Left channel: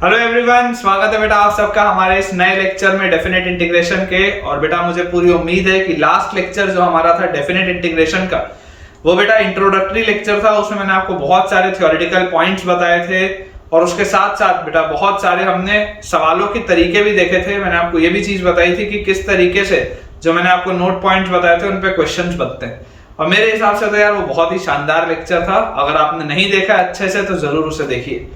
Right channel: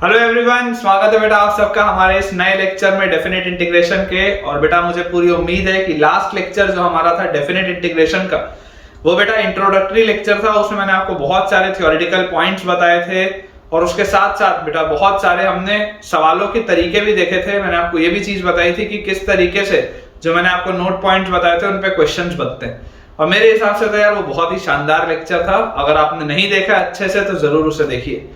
Hello everyone, स्वागत है बेटा आप सबका हमारे इस नए लेक्चर में डेफिनेट इंटीग्रेशन के। और बेटा मुझे पूरी उम्मीद है कि लास्ट लेक्चर जो हमारा था डेफिनेट इंटीग्रेशन का, वो बेटा इंट्रोडक्टरी लेक्चर था। उसमें मैंने आपको बहुत सारे थ्योरेटिकल पॉइंट्स बताए थे और उसके साथ साथ बेटा बहुत सारे हमने सवालों के तरीके भी देखे थे। मैंने आपको ये भी चीज बताई थी कि किस तरीके से जो मैंने आपको नोट पॉइंट्स बताए थे उन पे क्वेश्चंस बनते हैं। और मेरे हिसाब से तो यार वो बहुत ही शानदार लेक्चर था। अगर आपने नहीं देखा अच्छे से तो जरूर उसे देखिए।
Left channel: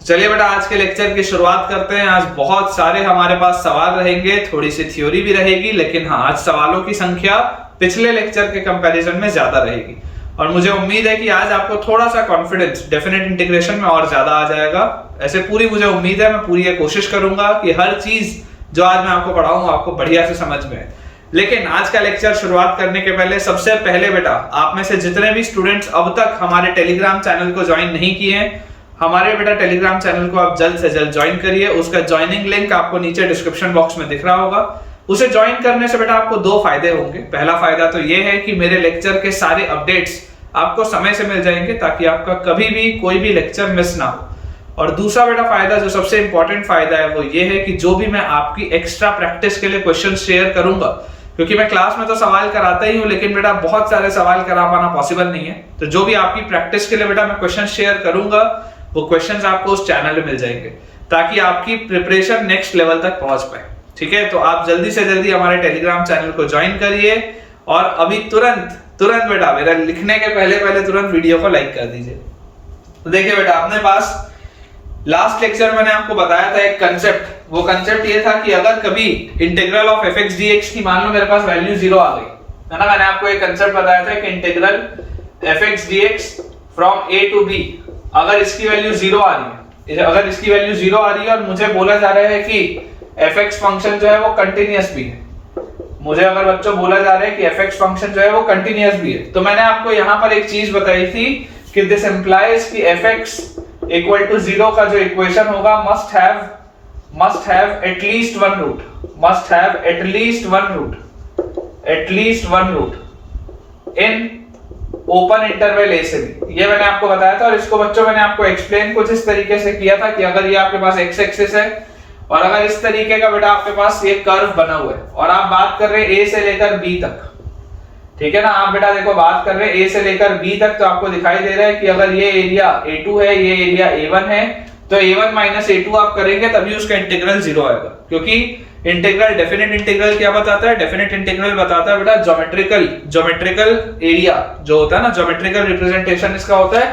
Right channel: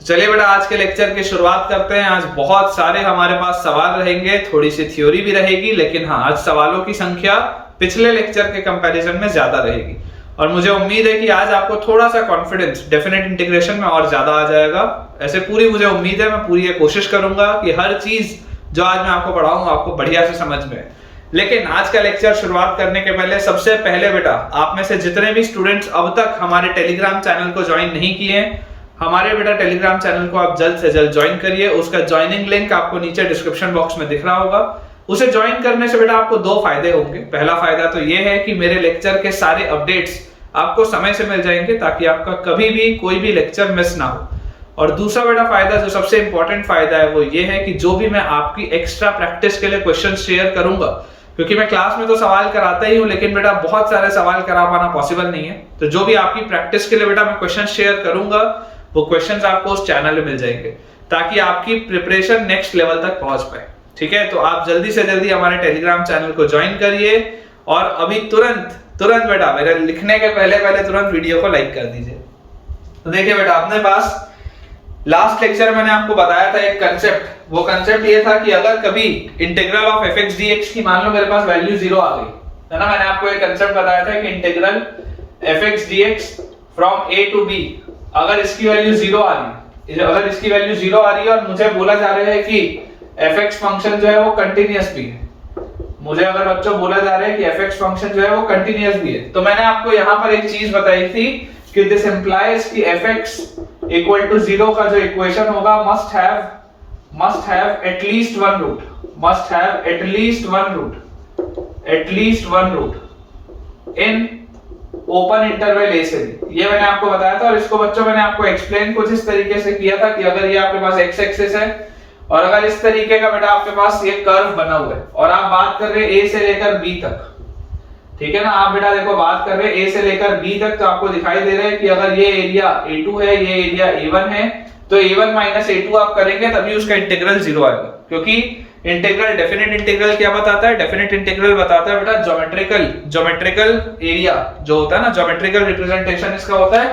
चलिए बेटा आज के लेक्चर की शुरुआत करते हैं। आज बहुत सारे हमारे पास सवाल रहेंगे, थोड़ी सी थ्योरी भी रहेगी, लेकिन हाँ आज सवालों की संख्या पिछले लेक्चर के कंपैरिजन में ज्यादा रहेगी। और मुझे उम्मीद है कि आज आपको थोड़ा सा कॉन्फिडेंस डेफिनेट इंटीग्रेशन में और ज्यादा आ जाएगा। ऐसे पूरी मुझे उम्मीद है, मैं पूरी ये कोशिश करूंगा कि हर चीज जो आज मैं आपको पढ़ाऊंगा आपको बढ़िया से समझ में आए। लेकिन आज का लेक्चर शुरुआत करने के पहले सबसे पहले बेटा आप में से जितने भी स्टूडेंट्स अब तक हमारे टेलीग्राम चैनल को ज्वाइन नहीं किए हैं, हमारे बेटा टेलीग्राम चैनल को आप जल्द से जल्द ज्वाइन करिए। उसका ज्वाइनिंग लिंक आपको नीचे डिस्क्रिप्शन बॉक्स में दिख रहा होगा। उसे ज्वाइन करने से बेटा आपको दो फायदे होंगे। पहला फायदा तो ये है कि मेरे लेक्चर के सारे अपडेट्स आपको समय से मिल जाएंगे ताकि आपका कभी भी कोई भी लेक्चर मिस ना हो। और दूसरा बेटा फायदा जो सबसे इंपॉर्टेंट फायदा है वो ये है कि जो भी मैं आपकी एक्स्ट्रा प्रैक्टिस के लिए क्वेश्चन शेयर करूंगा, क्योंकि मैं क्लास में तो सवाल कराता ही हूँ लेकिन बेटा बहुत सारे सवाल करा पाना पॉसिबल नहीं है, तो जो भी आपकी प्रैक्टिस के लिए बेटा मैं क्वेश्चन शेयर करूंगा वो क्वेश्चंस आपको उस चैनल में मिल जाएंगे ताकि आपकी प्रिपरेशन नेक्स्ट लेवल तक पहुंच पाए। ठीक है, तो आप जल्दी से जल्दी हमारे टेलीग्राम चैनल को ज्वाइन करिए और अभी तुरंत बेटा मेरा लिखने के पहले तुरंत वीडियो को लाइक कर दीजिए। तो देखिए बेटा अपने पास लास्ट लेक्चर मैंने आपको बताया था एक कंसेप्ट। वो कंसेप्ट ये था कि अगर कभी integral of F x d x की मान लो मेरे पास वैल्यू 0 आ गई है ना, मैंने आपको एक कंसेप्ट बताया था कि integral f x d x from a to b, अगर इसकी वैल्यू 0 आ रही है, अगर इसकी वैल्यू 0 आ रही है और मुझे बोला जा रहा है कि fx फंक्शन जो है वो कंटीन्यूअस भी है, मुझे अगर बच्चों बोला जा रहा है कि fx फंक्शन जो है वो कंटीन्यूअस भी है, तो मैंने आपको यहां पर एक चीज बताई थी कि दिस इंप्लाइज कि fx इक्वल टू 0 का जो इक्वेशन होगा must have at least one root in open interval A से बी। ये मैंने आपको बताया था और इसको बच्चों मैंने आपको एक्सप्लेन कुछ इस तरीके से किया था कि अगर ये आपके पास एक्स एक्सिस है और अगर इस तरीके का बेटा आपके पास ये कर्व बना हुआ है और आप बात कर रहे हैं ए से लेकर बी तक, ठीक है ना, आप बेटा देखो बात कर रहे हैं ए से लेकर बी तक, तो आपको दिखाई दे रहा है कि अगर ये एरिया A2 है, ये एरिया A1 है, तो A1 माइनस A2 आप करेंगे तभी उसका इंटीग्रल 0 आएगा। क्योंकि इंटीग्रल डेफिनेट इंटीग्रल क्या बताता है? डेफिनेट इंटीग्रल बताता है बेटा ज्योमेट्रिकल एरिया जो होता है ना, ज्योमेट्रिकल रिप्रेजेंटेशन इसका होता है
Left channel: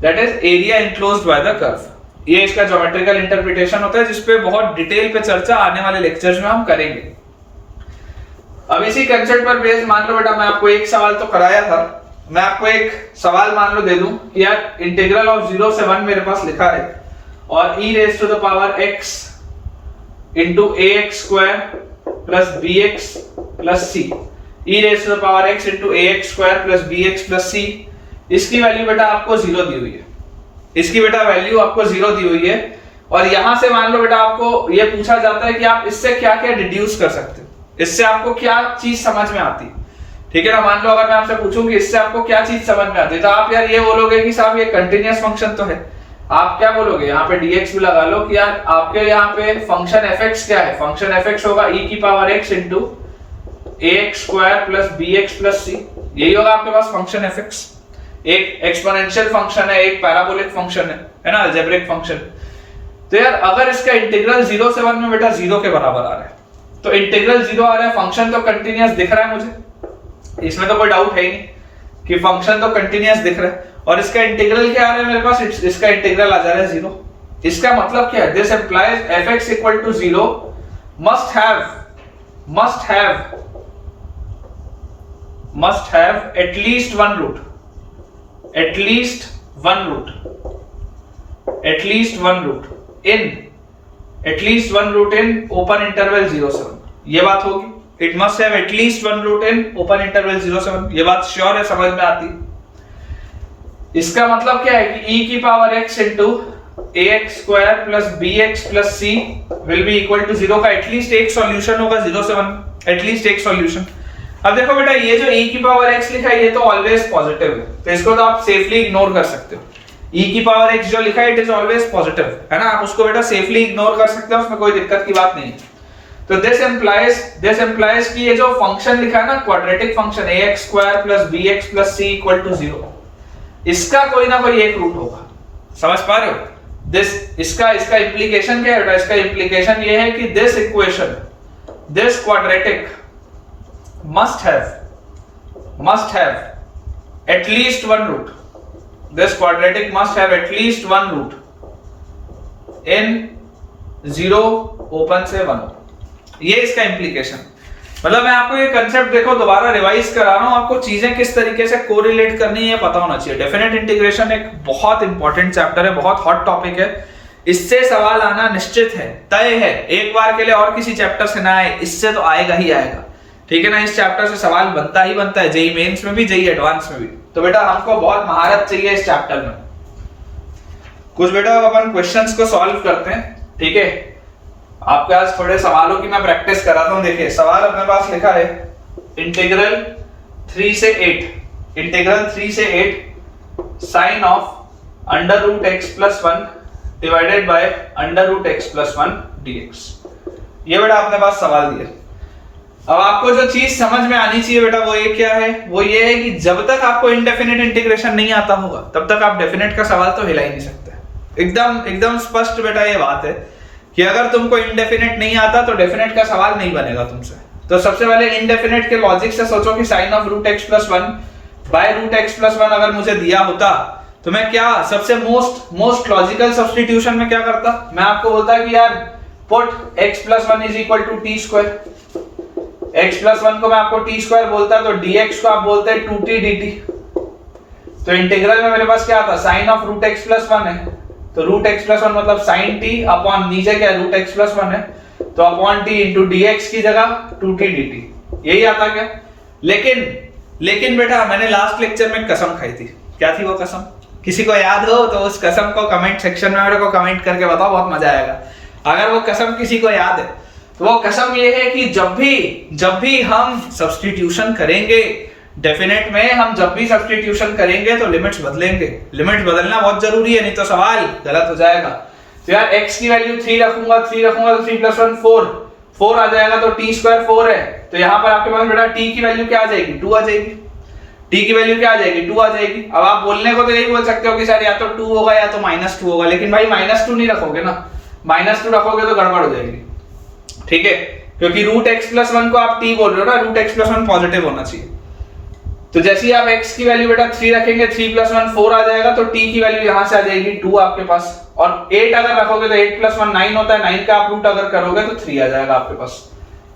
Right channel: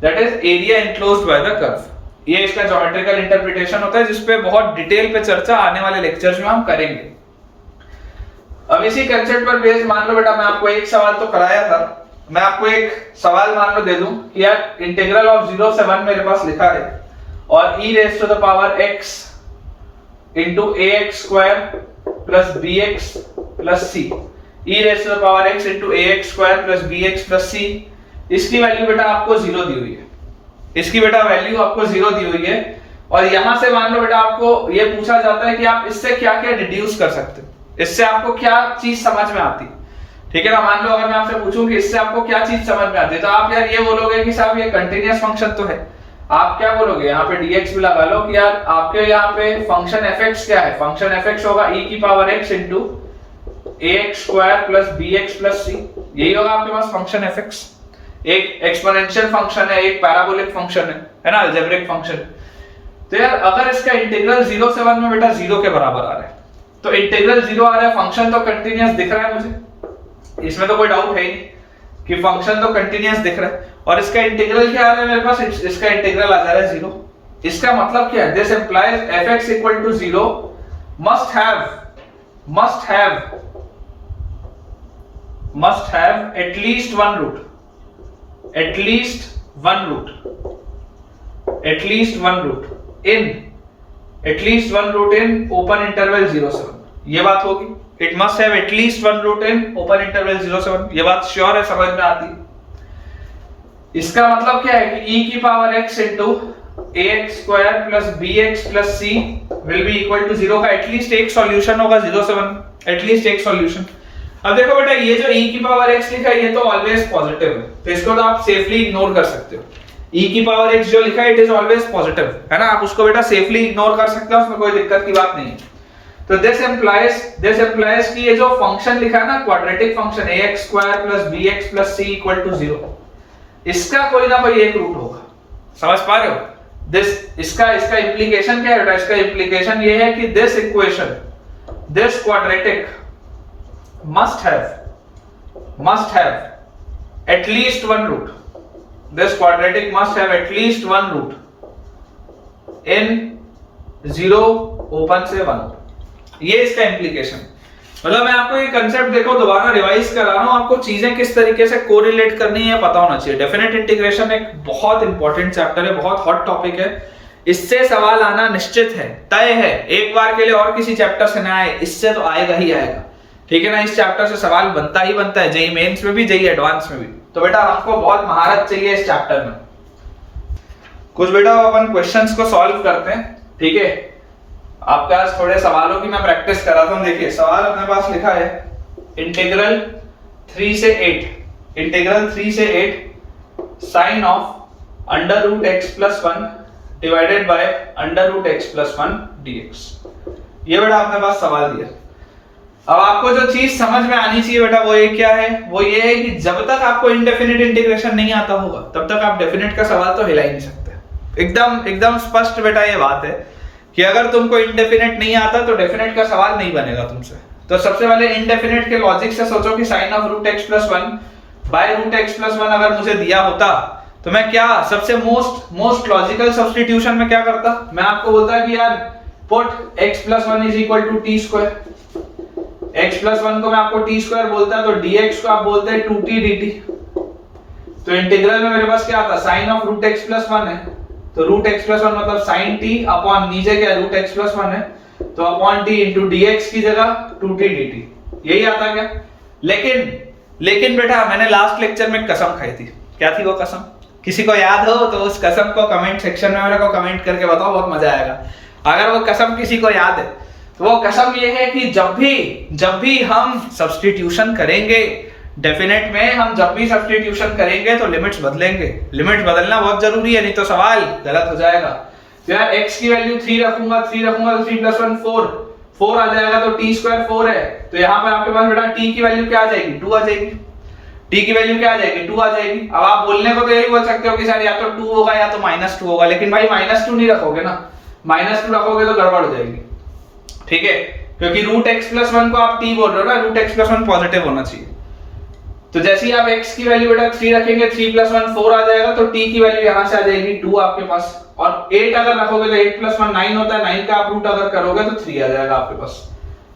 that is area enclosed by the curve. ये इसका ज्योमेट्रिकल इंटरप्रिटेशन होता है जिसपे बहुत डिटेल पे चर्चा आने वाले लेक्चर्स में हम करेंगे। अब इसी कंसेप्ट पर बेस मान लो बेटा मैं आपको एक सवाल तो कराया था, मैं आपको एक सवाल मान लो दे दूं कि यार इंटीग्रल ऑफ 0 से 1 मेरे पास लिखा है और e raise to the power x into ax square plus bx plus c, e raised to the power x into ax square plus bx plus c, इसकी वैल्यू बेटा आपको 0 दी हुई है, इसकी बेटा वैल्यू आपको 0 दी हुई है। और यहां से मान लो बेटा आपको ये पूछा जाता है कि आप इससे क्या क्या डिड्यूस कर सकते हो, इससे आपको क्या चीज समझ में आती है। ठीक है ना, मान लो अगर मैं आपसे पूछूं कि इससे आपको क्या चीज समझ में आती है, तो आप यार ये बोलोगे कि साहब ये कंटीन्यूअस फंक्शन तो है। आप क्या बोलोगे, यहाँ पे dx भी लगा लो कि यार आपके यहाँ पे फंक्शन fx क्या है, फंक्शन fx होगा e की power x into ax square plus bx plus c, यही होगा आपके पास फंक्शन fx। एक एक्सपोनेंशियल फंक्शन है, एक पैराबोलिक फंक्शन है ना, अलजेब्रिक फंक्शन। तो यार अगर इसका इंटीग्रल 0 से 1 में बेटा 0 के बराबर आ रहा है, तो इंटीग्रल 0 आ रहा है, फंक्शन तो कंटिन्यूअस दिख रहा है मुझे, इसमें तो कोई डाउट है ही नहीं कि फंक्शन तो कंटिन्यूअस दिख रहा है, और इसका इंटीग्रल क्या आ रहा है मेरे पास, इसका इंटीग्रल आ जा रहा है 0। इसका मतलब क्या है, this implies fx equal to 0 must have at least one root in open interval 0 से 1, ये बात होगी। It must have at least one root in open interval 0 से 1, ये बात श्योर है, समझ में आती है। इसका मतलब क्या है कि e की power x into ax square plus bx plus c will be equal to 0 का एटलीस्ट एक सॉल्यूशन होगा 0 से 1, एटलीस्ट एक सॉल्यूशन। अब देखो बेटा ये जो e की पावर x लिखा है ये तो ऑलवेज पॉजिटिव है, तो इसको तो आप सेफली इग्नोर कर सकते हो। e की पावर x जो लिखा है इट इज ऑलवेज पॉजिटिव, है ना, आप उसको बेटा सेफली इग्नोर कर सकते हो, उसमें कोई दिक्कत की बात नहीं है। तो दिस इंप्लाइज कि ये जो फंक्शन लिखा है ना quadratic function ax² + bx + c = 0, इसका कोई ना कोई एक रूट होगा। समझ पा रहे हो? इसका इंप्लीकेशन क्या है? इसका इंप्लीकेशन ये है कि this equation, this quadratic must have at least one root. This quadratic must have at least one root in 0 open से 1। ये इसका इंप्लीकेशन, मतलब मैं आपको ये कंसेप्ट देखो दोबारा रिवाइज करा रहा हूं, आपको चीजें किस तरीके से कोरिलेट करनी है पता होना चाहिए। डेफिनेट इंटीग्रेशन एक बहुत इंपॉर्टेंट चैप्टर है, बहुत हॉट टॉपिक है, इससे सवाल आना निश्चित है, तय है। एक बार के लिए और किसी चैप्टर से ना आए, इससे तो आएगा ही आएगा, ठीक है ना। इस चैप्टर से सवाल बनता ही बनता है, जेईई मेंस में भी, जेईई एडवांस में भी। तो बेटा हमको बहुत महारत चाहिए इस चैप्टर में। कुछ बेटा अपन क्वेश्चंस को सॉल्व करते हैं, ठीक है। आपके पास थोड़े सवालों की मैं प्रैक्टिस कराता हूं। देखिए सवाल अपने पास लिखा है इंटीग्रल 3 से 8 sine of √x+1 divided by √x+1 dx। ये बेटा आपने पास सवाल दिया। अब आपको जो चीज समझ में आनी चाहिए बेटा वो ये क्या है, वो ये है कि जब तक आपको इनडेफिनिट इंटीग्रेशन नहीं आता होगा तब तक आप डेफिनेट का सवाल तो हिला ही नहीं सकते। एकदम स्पष्ट बेटा ये बात है कि अगर तुमको इनडेफिनेट नहीं आता तो डेफिनेट का सवाल नहीं बनेगा तुमसे। तो सबसे पहले इनडेफिनेट के लॉजिक से सोचो कि sign of √x+1 bye √x+1 अगर मुझे दिया होता तो मैं क्या सबसे मोस्ट लॉजिकल सब्स्टिट्यूशन में क्या करता, मैं आपको बोलता कि यार पुट x+1 = t²। x+1 को मैं आपको t² बोलता तो dx को आप बोलते हैं 2t dt। तो इंटीग्रल में मेरे पास क्या आता, साइन ऑफ √x+1 है तो √x+1 मतलब sin t अपॉन नीचे क्या √x+1 है तो अपॉन t इंटू dx की जगह 2t dt, यही आता क्या। लेकिन बेटा मैंने लास्ट लेक्चर में कसम खाई थी। क्या थी वो कसम? किसी को याद हो तो उस कसम को कमेंट सेक्शन में मेरे को कमेंट करके बताओ, बहुत मजा आएगा। अगर वो कसम किसी को याद है तो वो कसम ये है कि जब भी हम सब्स्टिट्यूशन करेंगे डेफिनेट में, हम जब भी सब्स्टिट्यूशन करेंगे तो लिमिट्स बदलेंगे। लिमिट बदलना बहुत जरूरी है, नहीं तो सवाल गलत हो जाएगा। तो यार x की वैल्यू 3 रखूंगा तो 3 + 1 4 आ जाएगा तो t² 4 है। तो यहाँ पर आपके पास बेटा t की वैल्यू क्या आ जाएगी, 2 आ जाएगी। t की वैल्यू क्या आ जाएगी, 2 आ जाएगी। अब आप बोलने को तो यही बोल सकते हो कि सर या तो 2 होगा या तो -2 होगा, लेकिन भाई -2 नहीं रखोगे ना, -2 रखोगे तो गड़बड़ हो जाएगी, ठीक है, क्योंकि √x+1 को आप t बोल रहे हो ना, √x+1 पॉजिटिव होना चाहिए। तो जैसे ही आप x की वैल्यू बेटा 3 रखेंगे 3 + 1 4 आ जाएगा तो t की वैल्यू यहां से आ जाएगी 2 आपके पास। और 8 अगर रखोगे तो 8 + 1 9 होता है, 9 का आप रूट अगर करोगे तो 3 आ जाएगा आपके पास।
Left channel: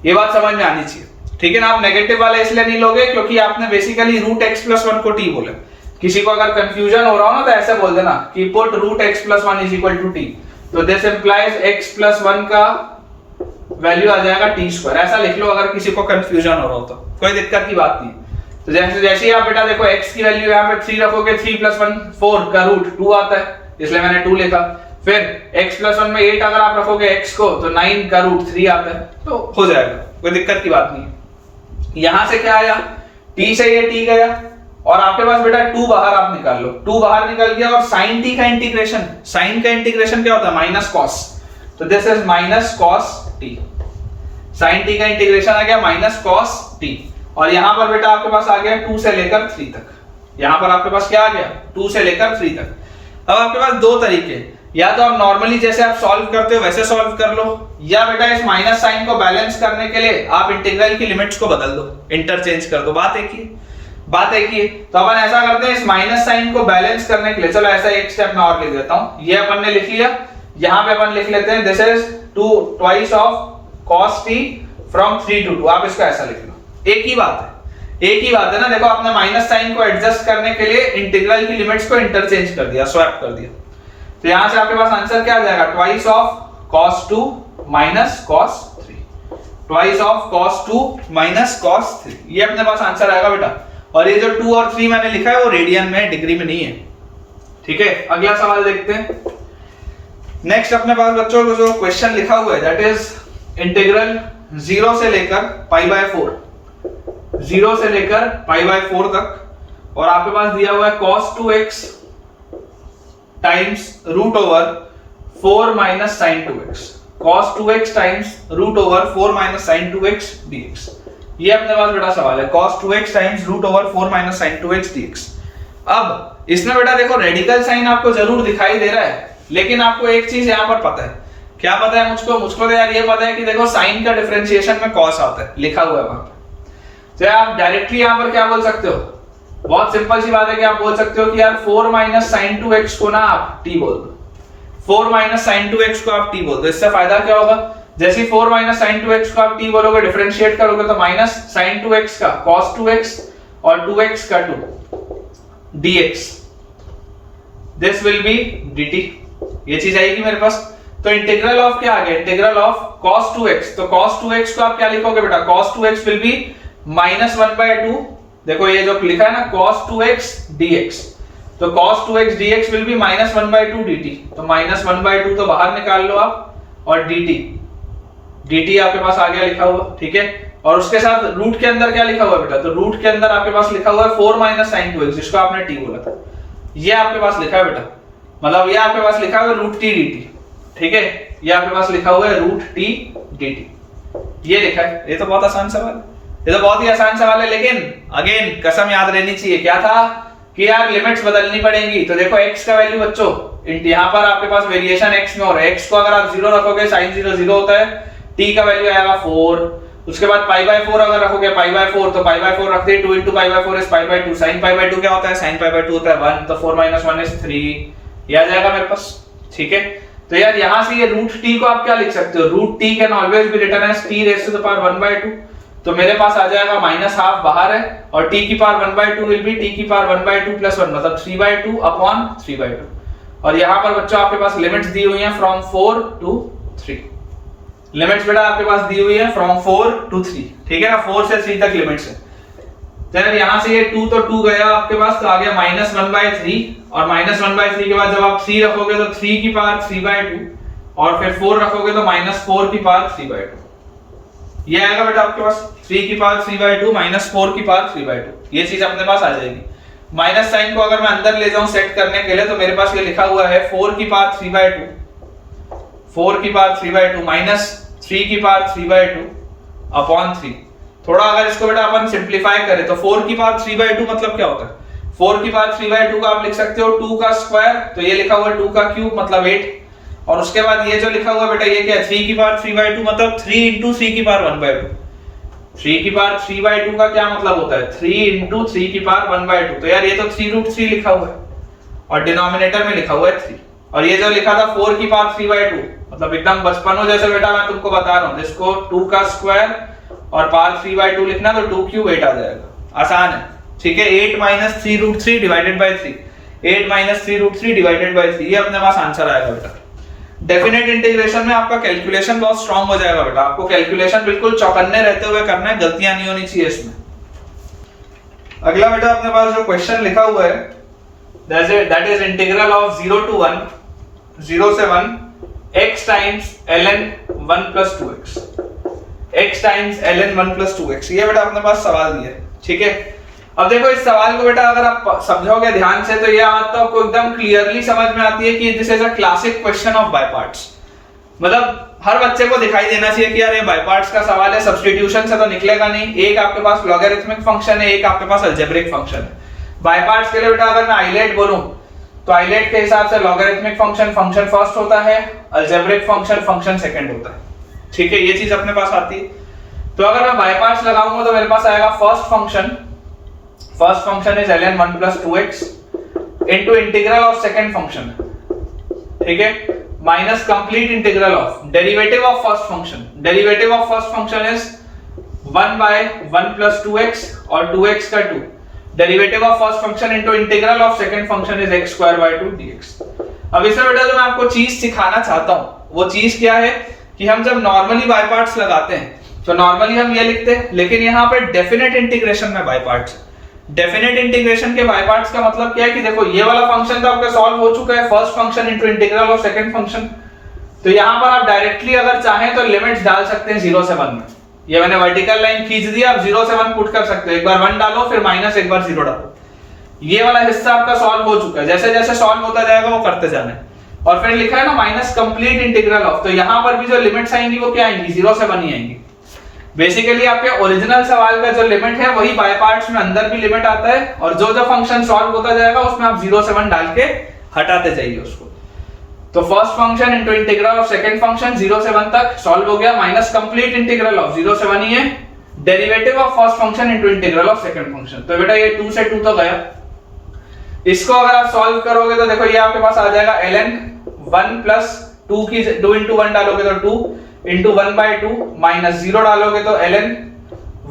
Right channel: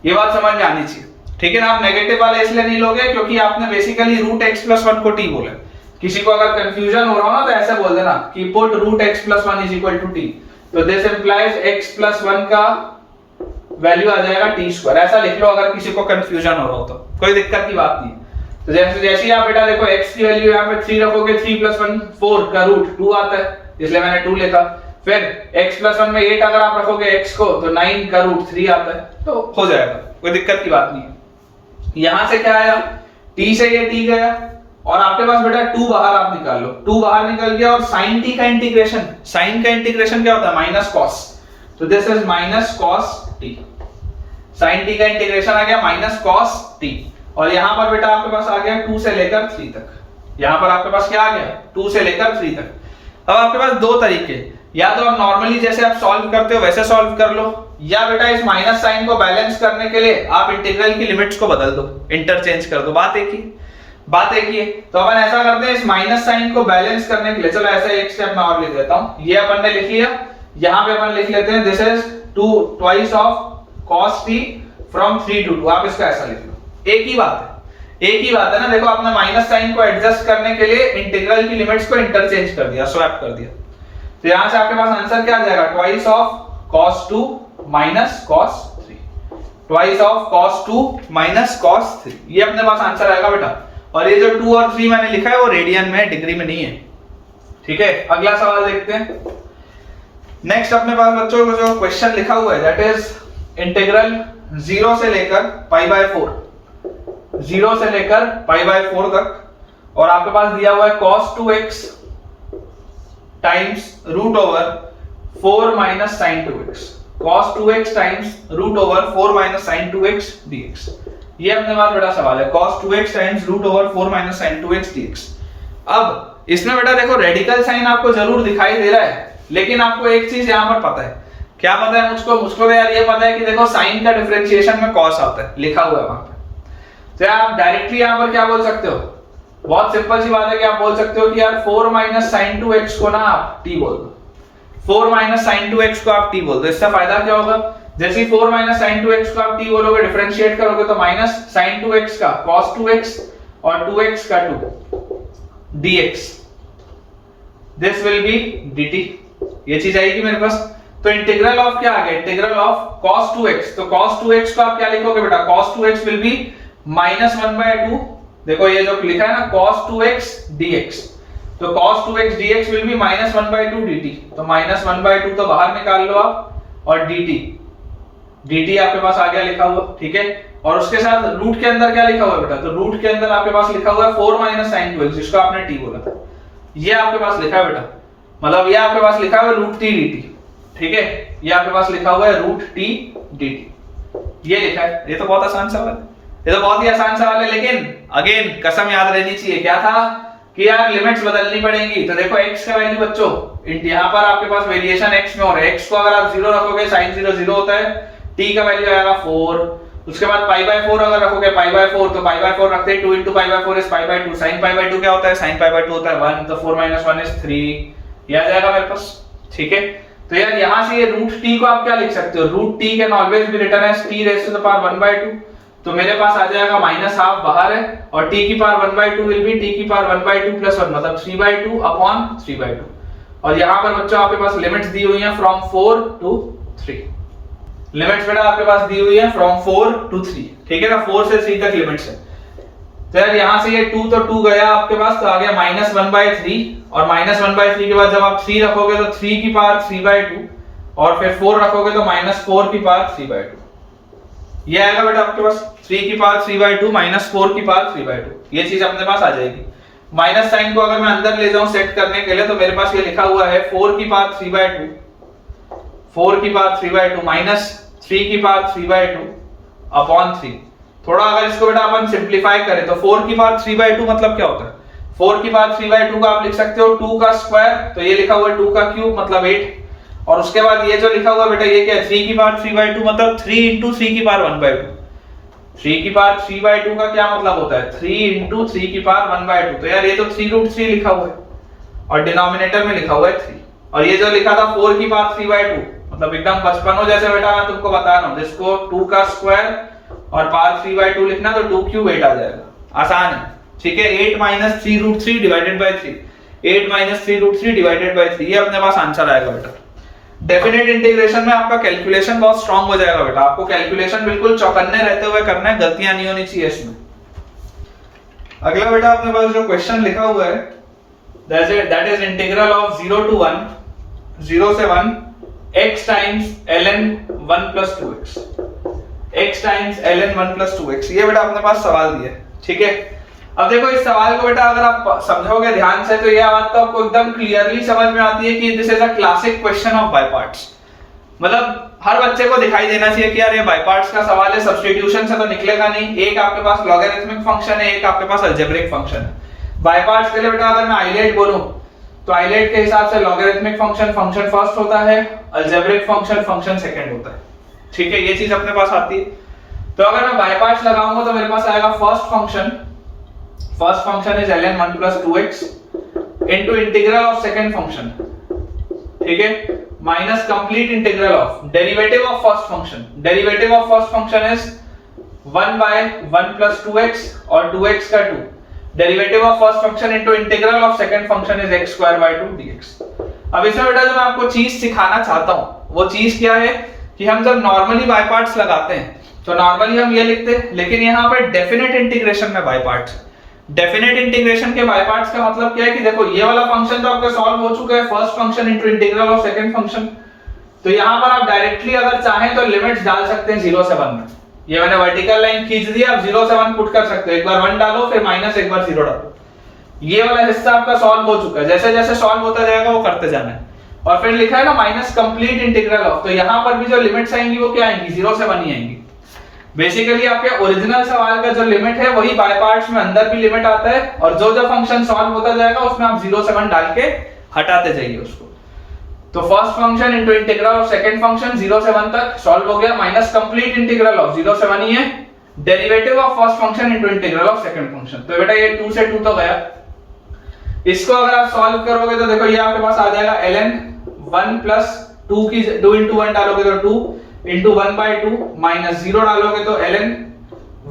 ये बात समझ में आनी चाहिए, ठीक है ना। आप नेगेटिव वाले इसलिए नहीं लोगे क्योंकि आपने बेसिकली √x+1 को t बोला। किसी को अगर कंफ्यूजन हो रहा हो ना तो ऐसे बोल देना कि पुट √x+1 = t। तो दिस इंप्लाइज x+1 का वैल्यू आ जाएगा t²। ऐसा लिख लो अगर किसी को कंफ्यूजन हो रहा हो तो, कोई दिक्कत की बात नहीं। तो जैसे ही आप बेटा देखो x की वैल्यू यहाँ पे 3 रखोगे 3 + 1 4 का रूट 2 आता है, इसलिए मैंने 2 लिखा। फिर x+1 में 8 अगर आप रखोगे x को तो 9 का रूट 3 आता है, तो हो जाएगा, कोई दिक्कत की बात नहीं। यहां से क्या आया, t से ये t गया और आपके पास बेटा 2 बाहर आप निकाल लो, 2 बाहर निकल गया। और sin t का इंटीग्रेशन, sin का इंटीग्रेशन क्या होता है, -cos। तो this is -cos t। sin t का इंटीग्रेशन आ गया -cos t। और यहां पर बेटा आपके पास आ गया 2 से लेकर 3 तक। यहां पर आपके पास क्या आ गया, 2 से लेकर 3 तक। अब आपके पास दो तरीके, या तो आप नॉर्मली जैसे आप सॉल्व करते हो वैसे सॉल्व कर लो, या बेटा इस माइनस साइन को बैलेंस करने के लिए आप इंटीग्रल की लिमिट्स को बदल दो, इंटरचेंज कर दो। बात एक ही है। तो अपन ऐसा करते हैं, इस माइनस साइन को बैलेंस करने के लिए चलो ऐसा एक स्टेप मैं और लिख देता हूं। ये अपन ने लिख लिया, यहां पे अपन लिख लेते हैं this is 2 twice of cos t from 3 to 2। आप इसको ऐसा लिख लो, एक ही बात है ना। देखो आपने माइनस साइन को एडजस्ट करने के लिए इंटीग्रल की लिमिट्स को इंटरचेंज कर दिया, स्वैप कर दिया। तो यहां से आपके पास आंसर क्या आ जाएगा, twice of cos 2 minus cos 3, twice of cos 2 minus cos 3, ये अपने पास आंसर आएगा बेटा। और ये जो 2 और 3 मैंने लिखा है वो रेडियन में, डिग्री में नहीं है, ठीक है। अगला सवाल देखते हैं। नेक्स्ट अपने पास बच्चों को जो क्वेश्चन लिखा हुआ है दैट इज इंटीग्रल 0 से लेकर π/4, 0 से लेकर π/4 तक, और आपके पास दिया हुआ है cos 2x times root over 4 minus sine 2x, cos 2x times root over 4 minus sine 2x dx। ये अपने पास बेटा सवाल है, cos 2x times root over 4 minus sine 2x dx। अब इसमें बेटा देखो रेडिकल साइन आपको जरूर दिखाई दे रहा है, लेकिन आपको एक चीज यहाँ पर पता है, क्या पता है मुझको तो यार ये पता है कि देखो साइन का डिफरेंशिएशन में cos आता है, लिखा हुआ है वहां पर। तो आप डायरेक्टली यहाँ पर क्या बोल सकते हो, बहुत सिंपल सी बात है कि आप बोल सकते हो कि यार 4 माइनस साइन 2x को ना आप t बोल दो, 4 माइनस साइन 2x को आप t बोल दो। इससे फायदा क्या होगा, जैसे 4 माइनस साइन 2x को आप t बोलोगे, डिफरेंशिएट करोगे तो माइनस साइन 2x का cos 2x और 2x का 2 dx, this will B dt। ये चीज आएगी मेरे पास। तो इंटीग्रल ऑफ क्या आ गया, इंटीग्रल ऑफ cos 2x। तो cos 2x को आप क्या लिखोगे बेटा, cos 2x will be minus 1/2, देखो ये जो लिखा है ना cos 2x dx, तो cos 2x dx will be minus 1/2 dt। तो माइनस 1/2 तो बाहर निकाल लो आप, और dt आपके पास आ गया लिखा हुआ, ठीक है। और उसके साथ रूट के अंदर क्या लिखा हुआ है बेटा, तो रूट के अंदर आपके पास लिखा हुआ है 4 माइनस साइन 2x, जिसको आपने t बोला था, ये आपके पास लिखा है बेटा, मतलब ये आपके पास लिखा हुआ है रूट t dt, ठीक है। ये आपके पास लिखा हुआ है रूट t dt, ये लिखा है। ये तो बहुत आसान सवाल है, ये तो बहुत ही आसान सवाल है, लेकिन अगेन कसम याद रहनी चाहिए, क्या था कि यार लिमिट्स बदलनी पड़ेंगी। तो देखो x का वैल्यू बच्चों, यहाँ पर आपके पास वेरिएशन x में हो रहा है, x को अगर आप 0 रखोगे sin 0 0 होता है, t का वैल्यू आएगा 4, उसके बाद π/4 अगर रखोगे π/4 तो π/4 रखते ही 2 into π/4 is π/2, sin π/2 क्या होता है, sin π/2 होता है 1, तो 4 minus 1 is 3, ये आ जाएगा मेरे पास, ठीक है। तो यार यहाँ से ये रूट t को आप क्या लिख सकते हो, root t can always be written as t raise to the power 1/2, तो मेरे पास आ जाएगा माइनस हाफ बाहर है, और t की पावर 1/2 विल बी t की पावर 1/2 प्लस 1, मतलब 3/2 अपॉन 3/2। और यहाँ पर बच्चों आपके पास लिमिट्स दी हुई हैं फ्रॉम 4 to 3, लिमिट्स बेटा आपके पास दी हुई है फ्रॉम 4 to 3, ठीक है ना, 4 से 3 तक लिमिट्स है। तो यार यहाँ से ये 2 तो 2 गया आपके पास, तो आ गया माइनस 1/3, और माइनस 1/3 के बाद जब आप 3 रखोगे तो 3 की पावर 3/2, और फिर 4 रखोगे तो माइनस 4 की पावर 3/2, ये आएगा बेटा आपके पास 3 की पावर 3/2 माइनस 4 की पावर 3/2, ये चीज अपने पास आ जाएगी। माइनस साइन को अगर मैं अंदर ले जाऊं सेट करने के लिए, तो मेरे पास ये लिखा हुआ है 4 की पावर 3/2, 4 की पावर 3/2 माइनस 3 की पावर 3/2 अपॉन 3। थोड़ा अगर इसको बेटा अपन सिंप्लीफाई करें तो 4 की पावर 3/2 मतलब क्या होता है, 4 की पावर 3/2 का आप लिख सकते हो 2 का स्क्वायर, तो ये लिखा हुआ है 2 का क्यूब मतलब 8, और उसके बाद ये जो लिखा हुआ है बेटा ये क्या है, 3 की पावर 3/2 मतलब 3 into 3 की पावर 1/2, 3 की पावर 3/2 का क्या मतलब होता है, 3 into 3 की पावर 1/2। तो यार ये तो 3√3 लिखा हुआ है, और डिनोमिनेटर में लिखा हुआ है 3, और ये जो लिखा था 4 की पावर 3/2 मतलब एकदम बचपनों जैसे बेटा मैं तुमको बता रहा हूँ, जिसको 2 का स्क्वायर और पावर 3/2 लिखना तो 2 क्यूब 8 आ जाएगा, आसान है, ठीक है। 8 minus 3√3 divided by 3, 8 minus 3√3 divided by 3, ये अपने पास आंसर आएगा बेटा। डेफिनेट इंटीग्रेशन में आपका कैलकुलेशन बहुत स्ट्रांग हो जाएगा बेटा, आपको कैलकुलेशन बिल्कुल चौकन्ने रहते हुए करना है, गलतियां नहीं होनी चाहिए इसमें। अगला बेटा अपने पास जो क्वेश्चन लिखा हुआ है that is integral of 0 to 1 0 से 1 x times ln 1 plus 2x, x times ln 1 plus 2x, ये बेटा अपने पास सवाल दिया है, ठीक है। अब देखो इस सवाल को बेटा अगर आप समझोगे ध्यान से तो ये बात तो आपको एकदम क्लियरली समझ में आती है कि this is a classic question of by parts, मतलब हर बच्चे को दिखाई देना चाहिए कि यार ये बाय पार्ट्स का सवाल है, सब्स्टिट्यूशन से तो निकलेगा नहीं। एक आपके पास लॉगरिथमिक फंक्शन है, एक आपके पास अलजेब्रिक फंक्शन है। बाय पार्ट्स के लिए बेटा अगर मैं आइलेट बोलूं तो आइलेट के हिसाब से लॉगरिथमिक फंक्शन फर्स्ट होता है, अलजेब्रिक फंक्शन सेकंड होता है, ठीक है, ये चीज अपने पास आती है। तो अगर मैं बाय पार्ट्स लगाऊंगा तो मेरे पास आएगा first function is ln 1 plus 2x into integral of second function, ठीक है, minus complete integral of derivative of first function, derivative of first function is 1 by 1 plus 2x और 2x का 2, derivative of first function into integral of second function is x square by 2 dx। अब इसमें बेटा जो मैं आपको चीज सिखाना चाहता हूं वो चीज क्या है कि हम जब नॉर्मली बाय पार्ट्स लगाते हैं तो नॉर्मली हम ये लिखते हैं, लेकिन यहाँ पर डेफिनेट इंटीग्रेशन में बाय पार्ट्स, डेफिनेट इंटीग्रेशन के बाय पार्ट्स का मतलब क्या है कि देखो ये वाला फंक्शन तो आपका सॉल्व हो चुका है, first function into integral of second function, तो यहाँ पर आप डायरेक्टली अगर चाहें तो लिमिट्स डाल सकते हैं 0 से 1 में। ये मैंने वर्टिकल लाइन खींच दी, आप 0 से 1 पुट कर सकते हो, एक बार 1 डालो फिर माइनस एक बार 0 डालो, ये वाला हिस्सा आपका सॉल्व हो चुका है, जैसे जैसे सॉल्व होता जाएगा वो करते जाना है। और फिर लिखा है ना माइनस कंप्लीट इंटीग्रल ऑफ, तो यहाँ पर भी जो लिमिट्स आएंगी वो क्या आएंगी, 0 से 1 ही आएंगी। बेसिकली आपके ओरिजिनल सवाल का जो लिमिट है वही बाय पार्ट्स में अंदर भी लिमिट आता है, और जो जो फंक्शन सॉल्व होता जाएगा उसमें आप 0 से 1 डाल के हटाते जाइए उसको। तो first function into integral of second function 0 से 1 तक सॉल्व हो गया, माइनस कंप्लीट इंटीग्रल ऑफ 0 से 1 ही है, derivative of first function into integral of second function. तो बेटा ये 2 से 2 तो गया, इसको अगर आप सॉल्व करोगे तो देखो ये आपके पास आ जाएगा ln 1 प्लस 2 की 2 into 1 डालोगे तो 2 into 1/2 माइनस 0 डालोगे तो ln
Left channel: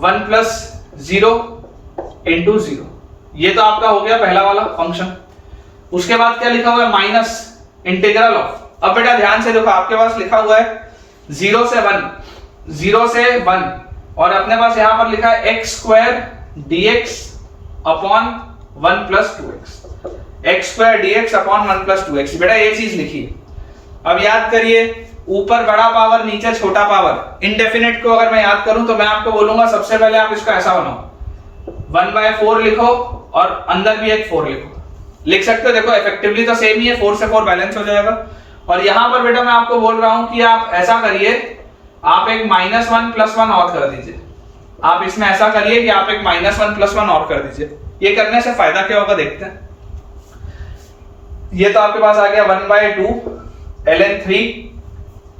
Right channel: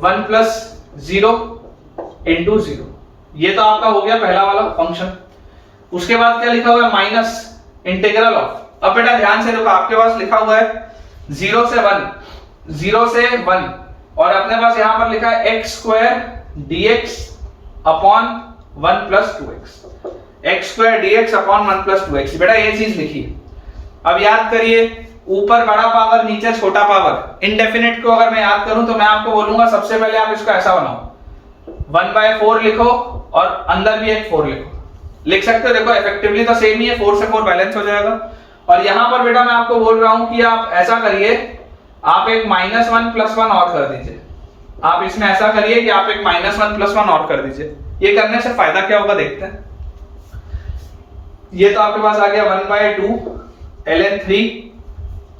1 प्लस 0 into 0। ये तो आपका हो गया पहला वाला फंक्शन। उसके बाद क्या लिखा हुआ है, माइनस इंटीग्रल ऑफ। अब बेटा ध्यान से देखो आपके पास लिखा हुआ है 0 से 1, 0 से 1, और अपने पास यहां पर लिखा है x square dx upon 1 plus 2x, x square dx upon 1 plus 2x। बेटा ये चीज लिखी है। अब याद करिए, ऊपर बड़ा पावर नीचे छोटा पावर, इनडेफिनेट को अगर मैं याद करूं तो मैं आपको बोलूंगा सबसे पहले आप इसका ऐसा बनाओ, 1/4 लिखो और अंदर भी एक 4 लिखो, लिख सकते हो। देखो इफेक्टिवली तो सेम ही है, 4 से 4 बैलेंस हो जाएगा। और यहां पर बेटा मैं आपको बोल रहा हूं कि आप ऐसा करिए, आप एक -1 + 1 और कर दीजिए। आप इसमें ऐसा करिए कि आप एक -1 + 1 और कर दीजिए। ये करने से फायदा क्या होगा देखते हैं। ये तो आपके पास आ गया 1/2 ln 3,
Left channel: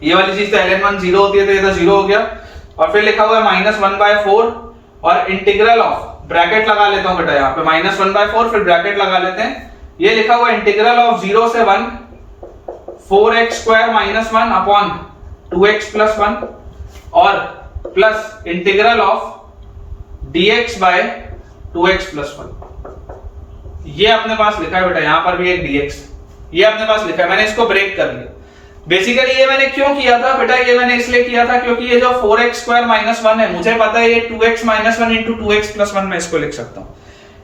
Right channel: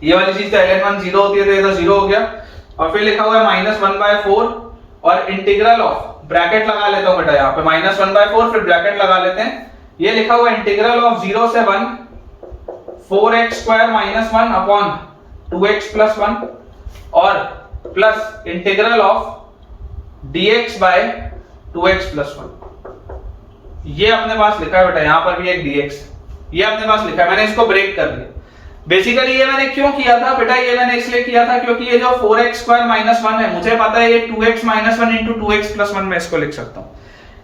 ये वाली चीज तो ln 1 0 होती है तो ये तो 0 हो गया। और फिर लिखा हुआ है -1/4 और इंटीग्रल ऑफ, ब्रैकेट लगा लेता हूं बेटा यहाँ पे, -1/4 फिर ब्रैकेट लगा लेते हैं। ये लिखा हुआ है इंटीग्रल ऑफ 0 से 1 4x स्क्वायर -1 अपॉन 2x + 1 और plus integral of dx by 2x + 1। ये अपने पास लिखा है बेटा, यहां पर भी एक dx, ये अपने पास लिखा है, मैंने इसको ब्रेक कर दिया। बेसिकली ये मैंने क्यों किया था बेटा, ये मैंने इसलिए किया था क्योंकि ये जो 4x स्क्वायर -1 है, मुझे पता है ये 2x - 1 into 2x + 1 मैं इसको लिख सकता हूं।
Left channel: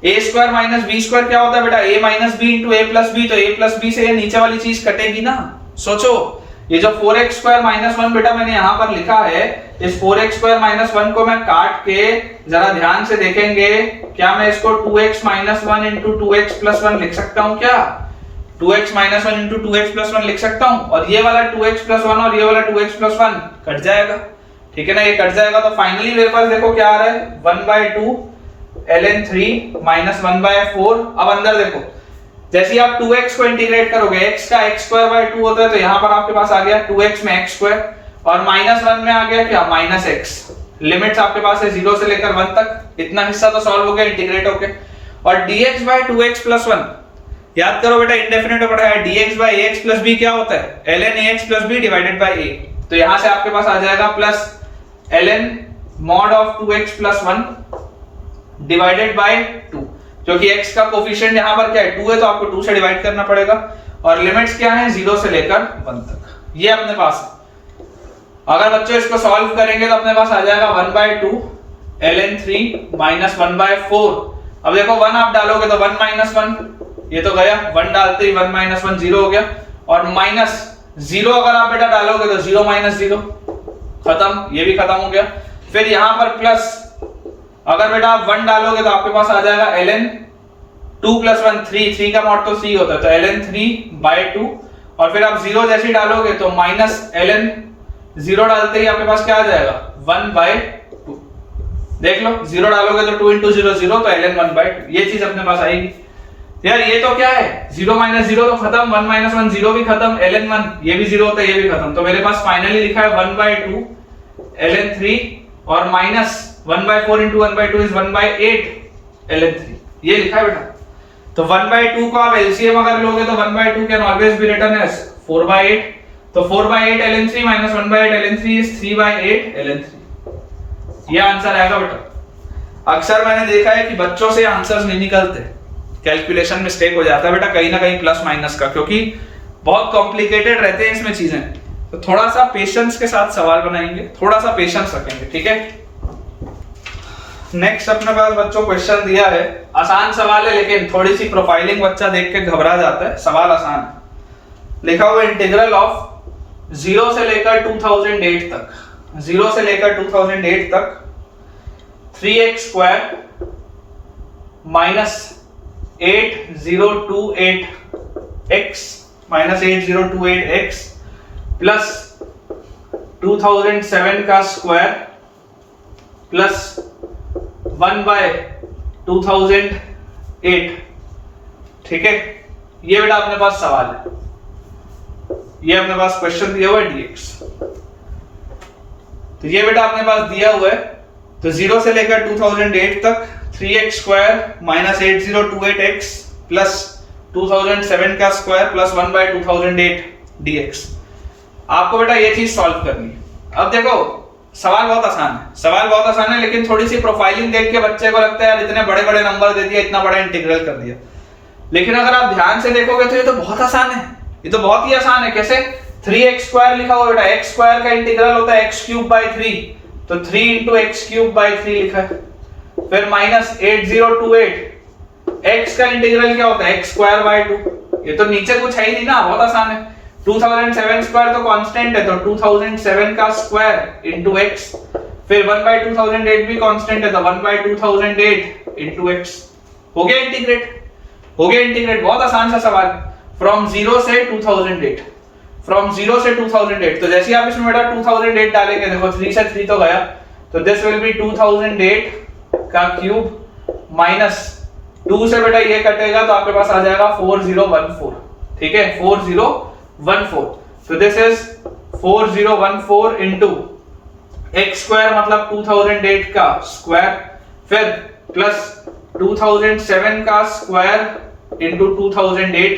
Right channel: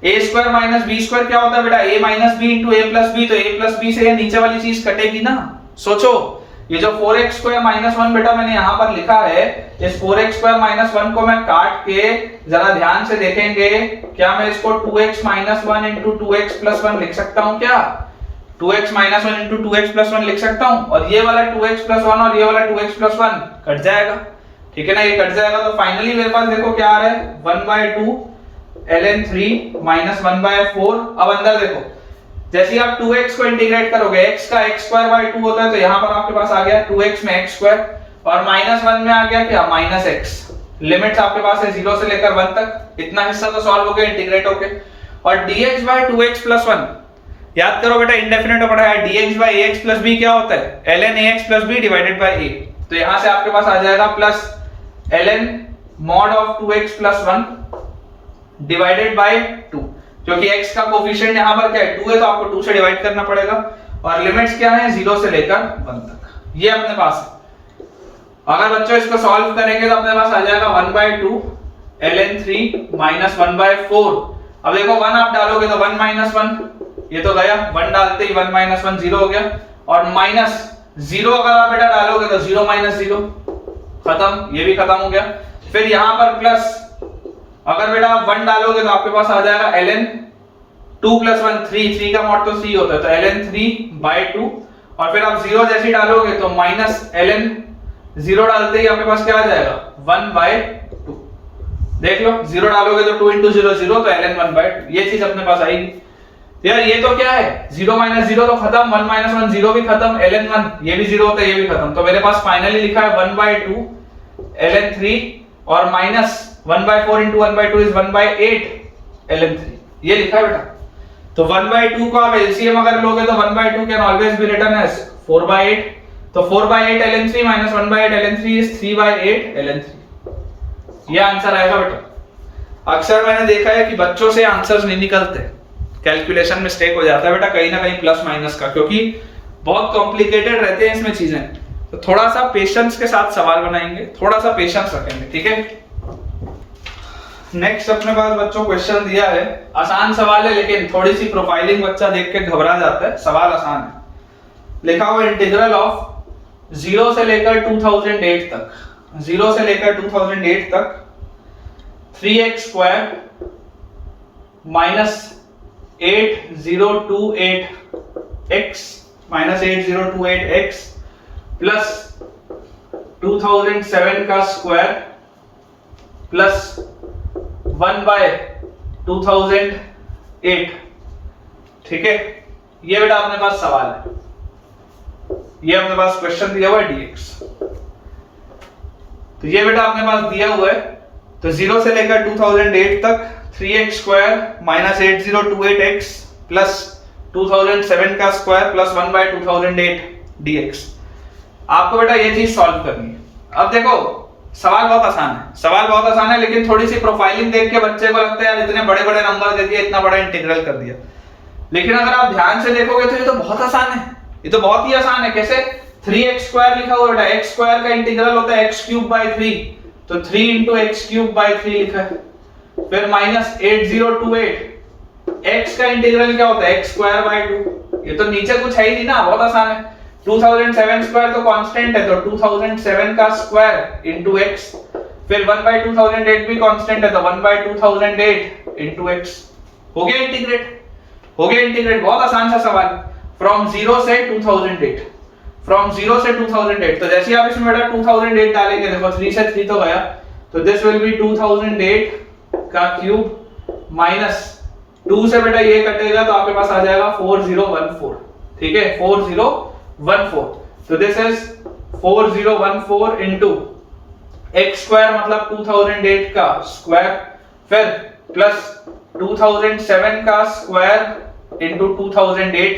a स्क्वायर - b स्क्वायर क्या होता है बेटा, a - b into a + b, तो a + b से ये नीचे वाली चीज कटेगी ना। सोचो, ये जो 4x स्क्वायर -1 बेटा मैंने यहां पर लिखा है, इस 4x स्क्वायर -1 को मैं काट के जरा ध्यान से देखेंगे, क्या मैं इसको 2x - 1 into 2x + 1 लिख सकता हूं क्या? 2x - 1 into 2x + 1 लिख सकता हूं, और ये वाला 2x + 1 और ये वाला 2x + 1 कट जाएगा, ठीक है ना, ये कट जाएगा। तो फाइनली मेरे पास देखो क्या आ रहा है, 1/2 ln 3 -1/4। अब अंदर देखो, जैसे ही आप 2x को इंटीग्रेट करोगे, x का x² 2 होता है, तो यहां पर आपके पास आ गया 2x में x² और -1 में आ गया क्या, -x। लिमिट्स आपके पास है 0 से लेकर 1 तक, इतना हिस्सा तो सॉल्व हो गया इंटीग्रेट होके। और dx बाय 2x + 1 याद करो बेटा, इंडेफिनेट में पढ़ा है, dx बाय ax + b क्या होता है, ln ax + b divided by a। तो यहां से आपके पास आ जाएगा plus ln mod of 2x + 1 divided by 2, क्योंकि x का कोफिशिएंट यहां पर क्या है, 2 है, तो आपको 2 से डिवाइड करना पड़ेगा। और लिमिट्स क्या है, 0 से लेकर 1 तक, ये अपने पास। अगर बच्चों इसको सॉल्व करेंगे तो अपने पास आ जाएगा 1/2 ln 3 -1/4। अब देखो 1 आप डालोगे तो 1 - 1, ये तो गया, 1 डालते ही 1 - 1 0 हो गया, और -0 अगर आप बेटा डालोगे तो 0 - 0 खत्म, ये भी खत्म हो गया। फिर यहां पर प्लस, अगर बेटा आप 1 डालोगे तो आपके पास आ जाएगा ln 2 + 1 3 का मॉड तो 3 होता है, तो ln 3/2। और फिर आप 0 जैसे डालोगे तो -ln 0 डालते ही आपके पास क्या आ जाएगा, 1/2। देख लो, 0 डालोगे तो 2 into 0 0, तो ln 1/2, ये चीज अपने पास आएगी। यार ये तो क्या है, 0 - 0 तो खत्म, 1 - 1 0 भी खत्म, ln 1 ये भी 0 होता है, ये भी खत्म। तो मेरे पास फाइनली लिखा है 1/2 ln 3 और -1/4 into 1/2 is 1/8 ln 3, ये लिखा है बेटा। तो 1/2 को आप एलसीएम अगर लोगे तो 1/2 can always be written as 4/8, तो 4/8 ln 3 - 1/8 ln 3 is 3/8 ln 3, ये आंसर आएगा बेटा। अक्सर मैंने देखा है कि बच्चों से आंसर्स नहीं निकलते, कैलकुलेशन मिस्टेक हो जाता है बेटा, कहीं ना कहीं प्लस माइनस का, क्योंकि बहुत कॉम्प्लिकेटेड रहते हैं इसमें चीजें। तो थोड़ा सा पेशेंस के साथ सवाल बनाएंगे, थोड़ा सा पेशेंस रखेंगे, ठीक है। नेक्स्ट अपने पास बच्चों क्वेश्चन दिया है, आसान सवाल है लेकिन थोड़ी सी प्रोफाइलिंग बच्चा देख के घबरा जाता है, सवाल आसान है। लिखा हुआ इंटीग्रल ऑफ 0 से लेकर 2008 तक, 0 से लेकर 2008 तक 3x² - 8028x minus 8028x plus 2007 का स्क्वायर प्लस 1/2008। ठीक है, ये बेटा अपने पास सवाल है, ये अपने पास क्वेश्चन दिया हुआ है dx। तो ये बेटा अपने पास दिया हुआ है, तो 0 से लेकर 2008 तक 3x square minus 8028x plus 2007 का स्क्वायर प्लस 1/2008 dx। आपको बेटा ये चीज सॉल्व करनी है। अब देखो सवाल बहुत आसान है, लेकिन थोड़ी सी प्रोफाइलिंग देख के बच्चे को लगता है यार इतने बड़े बड़े नंबर दे दिया, इतना बड़ा इंटीग्रल कर दिया। लेकिन अगर आप ध्यान से देखोगे तो ये तो बहुत आसान है, ये तो बहुत ही आसान है। कैसे? 3x स्क्वायर लिखा हुआ बेटा, x स्क्वायर का इंटीग्रल होता है x³/3, तो 3 × x³/3 लिखा है। फिर माइनस 8028 x का इंटीग्रल क्या होता है x²/2। ये तो नीचे कुछ है ही नहीं ना, बहुत आसान है। 2007 स्क्वायर तो कांस्टेंट है, तो 2007 का स्क्वायर इंटू x। फिर 1/2008 भी कांस्टेंट है, तो 1/2008 इंटू x। हो गया इंटीग्रेट, बहुत आसान सा सवाल। फ्रॉम 0 से 2008, तो जैसे आप इसमें बेटा 2008 डालेंगे, देखो 3 से 3 तो गया, तो दिस विल बी 2008 का क्यूब माइनस 2 से बेटा ये कटेगा तो आपके पास आ जाएगा 4014। ठीक है, 4014। तो this is 4014 into x square मतलब 2008 का स्क्वायर, फिर प्लस 2007 का स्क्वायर इंटू 2008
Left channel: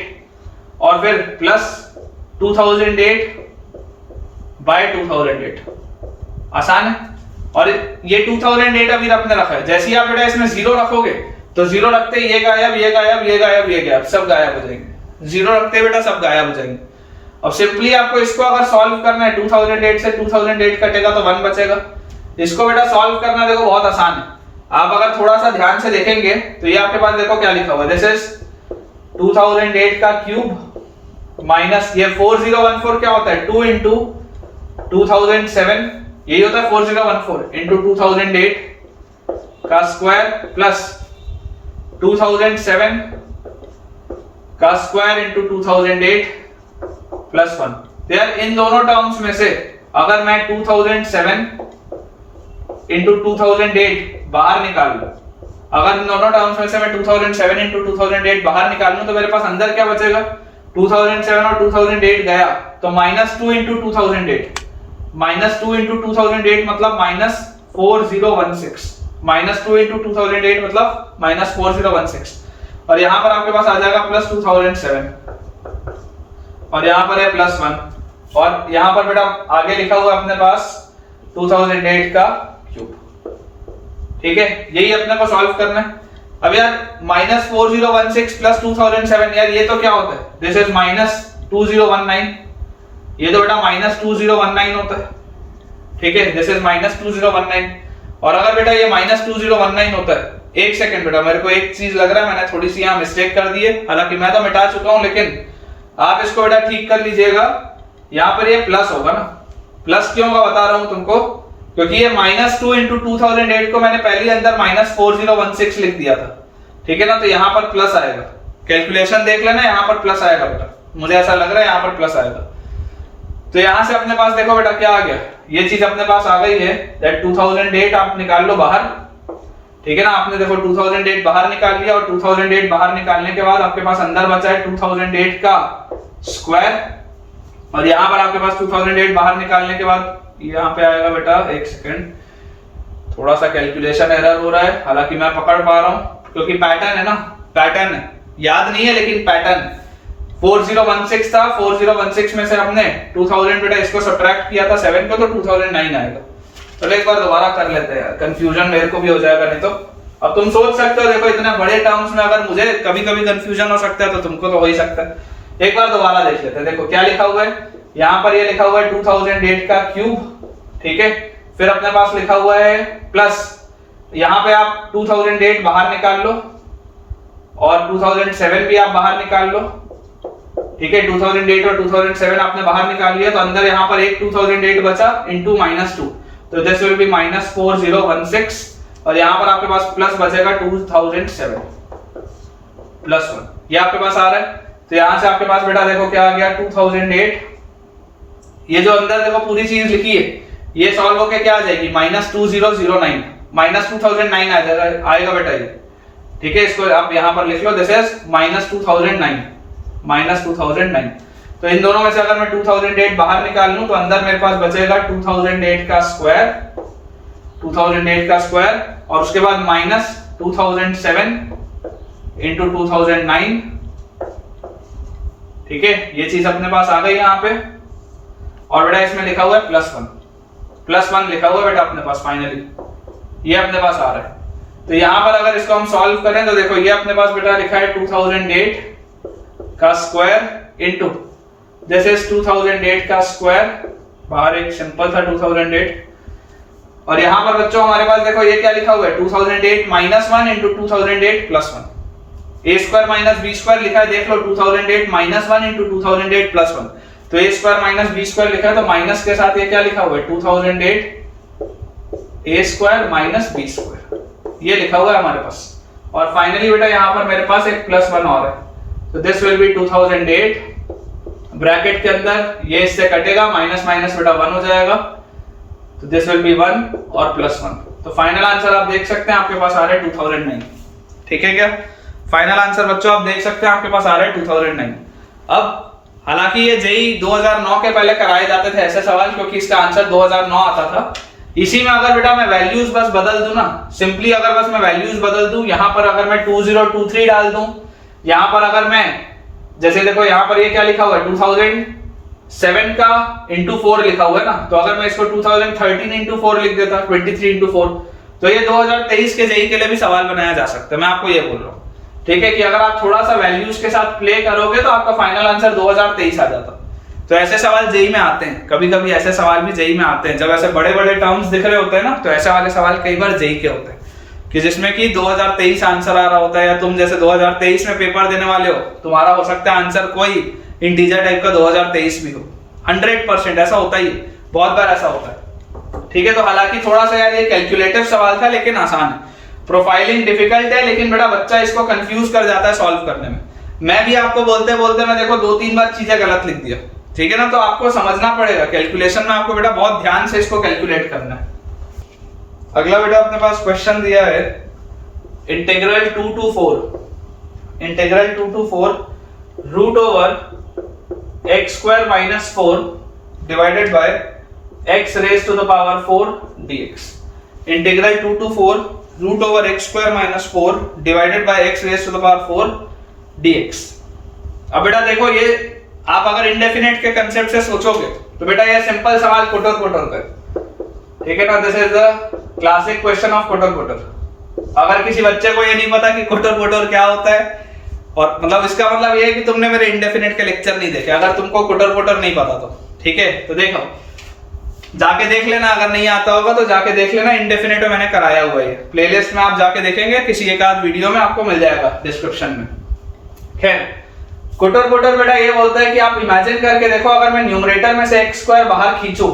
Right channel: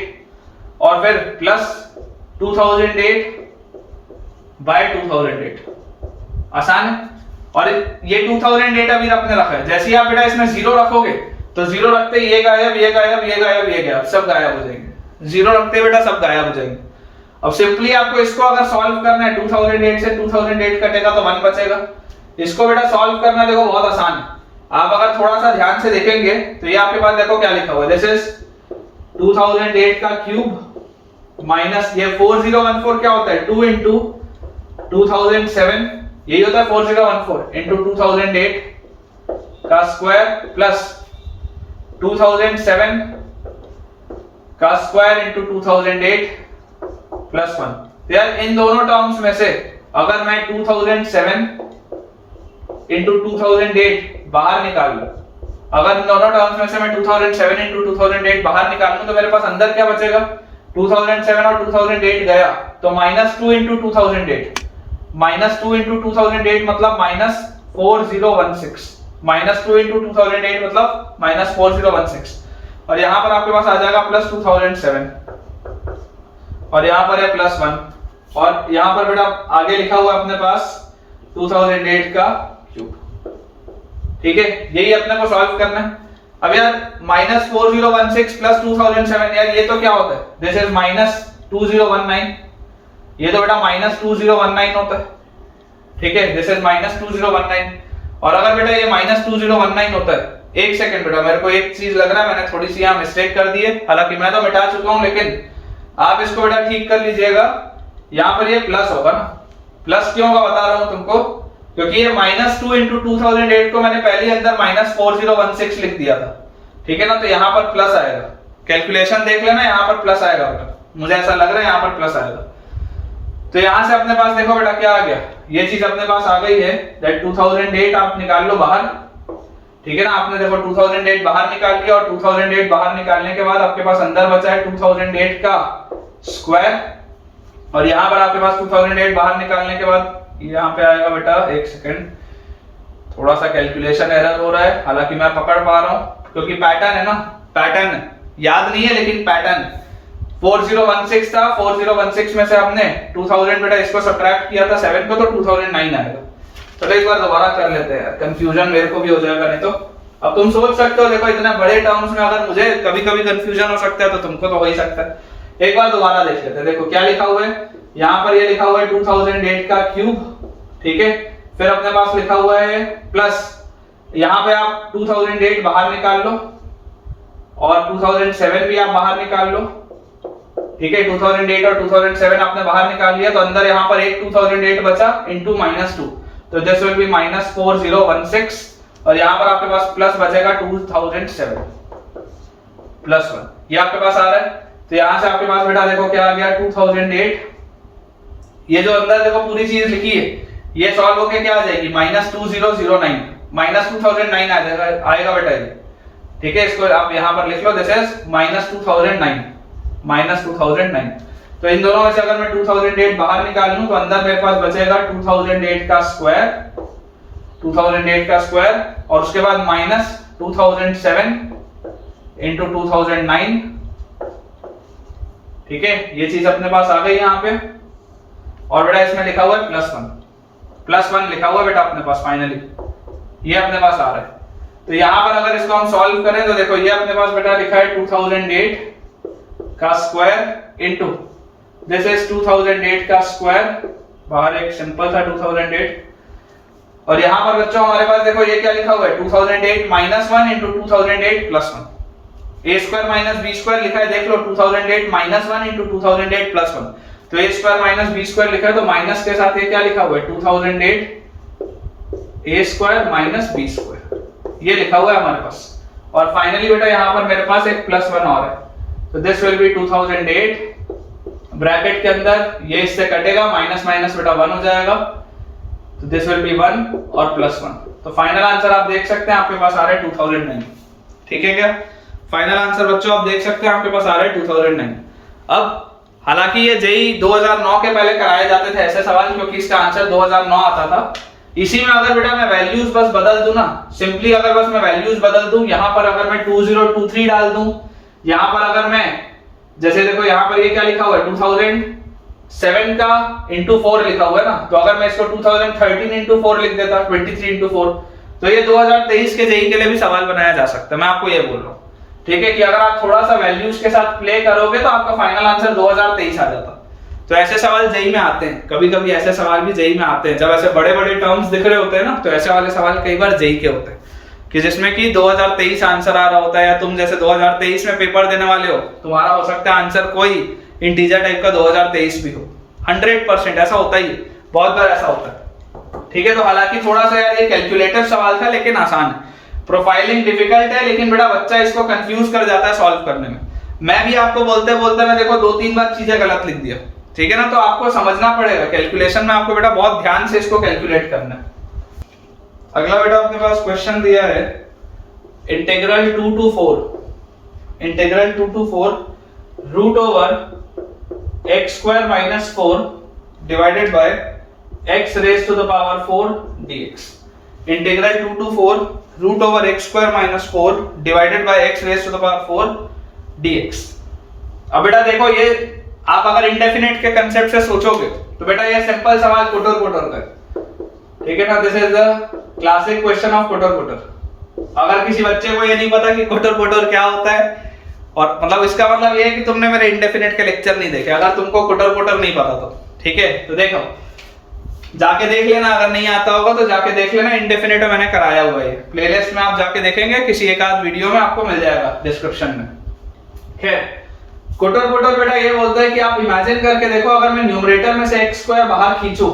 और फिर प्लस 2008/2008। आसान है। और ये 2008 अभी आपने रखा है, जैसे ही आप बेटा इसमें 0 रखोगे तो 0 रखते ही ये गायब, सब गायब हो जाएंगे। 0 रखते ही बेटा सब गायब हो जाएंगे। अब सिंपली आपको इसको अगर सॉल्व करना है, 2008 से 2008 कटेगा तो 1 बचेगा। इसको बेटा सॉल्व करना देखो बहुत आसान है। आप अगर थोड़ा सा ध्यान से देखेंगे तो ये आपके पास देखो क्या लिखा हुआ है, दिस इज 2008 का क्यूब माइनस ये 4014 क्या होता है 2 × 2007, यही होता है 4014 इंटू 2008 का स्क्वायर प्लस 2007 का स्क्वायर इंटू 2008 प्लस 1। यार इन दोनों टर्म्स में से अगर मैं 2007 इंटू 2008 बाहर निकाल लूं, अगर इन दोनों टर्म्स में से मैं 2007 इंटू 2008 बाहर निकाल लूं, तो मेरे पास अंदर क्या बचेगा, 2007 और 2008 गया तो -2 इंटू 2008, -2 इंटू 2008 मतलब -4016, -2 इंटू 2008 मतलब -4016, और यहां पर आपके पास आ जाएगा प्लस 2007 और यहां पर है प्लस 1, और यहां पर बेटा आगे लिखा हुआ अपने पास 2008 का क्यूब। ठीक है, यही अपने को सॉल्व करना है। अब यार -4016 प्लस 2007, यार ये तो क्या होता है, दिस इज -2019, ये तो बेटा -2019 होता है। ठीक है, दिस इज -2019, और अगर बेटा ये -2019 होता है, एक सेकंड बेटा मेरे को एक चीज लग रहा है, मैंने थोड़ी सी यहाँ मिस्टेक कर दी है, हालांकि मैं तो मिटा चुका हूं, लेकिन आप इसको बेटा ठीक कर लीजिएगा। यहाँ पर ये प्लस होगा ना, प्लस क्यों होगा बता रहा हूं तुमको, क्योंकि ये -2 इंटू 2008 को मैंने पहले अंदर -4016 लिख दिया था। ठीक है ना, तो यहाँ पर प्लस आएगा, कैलकुलेशन देख लेना, यहाँ पर प्लस आएगा बेटा, मुझे ऐसा लग रहा है यहाँ पर प्लस आएगा। तो यहां से अपने पास देखो बेटा क्या आ गया, ये चीज अपने पास आ गई है, दैट 2008 आप निकाल लो बाहर। ठीक है ना, आपने देखो 2008 बाहर निकाल लिया, और 2008 बाहर निकालने के बाद आपके पास अंदर बचा है 2008 का स्क्वायर, और यहां पर आपके पास 2008 बाहर निकालने के बाद यहाँ पे आएगा बेटा, एक सेकंड, थोड़ा सा कैलकुलेशन एरर हो रहा है, हालांकि मैं पकड़ पा रहा हूं क्योंकि पैटर्न है ना, पैटर्न याद नहीं है लेकिन पैटर्न 4016 था, 4016 में से हमने 2000 बेटा इसको सब्ट्रैक्ट किया था 7 को, तो 2009 आएगा। चलो एक बार दोबारा कर लेते हैं यार, कंफ्यूजन मेरे को भी हो जाएगा नहीं तो। अब तुम सोच सकते हो, देखो इतने बड़े टर्म्स में अगर मुझे कभी कभी कंफ्यूजन हो सकता है तो तुमको तो हो ही सकता है। एक बार दोबारा देख लेते हैं, देखो क्या लिखा हुआ है, यहाँ पर ये लिखा हुआ है 2008 का क्यूब। ठीक है, फिर अपने पास लिखा हुआ है प्लस, यहाँ पे आप 2008 बाहर निकाल लो और 2007 भी आप बाहर निकाल लो। ठीक है, 2008 और 2007 आपने बाहर निकाल लिया, तो अंदर यहाँ पर एक 2008 बचा इंटू -2, तो दिस विल बी -4016, और यहाँ पर आपके पास प्लस बचेगा 2007। +1, ये आपके पास आ रहा है। तो यहां से आपके पास बेटा देखो क्या आ गया 2008, ये जो अंदर देखो पूरी चीज लिखी है ये सॉल्व होके क्या आ जाएगी -2009, -2009 आएगा बेटा ये, ठीक है। इसको आप यहां पर लिख लो, दिस इज -2009। तो इन दोनों में से अगर मैं 2008 बाहर निकाल लूं तो अंदर मेरे पास बचेगा 2008 का स्क्वायर और उसके बाद -2007 इंटू 2009, ठीक है। ये चीज अपने पास आ गई यहां पे। और बेटा इसमें लिखा हुआ है +1 लिखा हुआ है बेटा अपने पास, फाइनली ये अपने पास आ रहा है। तो यहां पर अगर इसको हम सॉल्व करें तो देखो ये अपने पास बेटा लिखा है 2008 का स्क्वायर इंटू दिस इज 2008 का स्क्वायर, बाहर एक सिंपल था 2008, और यहां पर बच्चों हमारे पास देखो ये क्या लिखा हुआ है 2008 -1 into 2008 +1, a square minus b square लिखा है, देख लो 2008 -1 इंटू 2008 +1, तो a square minus b square लिखा है, तो माइनस के साथ ये क्या लिखा हुआ है 2008 a square minus b square, ये लिखा हुआ है हमारे पास। और फाइनली बेटा यहाँ पर मेरे पास एक +1 और है, तो दिस विल बी 2008, ब्रैकेट के अंदर ये इससे कटेगा, माइनस माइनस बेटा 1 हो जाएगा, तो दिस विल बी 1 और +1। तो फाइनल आंसर आप देख सकते हैं आपके पास आ रहा है 2009, ठीक है क्या। फाइनल आंसर बच्चों आप देख सकते हैं आपके पास आ रहा है 2009। अब हालांकि ये जेई 2009 के पहले कराए जाते थे ऐसे सवाल, क्योंकि इसका आंसर 2009 आता था। इसी में अगर बेटा मैं वैल्यूज बस बदल दूं ना, सिंपली अगर बस मैं वैल्यूज बदल दूं, यहां पर अगर मैं 2023 डाल दूं, यहां पर अगर मैं जैसे देखो यहां पर ये क्या लिखा हुआ है 2007 का इंटू 4 लिखा हुआ है ना, तो अगर मैं इसको 2013 इंटू 4 लिख देता 23 इंटू 4, तो ये 2023 के जेई के लिए भी सवाल बनाया जा सकता है। मैं आपको ये बोल रहा हूँ, ठीक है, कि अगर आप थोड़ा सा वैल्यूज के साथ प्ले करोगे तो आपका फाइनल आंसर 2023 आ जाता। तो ऐसे सवाल जेई में आते हैं, कभी कभी ऐसे सवाल भी जेई में आते हैं, जब ऐसे बड़े बड़े टर्म्स दिख रहे होते हैं ना, तो ऐसे वाले सवाल कई बार जेई के होते हैं कि जिसमें कि 2023 आंसर आ रहा होता है, या तुम जैसे 2023 में पेपर देने वाले हो, तुम्हारा हो सकता है आंसर कोई इंटीजर टाइप का 2023 भी हो। 100% ऐसा होता ही है, बहुत बार ऐसा होता है, ठीक है। तो हालांकि थोड़ा सा यार ये कैलकुलेटिव सवाल था, लेकिन आसान है। प्रोफाइलिंग डिफिकल्ट है, लेकिन बेटा बच्चा इसको कंफ्यूज कर जाता है सॉल्व करने में। मैं भी आपको बोलते बोलते मैं देखो 2-3 बार चीजें गलत लिख दिया, ठीक है ना। तो आपको समझना पड़ेगा कैलकुलेशन में, आपको बेटा बहुत ध्यान से इसको कैलकुलेट करना है। अगला बेटा अपने पास क्वेश्चन दिया है integral 2 to 4 root over x square minus 4 divided by x raise to the power 4 dx। Integral 2 to 4 root over x square minus 4 divided by x raise to the power 4 dx। अब बेटा देखो ये आप अगर indefinite के concept से सोचोगे तो बेटा ये सिंपल सवाल कोटर का, ठीक है ना। This is the classic question of कोटर। अगर किसी बच्चे को ये नहीं पता कि कोटर क्या होता है, और मतलब इसका मतलब ये है कि तुमने मेरे इंडेफिनेट के लेक्चर नहीं देखे, अगर तुमको कोटर नहीं पता तो, ठीक है। तो देखो जाके देख लेना, अगर नहीं आता होगा तो जाके देख लेना, इंडेफिनेट में मैंने कराया हुआ है, प्लेलिस्ट में आप जाके देखेंगे, किसी एक आध वीडियो में आपको मिल जाएगा डिस्क्रिप्शन में। खैर कोटर बेटा ये बोलता है कि आप इमेजिन करके देखो, अगर मैं न्यूमरेटर में से x स्क्वायर बाहर खींचूं,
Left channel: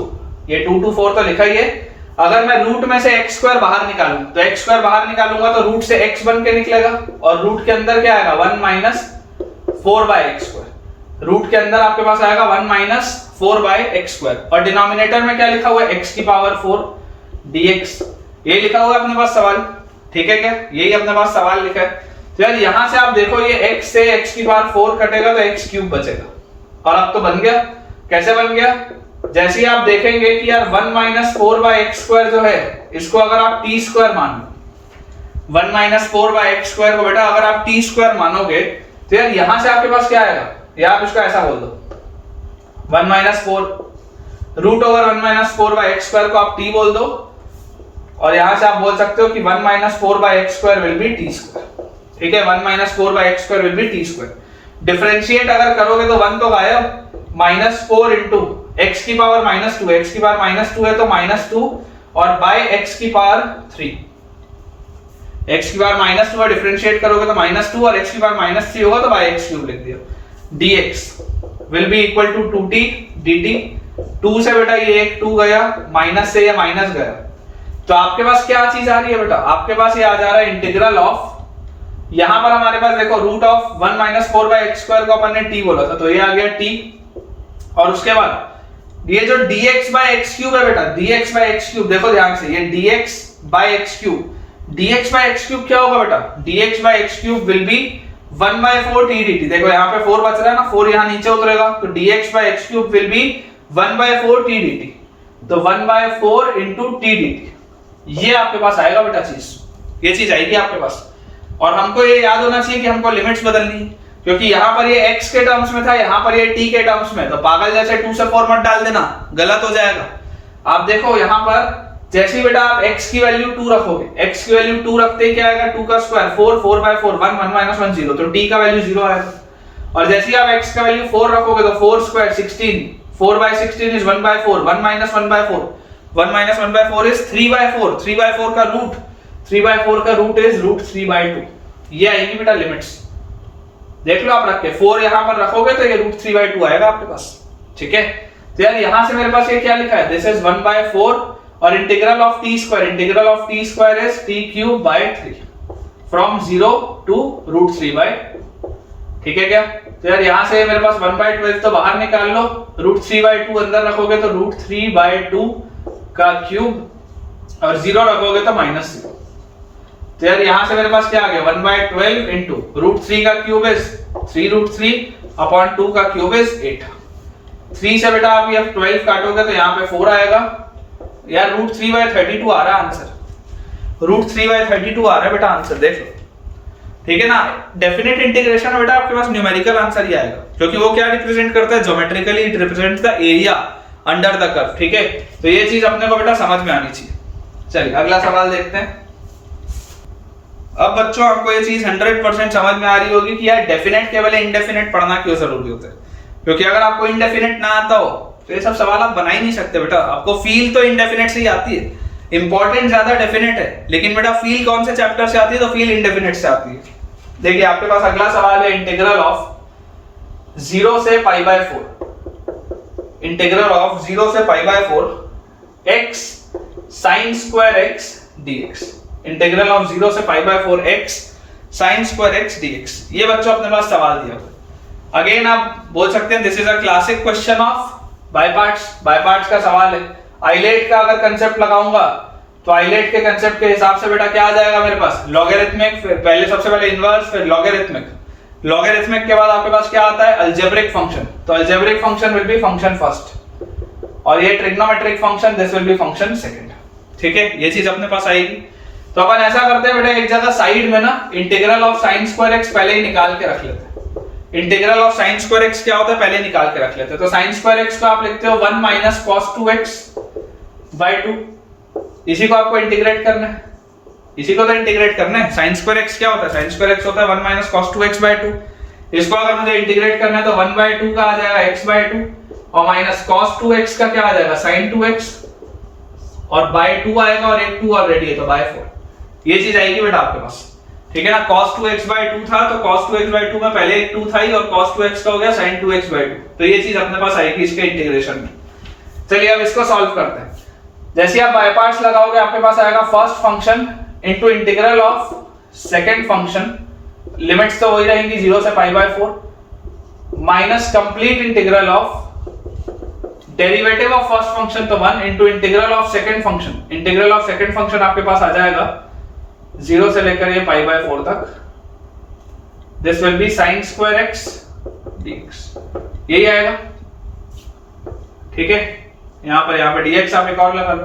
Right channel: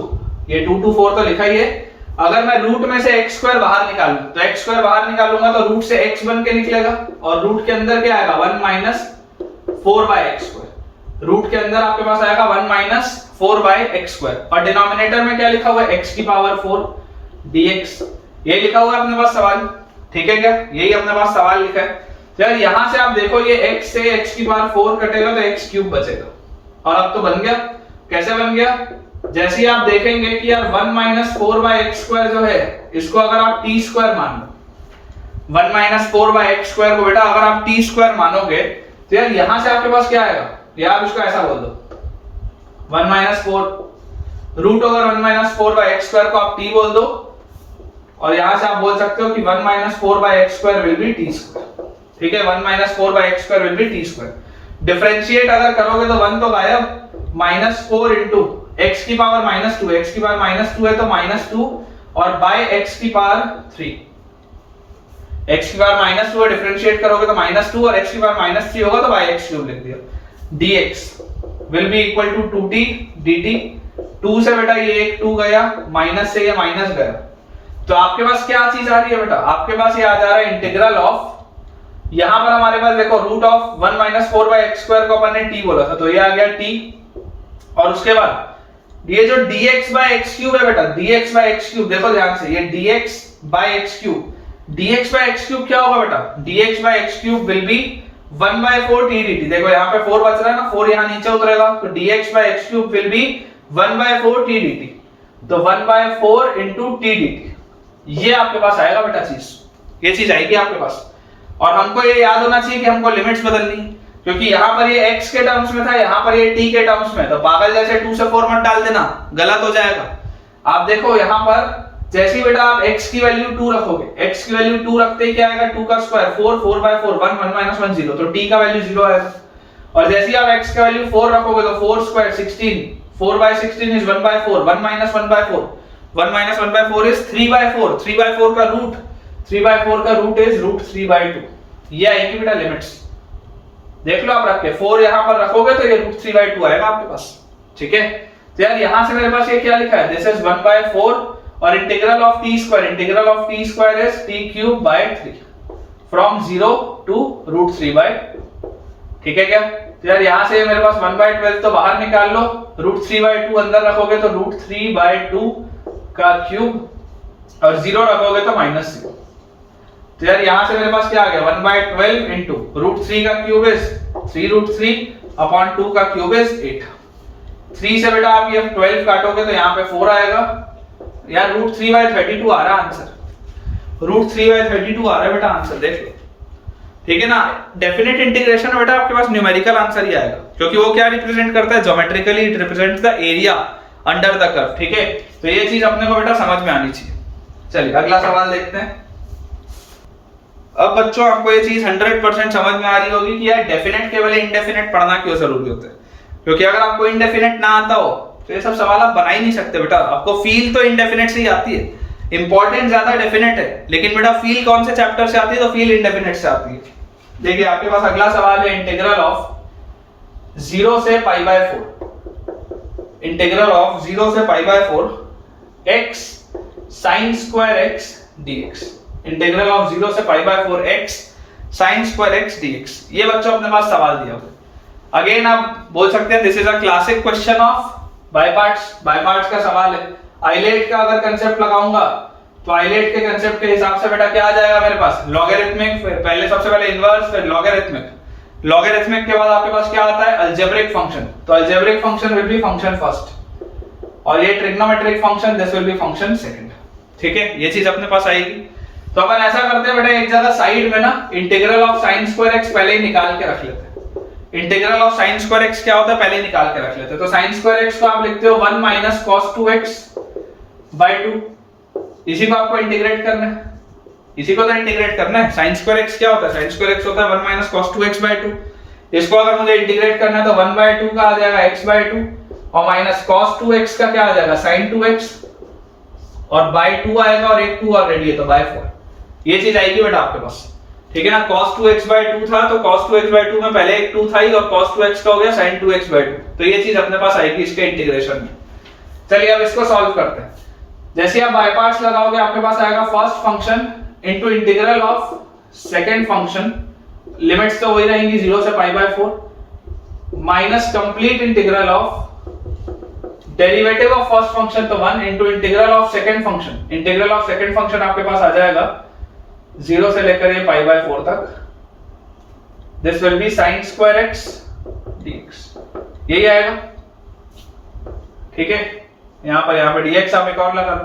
ये 2 to 4 तो लिखा ही है, अगर मैं रूट में से x स्क्वायर बाहर निकालूं तो x स्क्वायर बाहर निकालूंगा तो रूट से x बन के निकलेगा, और रूट के अंदर क्या आएगा 1 minus 4 by x square. Root के अंदर आपके पास आएगा 1 माइनस 4 बाय x स्क्वायर, और डिनोमिनेटर में क्या लिखा हुआ है x की पावर 4 dx। ये लिखा हुआ है अपने पास सवाल, ठीक है क्या, यही अपने पास सवाल लिखा है। तो यार यहां से आप देखो ये x से x की पावर 4 कटेगा तो x क्यूब बचेगा, और अब तो बन गया। कैसे बन गया, जैसे ही आप देखेंगे कि यार 1 माइनस 4 बाय x स्क्वायर जो है इसको अगर आप t स्क्वायर मान लो, 1 माइनस 4 बाय x स्क्वायर को बेटा अगर आप t स्क्वायर मानोगे तो यार यहां से आपके पास क्या आएगा, या आप इसको ऐसा बोल दो 1 minus 4 root over 1 minus 4 by x square को आप t बोल दो, और यहां से आप बोल सकते हो कि 1 minus 4 by x square will be t square, ठीक है। 1 minus 4 by x square will be t square. Differentiate अगर करोगे तो 1 तो गायब, माइनस 4 इंटू x की पावर माइनस 2, x की पावर माइनस 2 है तो माइनस 2, और बाय x की पावर 3, x की पावर माइनस 2 है, डिफरेंशिएट करोगे तो माइनस 2, और x की पावर माइनस 3 होगा तो बाय x क्यूब लिख दिया। dx will be equal to 2t dt। 2 से बेटा ये एक 2 गया, माइनस से ये माइनस गया, तो आपके पास क्या चीज आ रही है बेटा, आपके पास ये आ जा रहा है इंटीग्रल ऑफ यहां पर हमारे पास देखो root of 1 minus 4 by x square को अपन ने टी बोला था, तो ये आ गया टी। और उसके बाद ये जो dx बाय एक्स क्यूब है बेटा, dx बाय एक्स क्यूब, देखो ध्यान से, ये dx by x cube, dx by x cube क्या होगा बेटा, dx by x cube will be 1 by 4 t dt। देखो यहाँ पे 4 बच रहा है ना, 4 यहाँ नीचे उतरेगा, तो dx by x cube will be 1 by 4 t dt। तो 1 बाय 4 इंटू टी dt, ये आपके पास आएगा बेटा चीज, ये चीज आएगी आपके पास। और हमको ये याद होना चाहिए कि हमको लिमिट्स बदलनी, क्योंकि यहाँ पर ये x के टर्म्स में था, यहाँ पर ये t के टर्म्स में, तो पागल जैसे 2 से 4 मत डाल देना, गलत हो जाएगा। आप देखो यहाँ पर जैसे ही बेटा आप x की वैल्यू 2 रखोगे, x की वैल्यू 2 रखते ही क्या आएगा, 2 का स्क्वायर 4, 4 बाय 4 1, 1 माइनस 1 0, तो t का वैल्यू 0 आएगा। और जैसे ही आप x का वैल्यू 4 रखोगे तो 4 square 16, 4 by 16 is 1 by 4, 1 minus 1 by 4, 1 minus 1 by 4 is 3 by 4, 3 by 4 का रूट, 3 बाय 4 का रूट इज रूट 3 बाय 2। ये आएगी बेटा लिमिट्स, देख लो आप रख के 4 यहां पर रखोगे तो ये रूट 3 बाय 2 आएगा आपके पास, ठीक है। तो यार यहां से मेरे पास ये क्या लिखा है, दिस इज 1 बाय 4 और integral of t square, integral of t square is t cube by 3 from 0 to root 3 by 2, ठीक है क्या। तो यार यहां से मेरे पास 1 बाय 12 तो बाहर निकाल लो, रूट 3 बाय 2 अंदर रखोगे तो रूट 3 बाय 2 का क्यूब और 0 रखोगे तो माइनस 0। तो यार यहां से मेरे पास क्या आ गया, 1 बाय 12 इंटू रूट 3 का क्यूब इज 3 रूट 3 अपॉन 2 का क्यूब इज 8। 3 से बेटा आप ये 12 काटोगे तो यहाँ पे 4 आएगा। यार रूट 3 बाय 32 आ रहा है आंसर, रूट 3 बाय 32 आ रहा है बेटा आंसर, देख लो, ठीक है ना। डेफिनेट इंटीग्रेशन में बेटा आपके पास न्यूमेरिकल आंसर ही आएगा, क्योंकि वो क्या रिप्रेजेंट करता है, geometrically it represents the area under the curve, ठीक है। तो ये चीज अपने को बेटा समझ में आनी चाहिए। चलिए अगला सवाल देखते हैं। अब बच्चों आपको ये चीज 100% समझ में आ रही होगी कि यार डेफिनेट के बजाय इंडेफिनेट पढ़ना क्यों जरूरी होता है, क्योंकि अगर आपको इंडेफिनेट ना आता हो तो ये सब सवाल आप बना ही नहीं सकते बेटा। आपको फील तो इंडेफिनेट से ही आती है, इंपॉर्टेंट ज्यादा डेफिनेट है, लेकिन बेटा फील कौन से चैप्टर से आती है, तो फील इंडेफिनेट से आती है। देखिए आपके पास अगला सवाल है, इंटीग्रल ऑफ 0 से पाई बाय 4, इंटीग्रल ऑफ 0 से पाई by 4 x sin square x dx, integral of 0 से पाई by 4 x sin square x dx। ये बच्चों अपने पास सवाल दिया हुआ। अगेन आप बोल सकते हैं this is a classic question of by parts का सवाल है। आइलेट का अगर कंसेप्ट लगाऊंगा तो आइलेट के कंसेप्ट के हिसाब से बेटा क्या आ जाएगा मेरे पास, लॉगरिथमिक, फिर पहले सबसे पहले इनवर्स, फिर लॉगरिथमिक, लॉगरिथमिक के बाद आपके पास क्या आता है, अलजेब्रिक फंक्शन। तो algebraic function will be function first, और ये trigonometric function this will B function second, ठीक है। ये चीज अपने पास आएगी। तो अपन ऐसा करते हैं बेटा, एक जगह साइड में ना integral of sin square x पहले ही निकाल के रख लेते हैं। Integral of sin square x क्या होता है पहले निकाल के रख लेते हैं। तो sin स्क्वायर x को आप लिखते हो 1 माइनस cos 2x बाय 2, इसी को आपको इंटीग्रेट करना है, इसी को तो इंटीग्रेट करना है। sin स्क्वायर x क्या होता है, sin स्क्वायर x होता है 1 माइनस cos 2x बाय 2। इसको अगर मुझे इंटीग्रेट करना है तो 1 बाय 2 का आ जाएगा x बाय 2 और माइनस cos 2x का क्या आ जाएगा sin 2x और बाय 2 आएगा और एक 2 ऑलरेडी है तो बाय 4। ये चीज आएगी बेटा आपके पास, ठीक है ना। cos 2x बाय 2 था तो cos 2x बाय 2 में पहले एक 2 था ही और cos 2x का हो गया sin 2x बाय 2, तो ये चीज अपने पास आएगी इसके इंटीग्रेशन में। चलिए अब इसको सॉल्व करते हैं। जैसे आप बाय पार्ट्स लगाओगे आपके पास आएगा first function into integral of second function, limits तो वही रहेंगी 0 से पाई by 4 minus complete integral of derivative of first function तो 1 into integral of second function. Integral of second function आपके पास आ जाएगा 0 से लेकर ये पाई बाय 4 तक, this will B sin square x dx, यही आएगा, ठीक है। यहां पे dx आप एक और लगा लो।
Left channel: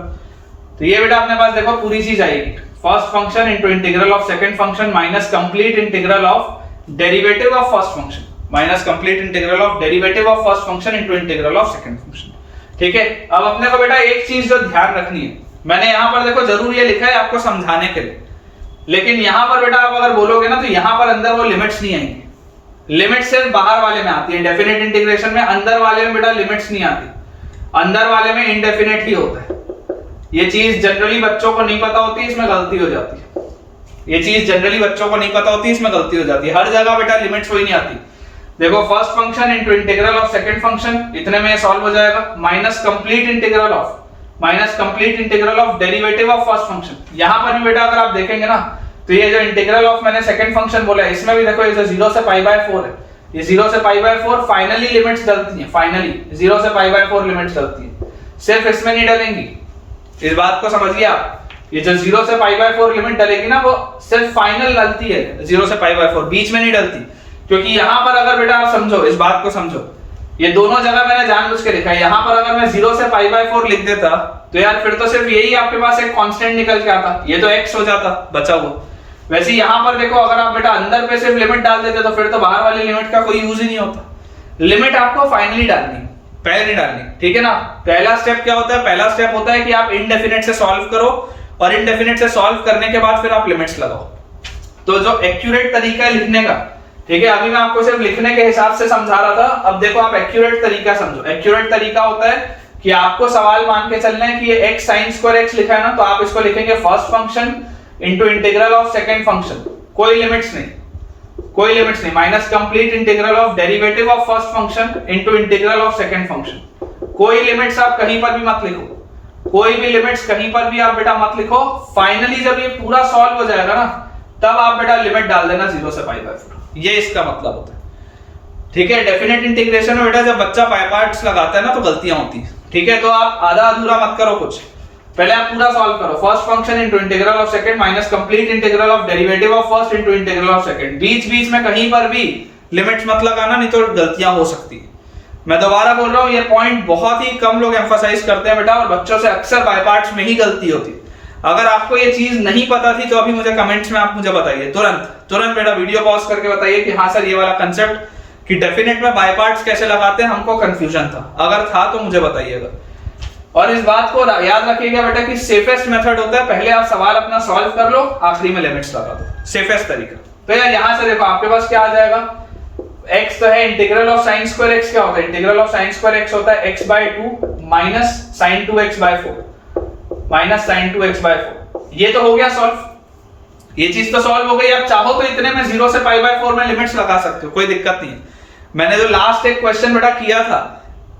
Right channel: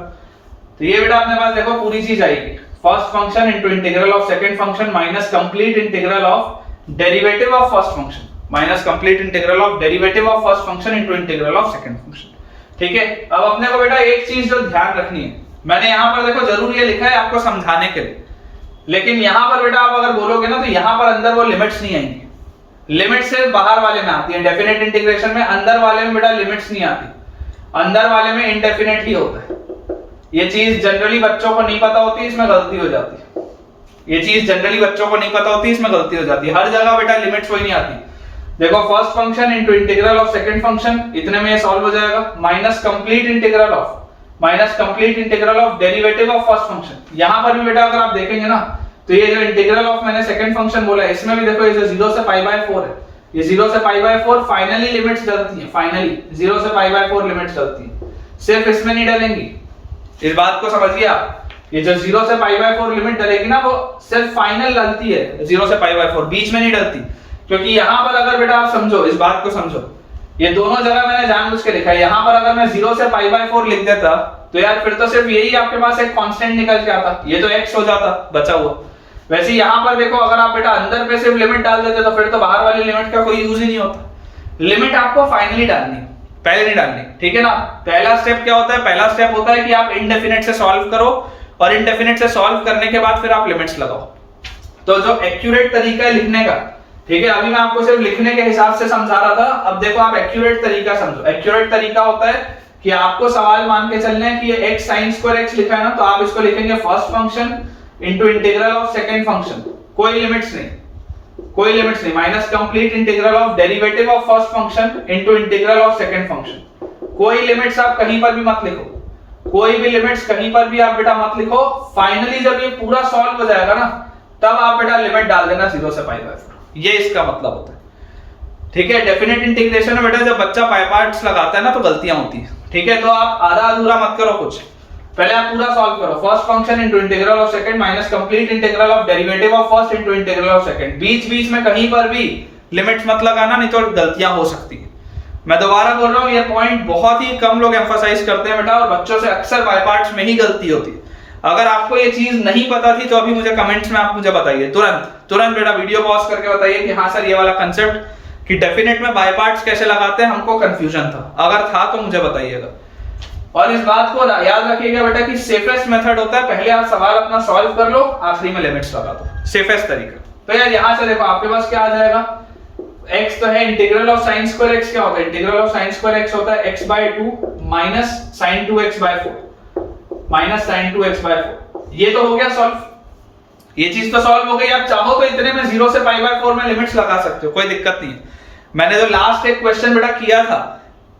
तो ये बेटा अपने पास देखो पूरी चीज आएगी, first function into integral of second function minus complete integral of derivative of first function minus complete integral of derivative of first function into integral of second function, ठीक है। अब अपने को बेटा एक चीज जो ध्यान रखनी है, मैंने यहां पर देखो जरूर ये लिखा है आपको समझाने के लिए, लेकिन यहां पर बेटा आप अगर बोलोगे ना तो यहां पर अंदर वो लिमिट्स नहीं आएंगी, लिमिट सिर्फ बाहर वाले में आती है। डेफिनेट इंटीग्रेशन में अंदर वाले में बेटा लिमिट्स नहीं आती, अंदर वाले में इंडेफिनेट ही होता है। ये चीज जनरली बच्चों को नहीं पता होती, इसमें गलती हो जाती है। ये चीज जनरली बच्चों को नहीं पता होती, इसमें गलती हो जाती है। हर जगह बेटा लिमिट्स वही नहीं आती। देखो first function into integral of second function, इतने में ये सॉल्व हो जाएगा, minus complete integral of derivative of first function. यहां पर भी बेटा अगर आप देखेंगे ना तो ये जो इंटीग्रल ऑफ मैंने सेकंड फंक्शन बोला है, इसमें भी देखो ये जो 0 से पाई बाय 4 है, ये 0 से पाई बाय 4 फाइनली लिमिट्स डलती हैं, फाइनली 0 से पाई बाय 4 लिमिट्स डलती हैं, सिर्फ इसमें नहीं डलेंगी। इस बात को समझिए आप, ये जो 0 से पाई बाय 4 लिमिट डलेगी ना, वो सिर्फ फाइनल डलती है 0 से पाई बाय 4, बीच में नहीं डलती। क्योंकि यहां पर अगर बेटा आप समझो, इस बात को समझो, ये दोनों जगह मैंने जानबूझ के लिखा है। यहां पर अगर मैं 0 से पाई बाय 4 लिख देता तो यार फिर तो सिर्फ यही आपके पास एक कांस्टेंट निकल के आता, ये तो x हो जाता बचा हुआ। वैसे यहां पर देखो, अगर आप बेटा अंदर पे सिर्फ लिमिट डाल देते तो फिर तो बाहर वाली लिमिट का कोई यूज ही नहीं होता। लिमिट आपको फाइनली डालनी है, पहले नहीं डालनी, ठीक है ना। पहला स्टेप क्या होता है? पहला स्टेप होता है कि आप इनडेफिनेट से सॉल्व करो, और इनडेफिनेट से सॉल्व करने के बाद फिर आप लिमिट्स लगाओ। तो जो एक्यूरेट तरीका है लिखने का, ठीक है, अभी मैं आपको सिर्फ लिखने के हिसाब से समझा रहा था, अब देखो आप एक्यूरेट तरीका समझो। एक्यूरेट तरीका होता है कि आपको सवाल मान के चलना है कि ये x sin स्क्वायर x लिखा है ना, तो आप इसको लिखेंगे first function into integral of second function, कोई लिमिट्स नहीं, कोई लिमिट्स नहीं, minus complete integral of derivative of first function into integral of second function. कोई लिमिट्स आप कहीं पर भी मत लिखो, कोई भी लिमिट्स कहीं पर भी आप बेटा मत लिखो। फाइनली जब ये पूरा सॉल्व हो जाएगा ना, तब आप बेटा लिमिट डाल देना 0 से पाई बाय 4, ये इसका मतलब होता है, ठीक है। डेफिनेट इंटीग्रेशन में बेटा जब बच्चा पाई पार्ट्स लगाता है ना तो गलतियां होती है, ठीक है। तो आप आधा अधूरा मत करो कुछ, पहले आप पूरा सॉल्व करो। First function into integral of second minus complete integral of derivative of first into integral of second. बीच बीच में कहीं पर भी लिमिट्स मत लगाना, नहीं तो गलतियां हो सकती है। मैं दोबारा बोल रहा हूं, ये पॉइंट बहुत ही कम लोग एम्फसाइज करते हैं बेटा, और बच्चों से अक्सर बाय पार्ट्स में ही गलती होती है। अगर आपको ये चीज नहीं पता थी तो अभी मुझे कमेंट्स में आप मुझे बताइए, तुरंत बेटा वीडियो पॉज करके बताइए कि हाँ सर ये वाला कंसेप्ट कि डेफिनेट में बाय पार्ट्स कैसे लगाते हैं, हमको कंफ्यूजन था। अगर था तो मुझे बताइएगा। और इस बात को याद रखिएगा बेटा कि सेफेस्ट मेथड होता है, पहले आप सवाल अपना सॉल्व कर लो, आखिरी में लिमिट्स लगा दो, सेफेस्ट तरीका। तो यार यहां से देखो आपके पास क्या आ जाएगा, x तो है, integral of sin square x क्या होता है? Integral of sin square x होता है x by 2 minus sin 2x by 4, minus sin 2x by 4। ये तो हो गया सॉल्व, ये चीज तो सॉल्व हो गई। आप चाहो तो इतने में 0 से पाई बाय 4 में लिमिट्स लगा सकते हो, कोई दिक्कत नहीं है। मैंने जो लास्ट एक क्वेश्चन बेटा किया था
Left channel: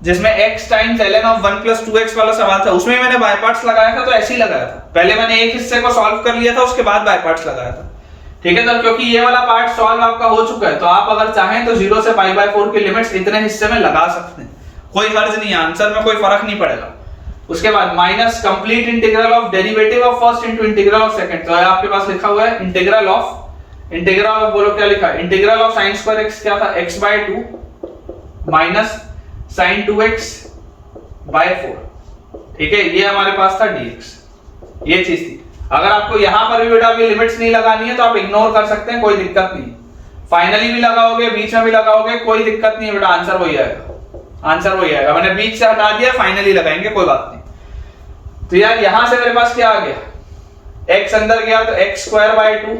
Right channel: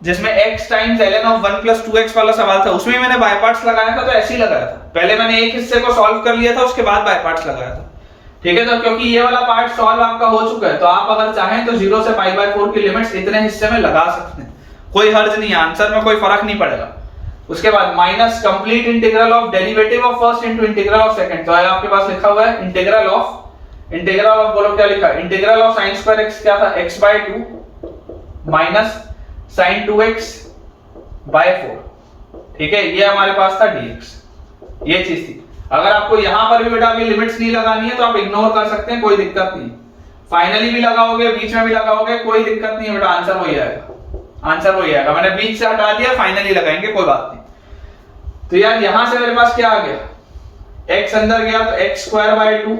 जिसमें x times ln of 1 plus 2x वाला सवाल था, उसमें मैंने बाय पार्ट्स लगाया था, तो ऐसे ही लगाया था। पहले मैंने एक हिस्से को सॉल्व कर लिया था, उसके बाद बाय पार्ट्स लगाया था, ठीक है। तो क्योंकि ये वाला पार्ट सॉल्व आपका हो चुका है, तो आप अगर चाहें तो 0 से पाई बाय 4 की लिमिट्स इतने हिस्से में लगा सकते हैं, कोई हर्ज नहीं है, आंसर में कोई फर्क नहीं पड़ेगा। उसके बाद minus complete integral of derivative of first into integral of second, तो आपके पास लिखा हुआ है इंटीग्रल ऑफ बोलो क्या लिखा है, integral of sin square x क्या था, x by 2 minus sin 2x by 4, ठीक है। ये हमारे पास था dx, ये चीज थी। अगर आपको यहां पर भी बेटा अभी लिमिट्स नहीं लगानी है तो आप इग्नोर कर सकते हैं, कोई दिक्कत नहीं। फाइनली भी लगाओगे, बीच में भी लगाओगे, कोई दिक्कत नहीं है बेटा, आंसर वही आएगा, आंसर वही आएगा। मैंने बीच से हटा दिया, फाइनली लगाएंगे, कोई बात नहीं। तो यार यहां से मेरे पास क्या आ गया, x अंदर गया तो x स्क्वायर बाय 2,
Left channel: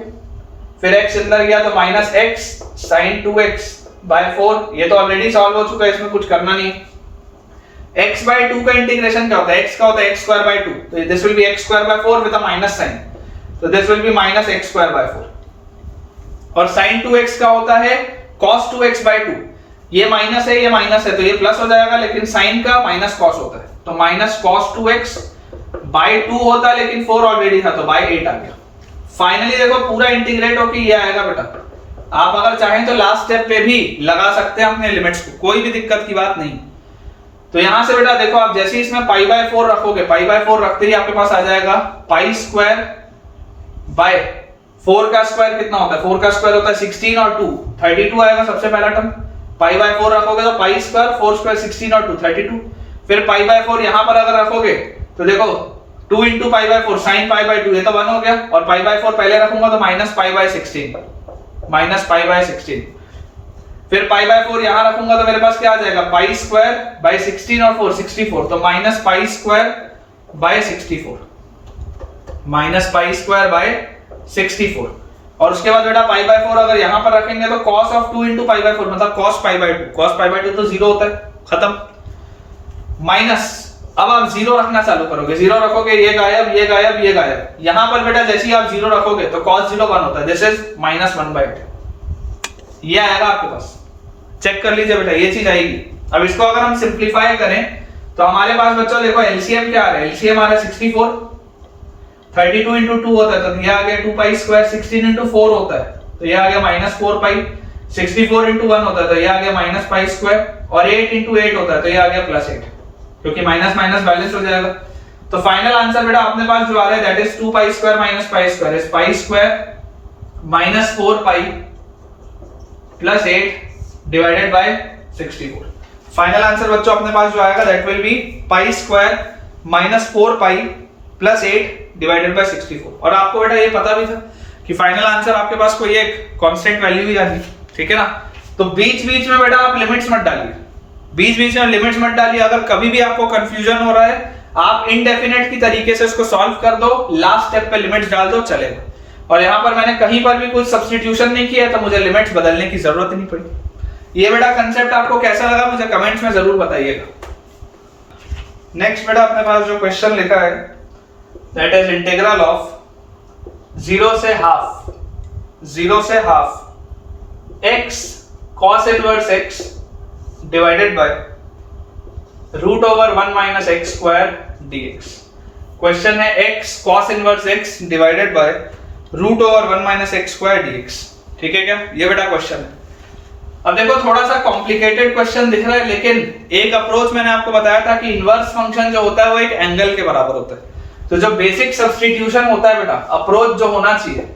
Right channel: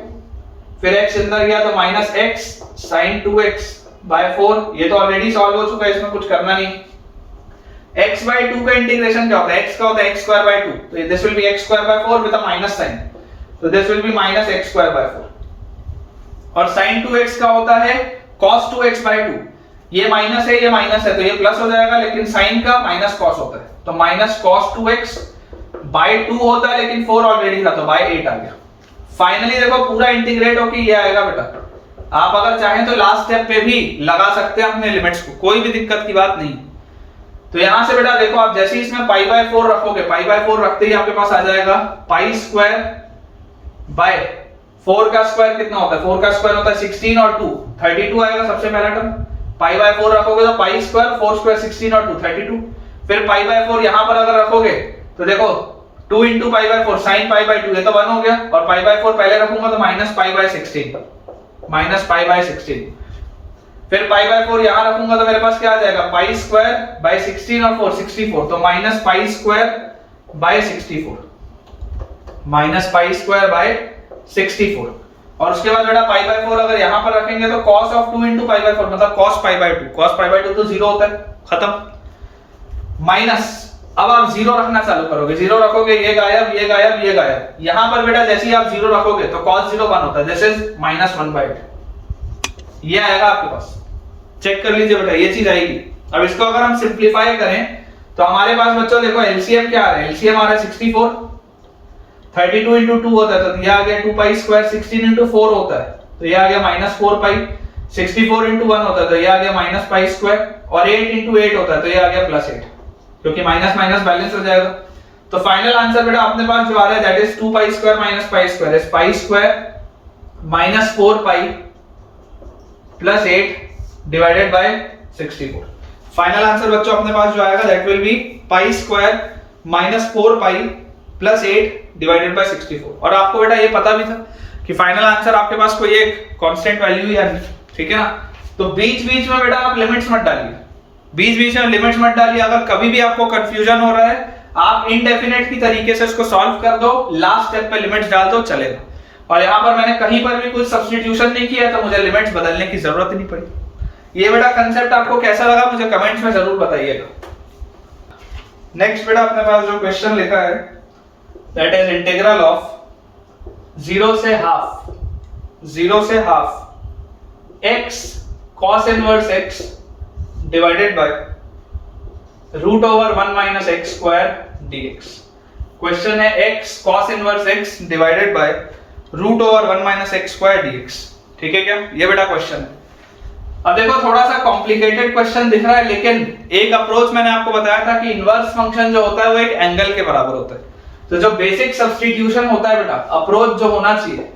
फिर x अंदर गया तो minus x sin 2x by 4। ये तो ऑलरेडी सॉल्व हो चुका है, इसमें कुछ करना नहीं। x बाय 2 का इंटीग्रेशन क्या होता है, x का होता है x स्क्वायर बाय 2, तो this will be x square by 4 with a minus sign, तो this will be minus x square by 4। और sin 2x का होता है cos 2x बाय 2, ये माइनस है, ये माइनस है, तो ये प्लस हो जाएगा, लेकिन sin का माइनस cos होता है, तो माइनस cos 2x बाय 2 होता है, लेकिन 4 ऑलरेडी था तो बाय 8 आ गया। फाइनली देखो पूरा इंटीग्रेट होके ये आएगा बेटा। आप अगर चाहें तो लास्ट स्टेप पे भी लगा सकते हैं अपने लिमिट्स को, कोई भी दिक्कत की बात नहीं। तो यहां से बेटा देखो, आप जैसे इसमें पाई बाय 4 रखोगे, पाई बाय 4 रखते ही आपके पास आ जाएगा पाई स्क्वायर बाय 4 का स्क्वायर कितना होता है, 4 का स्क्वायर होता है 16 और 2 32 आएगा सबसे पहला टर्म। पाई बाय 4 रखोगे तो पाई स्क्वायर 4 स्क्वायर 16 और 2 32। फिर पाई बाय 4 यहां पर अगर रखोगे तो देखो 2 into pi by 4 sine pi by 2, ये तो 1 हो गया, और पाई बाय 4 पहले रखूंगा तो minus pi by 16, minus pi by 16। फिर पाई बाय 4 यहां रखूंगा तो मेरे पास क्या आ जाएगा, पाई स्क्वायर बाय 16 और 4 64, तो minus pi square by 64, minus pi square by 64। और उसके बाद बेटा पाई बाय 4 अगर यहां पर रखेंगे तो cos of 2 into pi by 4 मतलब cos pi by 2, cos pi by 2 तो 0 होता है, खत्म। माइनस अब आप 0 रखना चालू करोगे, 0 रखोगे ये गायब, ये गायब, ये गायब। यहां पर बेटा जैसे ही आप 0 रखोगे तो cos 0 1 होता है, दिस इज माइनस 1/8, ये आएगा आपके पास। चेक कर लीजिए बेटा, ये चीज आएगी। अब इसको अगर हम सिंपलीफाई करें तो हमारे पास बच्चों देखो एलसीएम क्या आ रहा है, एलसीएम आ रहा है 64, 32 इंटू 2 होता है तो ये आ गया 2 पाई स्क्वायर, 16 इंटू 4 होता है तो ये आ गया -4 पाई, 64 इंटू 1 होता है तो ये आ गया -पाई स्क्वायर, और 8 इंटू 8 होता है तो ये आ गया +8, क्योंकि माइनस माइनस बैलेंस हो जाएगा। तो फाइनल आंसर बेटा अपने पास जो आ रहा है that is 2 pi square minus pi square is pi square -4 pi +8 divided by 64। Final answer बच्चों अपने पास जो आएगा that will be pi square -4 pi +8 divided by 64। और आपको बेटा ये पता भी था कि फाइनल आंसर आपके पास कोई एक कांस्टेंट वैल्यू ही आनी, ठीक है ना। तो बीच बीच में बेटा आप लिमिट्स मत डालिए, बीच बीच में लिमिट्स मत डालिए। अगर कभी भी आपको कंफ्यूजन हो रहा है आप इनडेफिनेट की तरीके से इसको सॉल्व कर दो, लास्ट स्टेप पे लिमिट्स डाल दो, चलेगा। और यहां पर मैंने कहीं पर भी कुछ सब्स्टिट्यूशन नहीं किया तो मुझे लिमिट्स बदलने की जरूरत नहीं पड़ी। ये बेटा कंसेप्ट आपको कैसा लगा मुझे कमेंट्स में जरूर बताइएगा। नेक्स्ट बेटा अपने पास जो क्वेश्चन लिखा है दैट इज इंटीग्रल ऑफ 0 से half x cos inverse x divided by √1 minus x square dx। Question है x cos inverse x divided by √1 minus x square dx, ठीक है क्या। ये बेटा क्वेश्चन है। अब देखो थोड़ा सा कॉम्प्लिकेटेड क्वेश्चन दिख रहा है, लेकिन एक अप्रोच मैंने आपको बताया था कि इनवर्स फंक्शन जो होता है वो एक एंगल के बराबर होता है। तो जो बेसिक सब्स्टिट्यूशन होता है बेटा, अप्रोच जो होना चाहिए,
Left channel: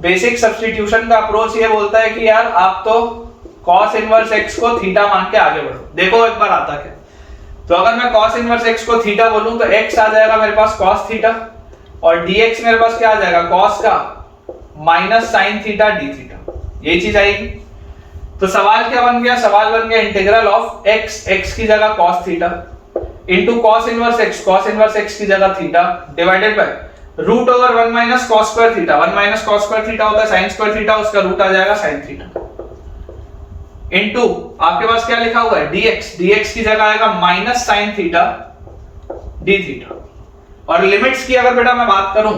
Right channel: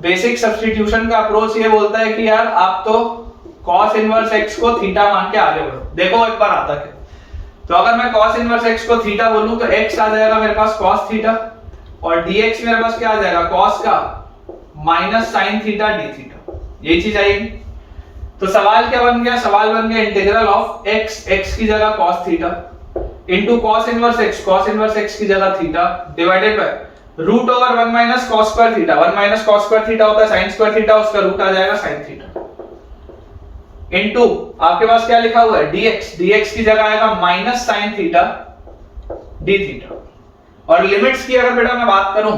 बेसिक सब्स्टिट्यूशन का अप्रोच ये बोलता है कि यार आप तो cos इनवर्स x को थीटा मान के आगे बढ़ो। देखो एक बार आता क्या, तो अगर मैं cos इनवर्स x को थीटा बोलूं तो x आ जाएगा मेरे पास cos थीटा, और dx मेरे पास क्या आ जाएगा cos का minus sin theta d theta, यही चीज आएगी। तो सवाल क्या बन गया, सवाल बन गया इंटीग्रल ऑफ x की जगह cos theta into cos inverse x की जगह theta divided bye √1 minus cos square theta. 1 minus cos square theta होता है sin स्क्वायर थीटा, उसका रूट आ जाएगा sin थीटा इनटू आपके पास क्या लिखा हुआ है dx की जगह आएगा minus sin theta d theta. और लिमिट्स की अगर बेटा मैं बात करूं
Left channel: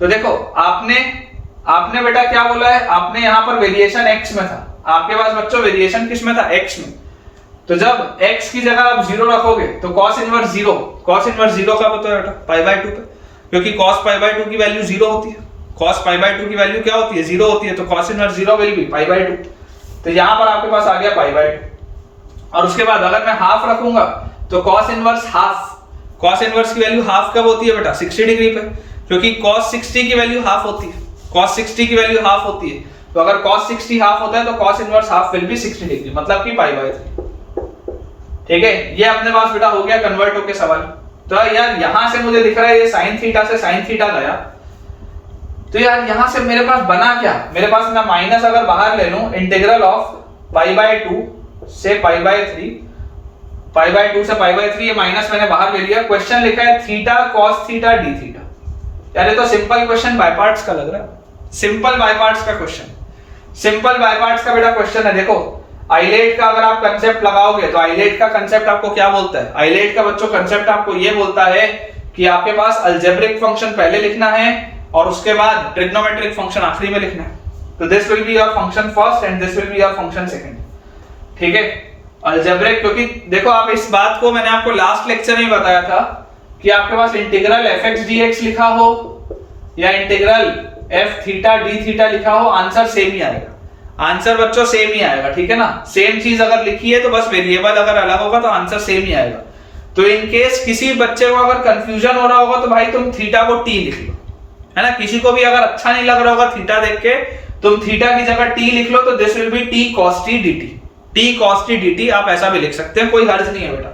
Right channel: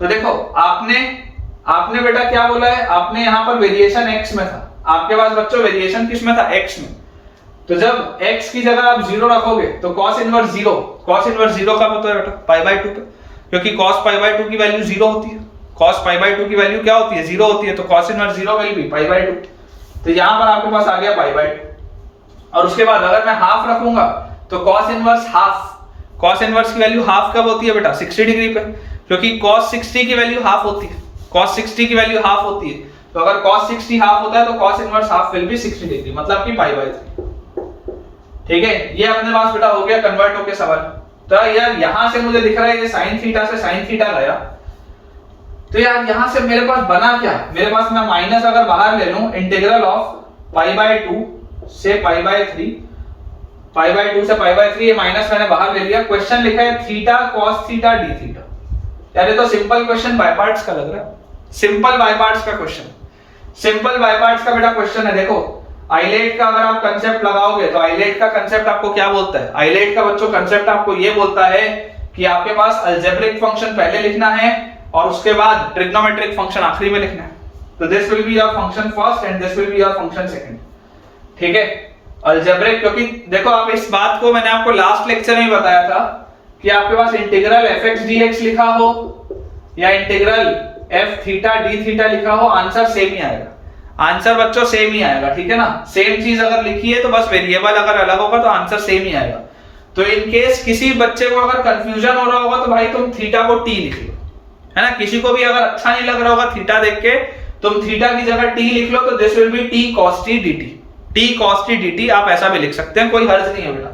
तो देखो आपने बेटा क्या बोला है, आपने यहां पर वेरिएशन x में था, आपके पास बच्चों वेरिएशन किस में था, x में। तो जब x की जगह आप 0 रखोगे तो cos इनवर्स 0 का पता है बेटा π/2 पे, क्योंकि cos π/2 की वैल्यू 0 होती है। cos π/2 की वैल्यू क्या होती है, 0 होती है, तो cos इनवर्स 0 विल बी π/2। तो यहां पर आपके पास आ गया π/2। और उसके बाद अगर मैं हाफ रखूंगा तो cos इनवर्स की वैल्यू हाफ कब होती है बेटा, 60 डिग्री पे, क्योंकि cos 60 की वैल्यू हाफ होती है, cos 60 की वैल्यू हाफ होती है। तो अगर cos 60 हाफ होता है तो cos inverse half will be 60 degree, मतलब कि π/3, ठीक है। ये अपने पास बेटा हो गया कन्वर्ट होके सवाल। तो यार यहां से मुझे दिख रहा है ये sin थीटा से sin थीटा गया, तो यार यहां से मेरे पास बना क्या, मेरे पास मैं माइनस अगर बाहर ले लूं इंटीग्रल ऑफ π/2 से π/3, π/2 से π/3, ये माइनस मैंने बाहर ले लिया। क्वेश्चन लिखा है theta cos theta d theta. यार ये तो सिंपल क्वेश्चन बाय पार्ट्स का लग रहा है, सिंपल बाय पार्ट्स का क्वेश्चन, सिंपल बाय पार्ट्स का बेटा क्वेश्चन है। देखो आइलेट का अगर आप कंसेप्ट लगाओगे तो आइलेट का कंसेप्ट आपको क्या बोलता है, आइलेट का बच्चों कंसेप्ट आपको ये बोलता है कि आपके पास अलजेब्रिक फंक्शन पहले लिखना है और उसके बाद ट्रिग्नोमेट्रिक फंक्शन आखिरी में लिखना है। तो this will be your function first and this will be your function second, ठीक है। अलजेब्रिक, क्योंकि देखो आप इस बात को मैंने आपको लास्ट लेक्चर में बताया था कि आपके पास इंटीग्रल fx dx लिखा हो या integral f theta d theta लिखा हो, आंसर सेम ही आएगा, आंसर बच्चों सेम ही आएगा, ठीक है ना। सेम चीज अगर लिखी है तो बस वेरिएबल अगर अलग होगा तो आंसर सेम ही आएगा। तो इन केस किसी बच्चे को अगर कंफ्यूजन हो रहा होगा तो भाई तुम थीटा को t लिख लो, है ना। किसी को भी अगर अच्छा नहीं लग रहा होगा थीटा देख के, तुम थीटा की जगह t लिख लो, तो this will be t cos t dt, t cos t dt आप ऐसा भी लिख सकते हैं, कोई हर्ज नहीं है बेटा,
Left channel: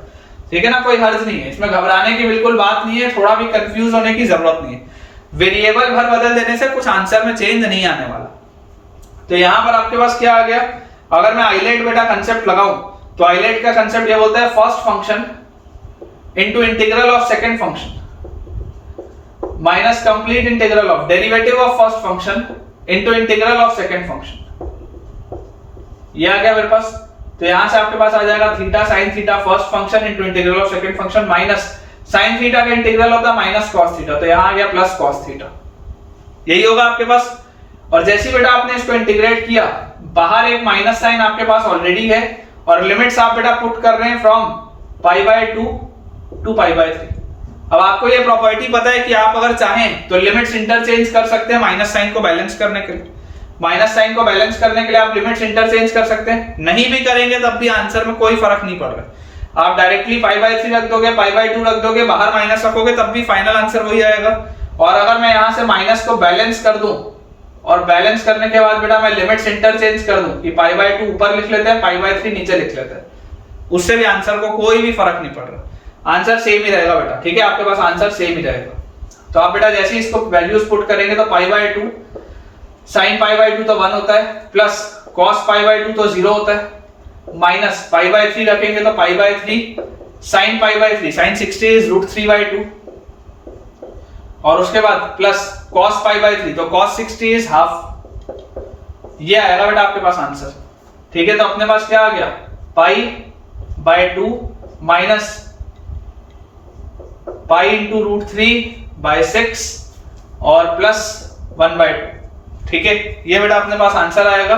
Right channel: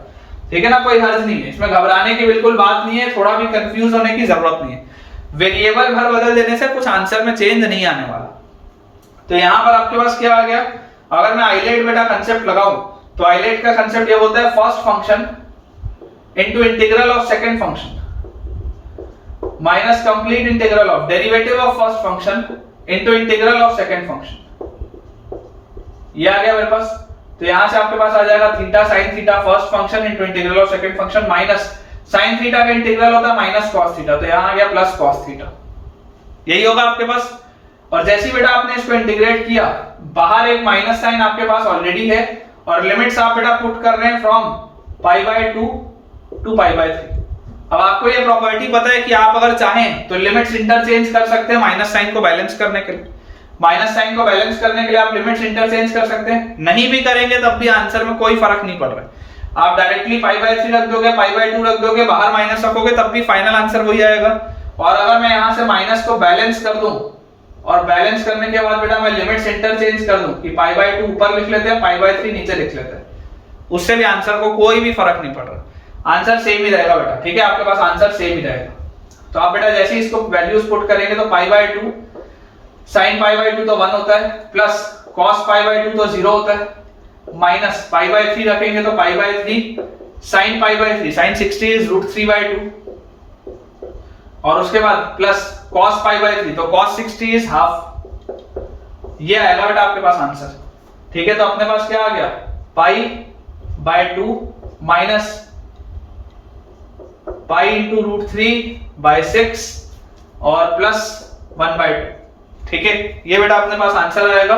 ठीक है ना, कोई हर्ज नहीं है, इसमें घबराने की बिल्कुल बात नहीं है, थोड़ा भी कंफ्यूज होने की जरूरत नहीं है। वेरिएबल भर बदल देने से कुछ आंसर में चेंज नहीं आने वाला। तो यहां पर आपके पास क्या आ गया, अगर मैं आइलेट बेटा कंसेप्ट लगाऊं तो आइलेट का कंसेप्ट ये बोलता है first function into integral of second function minus complete integral of derivative of first function into integral of second function. ये आ गया मेरे पास। तो यहां से आपके पास आ जाएगा theta sin theta first function into integral of second function minus sin theta का इंटीग्रल होता है माइनस cos थीटा, तो यहां आ गया प्लस cos थीटा, यही होगा आपके पास। और जैसे बेटा आपने इसको इंटीग्रेट किया, बाहर एक माइनस साइन आपके पास ऑलरेडी है और लिमिट्स आप बेटा पुट कर रहे हैं फ्रॉम π/2 टू π/3। अब आपको ये प्रॉपर्टी पता है कि आप अगर चाहें तो लिमिट्स इंटरचेंज कर सकते हैं माइनस साइन को बैलेंस करने के लिए। माइनस साइन को बैलेंस करने के लिए आप लिमिट्स इंटरचेंज कर सकते हैं। नहीं भी करेंगे तब भी आंसर में कोई फर्क नहीं पड़ रहा है। आप डायरेक्टली π/3 रख दोगे, π/2 रख दोगे, बाहर माइनस रखोगे तब भी फाइनल आंसर वही आएगा। और अगर मैं यहां से माइनस को बैलेंस कर दूं और बैलेंस करने के बाद बेटा मैं लिमिट्स इंटरचेंज कर दूं कि π/2 ऊपर लिख लेते हैं, π/3 नीचे लिख लेते हैं, उससे भी आंसर को कोई भी फर्क नहीं पड़ रहा, आंसर सेम ही रहेगा बेटा। ठीक है, आपके पास आंसर सेम ही रहेगा। तो आप बेटा जैसे ही इसको वैल्यूज पुट करेंगे तो π/2 sin π/2 तो 1 होता है, प्लस cos π/2 तो 0 होता है, माइनस π/3 रखेंगे तो π/3 sin π/3 sin 60 इज √3/2, और उसके बाद प्लस cos π/3 तो cos 60 इज हाफ। ये आएगा बेटा आपके पास आंसर। ठीक है, तो अपने पास क्या आ गया, π/2 माइनस π इंटू √3/6 और प्लस 1/2। ठीक है, ये बेटा अपने पास आंसर आएगा।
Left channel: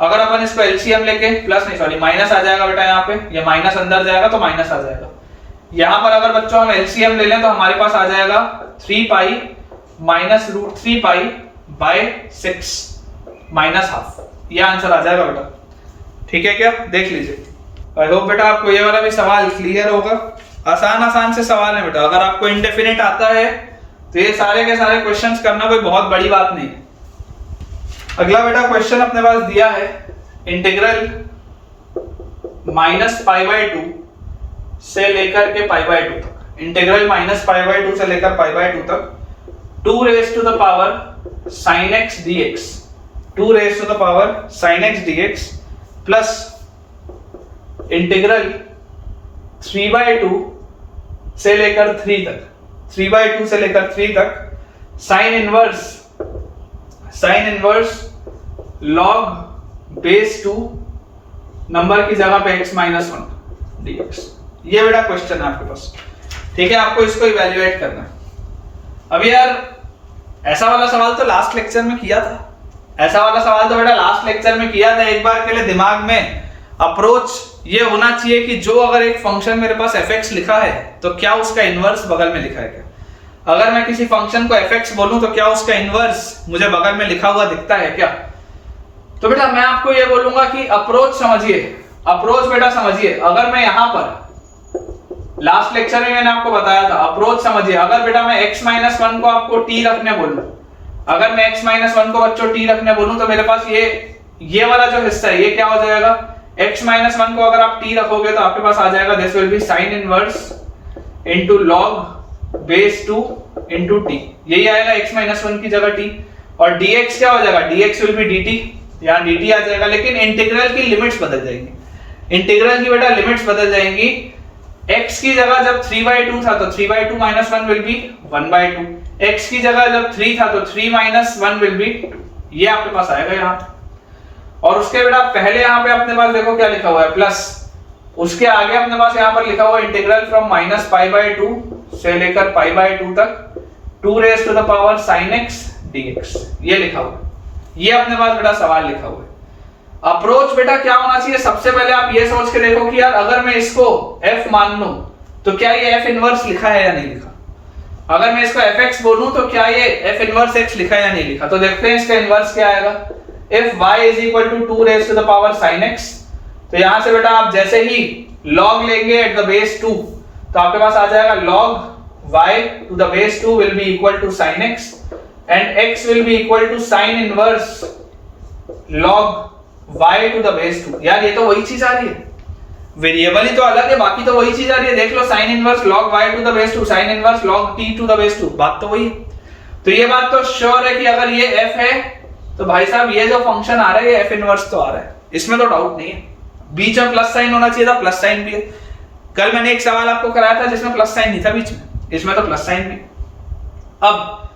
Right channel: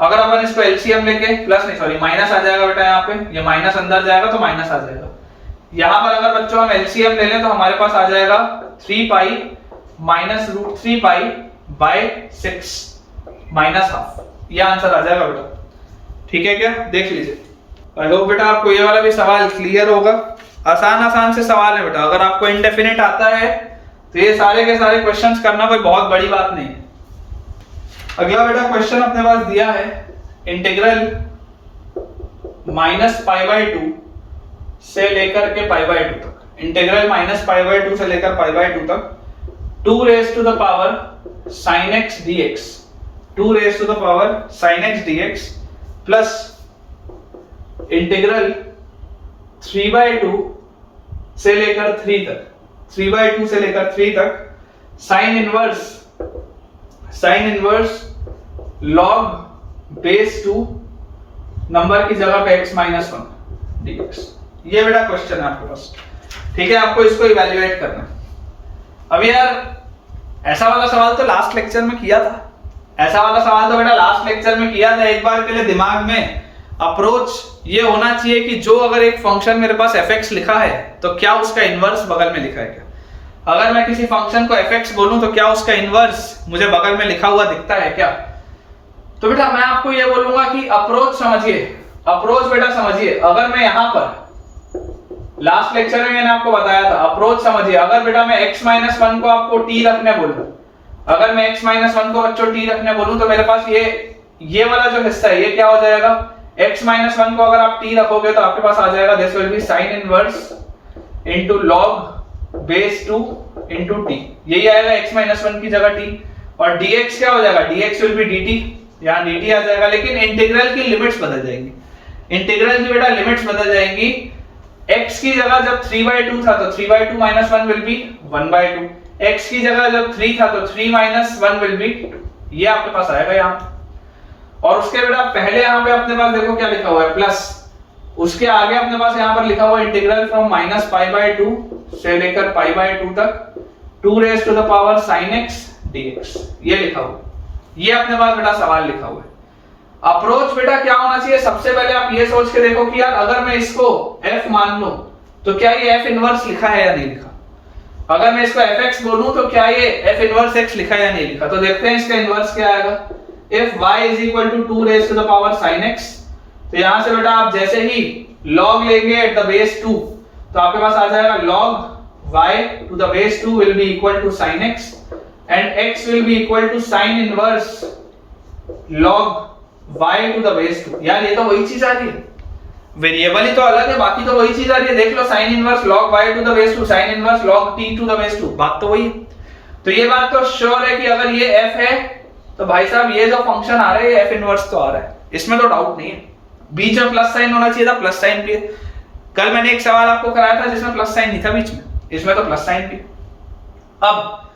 अगर अपन इसको एलसीएम लेके प्लस नहीं सॉरी माइनस आ जाएगा बेटा, यहाँ पे ये माइनस अंदर जाएगा तो माइनस आ जाएगा। यहाँ पर अगर बच्चों हम एलसीएम ले लें तो हमारे पास आ जाएगा 3π माइनस √3π/6 माइनस हाफ, ये आंसर आ जाएगा बेटा। ठीक है क्या, देख लीजिए। आई होप बेटा आपको ये वाला भी सवाल क्लियर होगा। आसान से सवाल है बेटा, अगर आपको इंडेफिनिट आता है तो ये सारे के सारे क्वेश्चंस करना कोई बहुत बड़ी बात नहीं है। अगला बेटा क्वेश्चन अपने पास दिया है, इंटीग्रल -π/2 से लेकर के π/2 तक, इंटीग्रल -π/2 से लेकर π/2 तक 2 sin x dx, 2 sin x dx plus integral 3/2 से लेकर 3 तक, 3/2 से लेकर 3 तक sine inverse log base 2 number की जगह पे x-1 dx। ये बेटा क्वेश्चन है आपके पास। ठीक है, आपको इसको इवैल्यूएट करना है। अब यार ऐसा वाला सवाल तो लास्ट लेक्चर में किया था, ऐसा वाला सवाल तो बेटा लास्ट लेक्चर में किया था। एक बार के लिए दिमाग में अप्रोच ये होना चाहिए कि जो अगर एक फंक्शन मेरे पास fx लिखा है तो क्या उसका इनवर्स बगल में लिखा है क्या। अगर मैं किसी फंक्शन को fx बोलूं तो क्या उसका इनवर्स मुझे बगल में लिखा हुआ दिखता है क्या। तो बेटा मैं आपको ये बोलूंगा कि अप्रोच समझिए, अप्रोच बेटा समझिए। अगर मैं यहां पर लास्ट लेक्चर में मैंने आपको बताया था, अप्रोच समझिए। अगर बेटा मैं x-1 को आपको t रखने बोलूं, अगर मैं x-1 को बच्चों t रखने बोलूं तो मेरे पास ये वाला जो हिस्सा है ये क्या हो जाएगा, x-1 को अगर आप t रखोगे तो आपके पास आ जाएगा this will B sine inverse into log base 2 into t, यही आएगा x-1 की जगह t। और dx क्या हो जाएगा, dx विल बी dt, यहाँ dt आ जाएगा। लेकिन इंटीग्रल की लिमिट्स बदल जाएंगी, इंटीग्रल की बेटा लिमिट्स बदल जाएंगी। x की जगह जब 3/2 था तो 3/2 - 1 विल बी 1/2, x की जगह जब 3 था तो 3 - 1 विल बी, ये आपके पास आएगा यहाँ। और उसके बेटा पहले यहाँ पे अपने पास देखो क्या लिखा हुआ है प्लस, उसके आगे अपने पास यहाँ पर लिखा हुआ इंटीग्रल फ्रॉम -π/2 से लेकर π/2 तक 2 sin x dx, ये लिखा हुआ है। ये अपने पास बेटा सवाल लिखा हुआ है। अप्रोच बेटा क्या होना चाहिए, सबसे पहले आप ये सोच के देखो कि यार अगर मैं इसको f मान लूं तो क्या ये f इनवर्स लिखा है या नहीं लिखा। अगर मैं इसको fx बोलूं तो क्या ये f इनवर्स x लिखा है या नहीं लिखा। तो देखते हैं इसका इनवर्स क्या आएगा। if y is equal to 2 sin x, तो यहां से बेटा आप जैसे ही log लेंगे at the base 2 तो आपके पास आ जाएगा log y to the base 2 will be equal to sin x and x will be equal to sin inverse log y to the base 2। यार ये तो वही चीज आ रही है, वेरिएबल ही तो अलग है, बाकी तो वही चीज आ रही है। देख लो sin inverse log y to the base 2 sin inverse log t to the base 2, बात तो वही है। तो ये बात तो श्योर है कि अगर ये f है तो भाई साहब ये जो फंक्शन आ रहा है ये f इनवर्स तो आ रहा है, इसमें तो डाउट नहीं है। बीच में प्लस साइन होना चाहिए था, प्लस साइन भी है। कल मैंने एक सवाल आपको कराया था जिसमें प्लस साइन नहीं था बीच में, इसमें तो प्लस साइन भी। अब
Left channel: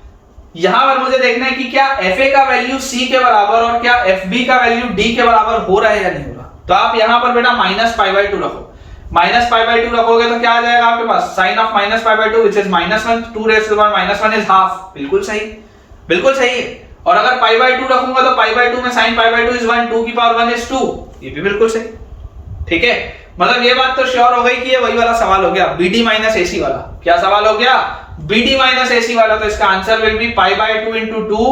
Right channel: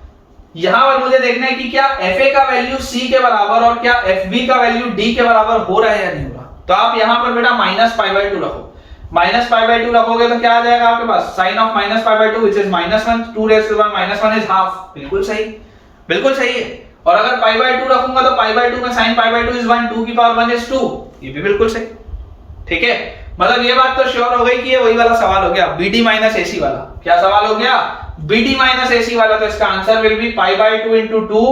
यहां पर मुझे देखना है कि क्या fa का वैल्यू c के बराबर और क्या fb का वैल्यू d के बराबर हो रहा है या नहीं हो रहा। तो आप यहां पर बेटा -π/2 रखो, -π/2 रखोगे तो क्या आ जाएगा आपके पास sin of -π/2 which is -1, 2 is half, बिल्कुल सही, बिल्कुल सही है। और अगर π/2 रखूंगा तो π/2 में sin π/2 is 1, 2 की पावर 1 is 2, ये भी बिल्कुल सही। ठीक है, मतलब ये बात तो श्योर हो गई कि ये वही वाला सवाल हो गया, BD माइनस AC वाला। क्या सवाल हो गया? BD माइनस AC वाला। तो इसका answer will be pi by 2 into 2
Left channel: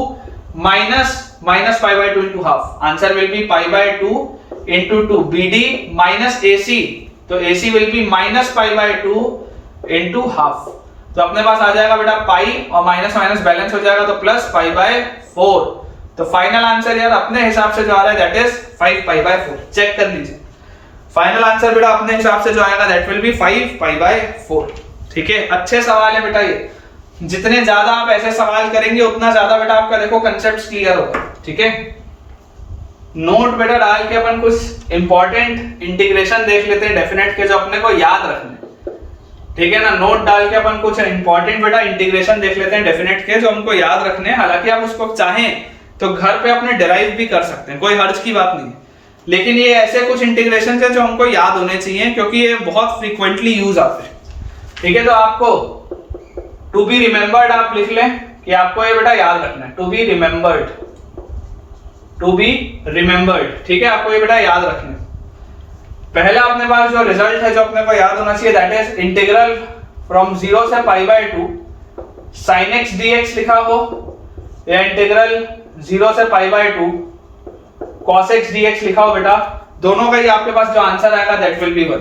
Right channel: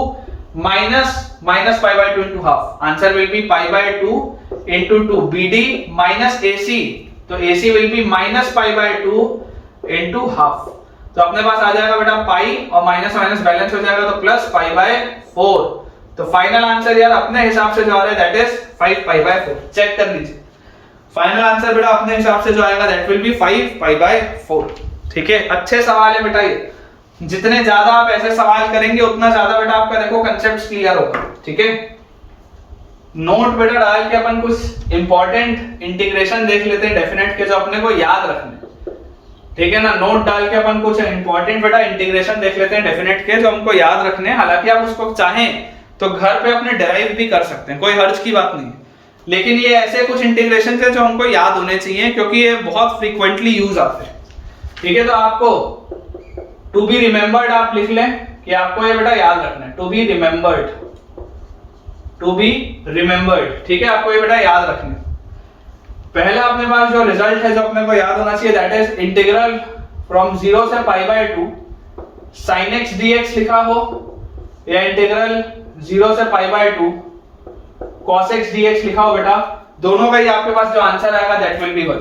minus pi by 2 into half. Answer will be pi by 2 into 2 BD minus AC। तो AC will be minus pi by 2 into half. तो अपने पास आ जाएगा बेटा पाई और minus minus balance हो जाएगा तो plus pi by 4। तो फाइनल आंसर यार अपने हिसाब से जो आ रहा है that is 5 pi by 4। Check कर लीजिए फाइनल आंसर बेटा अपने हिसाब से जो आएगा that will be 5 pi by 4। ठीक है, अच्छे सवाल है बेटा ये। जितने ज्यादा आप ऐसे सवाल करेंगे उतना ज्यादा बेटा आपका देखो कंसेप्ट क्लियर होगा। ठीक है, नोट बेटा डाल के अपन कुछ इंपॉर्टेंट इंटीग्रेशन देख लेते हैं डेफिनेट के जो अपने को याद रखने। ठीक है ना, नोट डाल के अपन कुछ इंपॉर्टेंट बेटा इंटीग्रेशन देख लेते हैं डेफिनेट के जो हमको याद रखने हैं। हालांकि आप उसको चाहें तो घर पे अपने डिराइव भी कर सकते हैं, कोई हर्ज की बात नहीं है। लेकिन ये ऐसे कुछ इंटीग्रेशन थे जो हमको याद होने चाहिए क्योंकि ये बहुत फ्रीक्वेंटली यूज आते हैं। ठीक है, तो आपको टू बी रिमेंबर्ड आप लिख लें कि आपको ये बेटा याद रखना है, to be remembered, to be remembered. ठीक है, आपको ये बेटा याद रखना है। पहला अपने पास जो रिजल्ट है जो अपने को याद होना चाहिए दैट इज इंटीग्रल फ्रॉम 0 से पाई बाय 2 sin x dx लिखा हो या इंटीग्रल 0 से पाई बाय 2 cos x dx लिखा हो बेटा। दोनों का ही आपके पास जो आंसर आएगा that will be 1।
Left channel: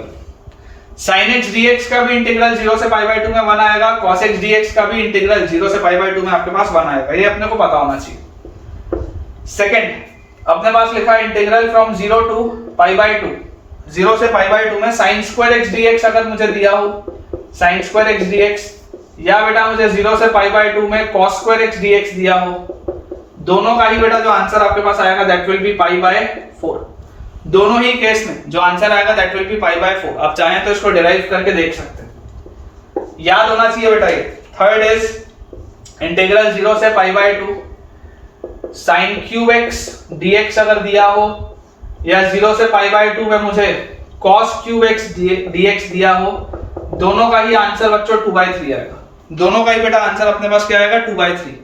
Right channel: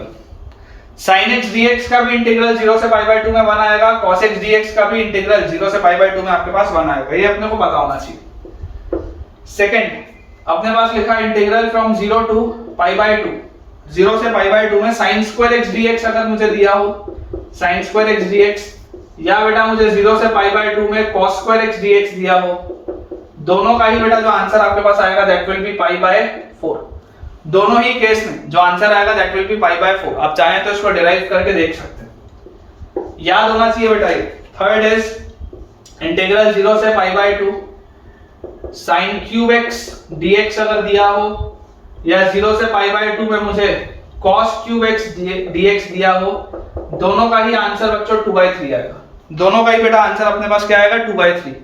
sin x dx का भी इंटीग्रल 0 से पाई बाय 2 में 1 आएगा, cos x dx का भी इंटीग्रल 0 से पाई बाय 2 में आपके पास 1 आएगा। ये अपने को पता होना चाहिए। सेकंड अपने पास लिखा है integral from 0 to pi by 2, 0 से पाई बाय 2 में sin स्क्वायर x dx अगर मुझे दिया हो sin स्क्वायर x dx, या बेटा मुझे 0 से पाई बाय 2 में cos स्क्वायर x dx दिया हो, दोनों का ही बेटा जो आंसर आपके पास आएगा that will be pi by 4। दोनों ही केस में जो आंसर आएगा that will be pi by 4। आप चाहें तो इसको डिराइव करके देख सकते हैं, याद होना चाहिए बेटा ये। थर्ड इज इंटीग्रल 0 से पाई by 2 sin cube x dx अगर दिया हो, या 0 से पाई बाय 2 में मुझे cos क्यूब x dx दिया हो, दोनों का ही आंसर बच्चों 2/3 आएगा। दोनों का ही बेटा आंसर अपने पास क्या आएगा 2/3।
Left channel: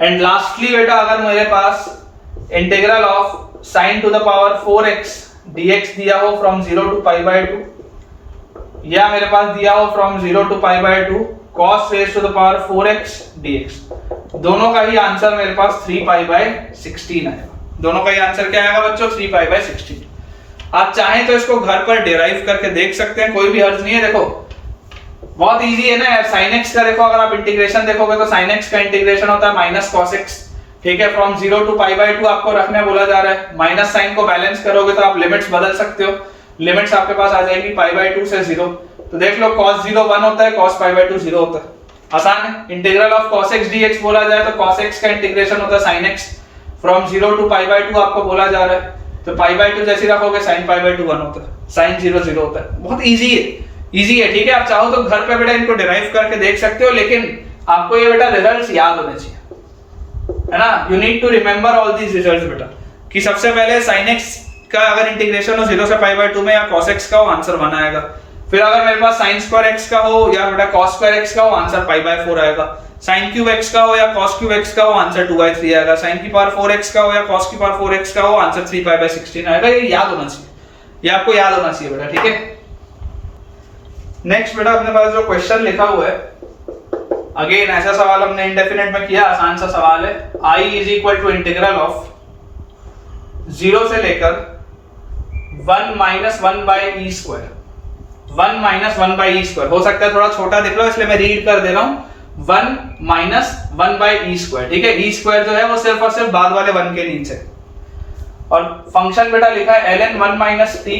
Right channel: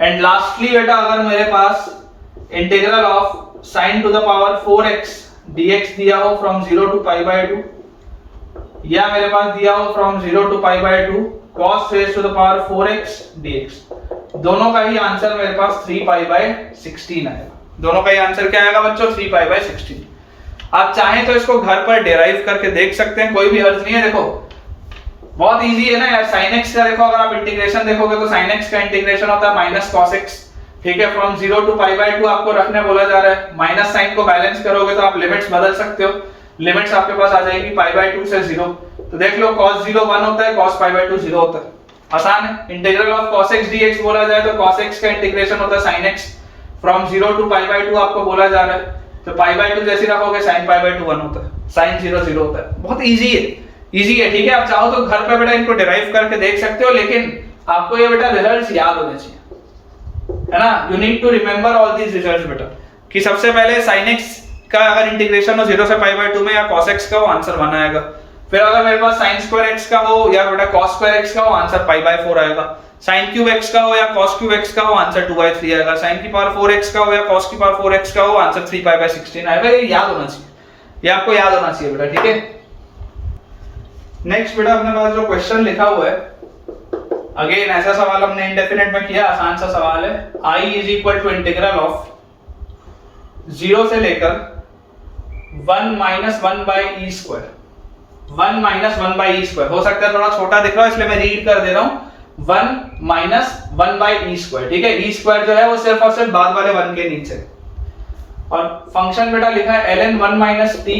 एंड लास्टली बेटा अगर मेरे पास integral of sin to the power 4x dx दिया हो फ्रॉम 0 टू पाई बाय 2, या मेरे पास दिया हो from 0 to pi by 2 cos raise to the power 4x dx, दोनों का ही आंसर मेरे पास 3 पाई बाय 16 आएगा। दोनों का ही आंसर क्या आएगा बच्चों 3 पाई बाय 16। आप चाहें तो इसको घर पर डिराइव करके देख सकते हैं, कोई भी हर्ज नहीं है। देखो बहुत इजी है ना यार। sin x का देखो अगर आप इंटीग्रेशन देखोगे तो sin x का इंटीग्रेशन होता है माइनस cos x। ठीक है, फ्रॉम 0 टू पाई बाय 2 आपको रखने बोला जा रहा है। माइनस साइन को बैलेंस करोगे तो आप लिमिट्स बदल सकते हो। लिमिट्स आपके पास आ जाएगी पाई बाय 2 से 0। तो देख लो cos 0 1 होता है, cos पाई बाय 2 0 होता है। आसान है। Integral of cos x dx बोला जाए तो cos x का इंटीग्रेशन होता है sin x, from 0 to pi by 2 आपको बोला जा रहा है तो पाई बाय 2 जैसे रखोगे sin पाई बाय 2 1 होता है, sin 0 0 होता है। बहुत इजी है, इजी है। ठीक है, आप चाहो तो घर पे बेटा इनको डिराइव करके देख सकते हो, लेकिन आपको ये बेटा रिजल्ट्स याद होने चाहिए, है ना। You need to remember all these results बेटा, कि सबसे पहले sin x का अगर इंटीग्रेशन हो 0 से पाई बाय 2 में, या cos x का हो आंसर 1 आएगा। फिर अगर मेरे पास sin स्क्वायर x का हो या बेटा cos स्क्वायर x का हो आंसर पाई बाय 4 आएगा। sin क्यूब x का हो या cos क्यूब x का हो आंसर 2/3 आएगा। sin की पावर 4x का हो या cos की पावर 4x का हो आंसर 3 पाई बाय 16 आएगा। ये याद होना चाहिए, ये आपको याद होना चाहिए बेटा। ठीक है, नेक्स्ट बेटा अपने पास जो क्वेश्चन लिखा हुआ है, अगेन ऐसा सवाल हमने इंडेफिनिट में किया, आसान सा सवाल है। I is equal to integral of 0 से लेकर 1 minus 1 by e square, 1 minus 1 by e square. हो सकता है थोड़ा छोटा दिख रहा हो इसलिए मैं रीड कर दे रहा हूं, 1 माइनस 1 बाई ई स्क्वायर। ठीक है, ई स्क्वायर जो है वो सिर्फ और सिर्फ बाद वाले 1 के नीचे, और फंक्शन बेटा लिखा है ln 1 minus T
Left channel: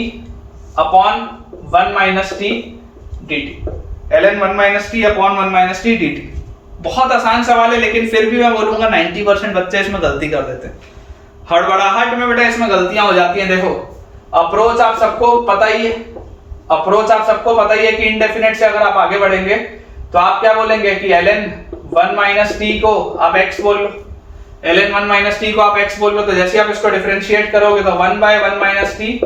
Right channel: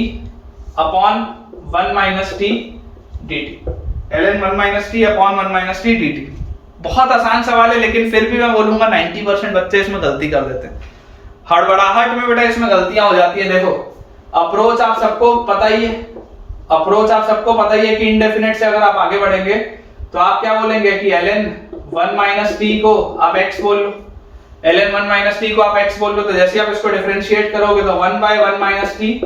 upon 1 minus T dt, ln 1 minus T upon 1 minus T dt। बहुत आसान सवाल है, लेकिन फिर भी मैं बोलूंगा 90% बच्चे इसमें गलती कर देते हैं। हड़बड़ाहट में बेटा इसमें गलतियां हो जाती हैं। देखो अप्रोच आप सबको पता ही है, अप्रोच आप सबको पता ही है कि इंडेफिनेट से अगर आप आगे बढ़ेंगे तो आप क्या बोलेंगे कि ln 1 माइनस टी को आप x बोल लो, ln 1 माइनस टी को आप x बोल लो। तो जैसे आप इसको डिफरेंशिएट करोगे तो 1 बाय 1 माइनस टी,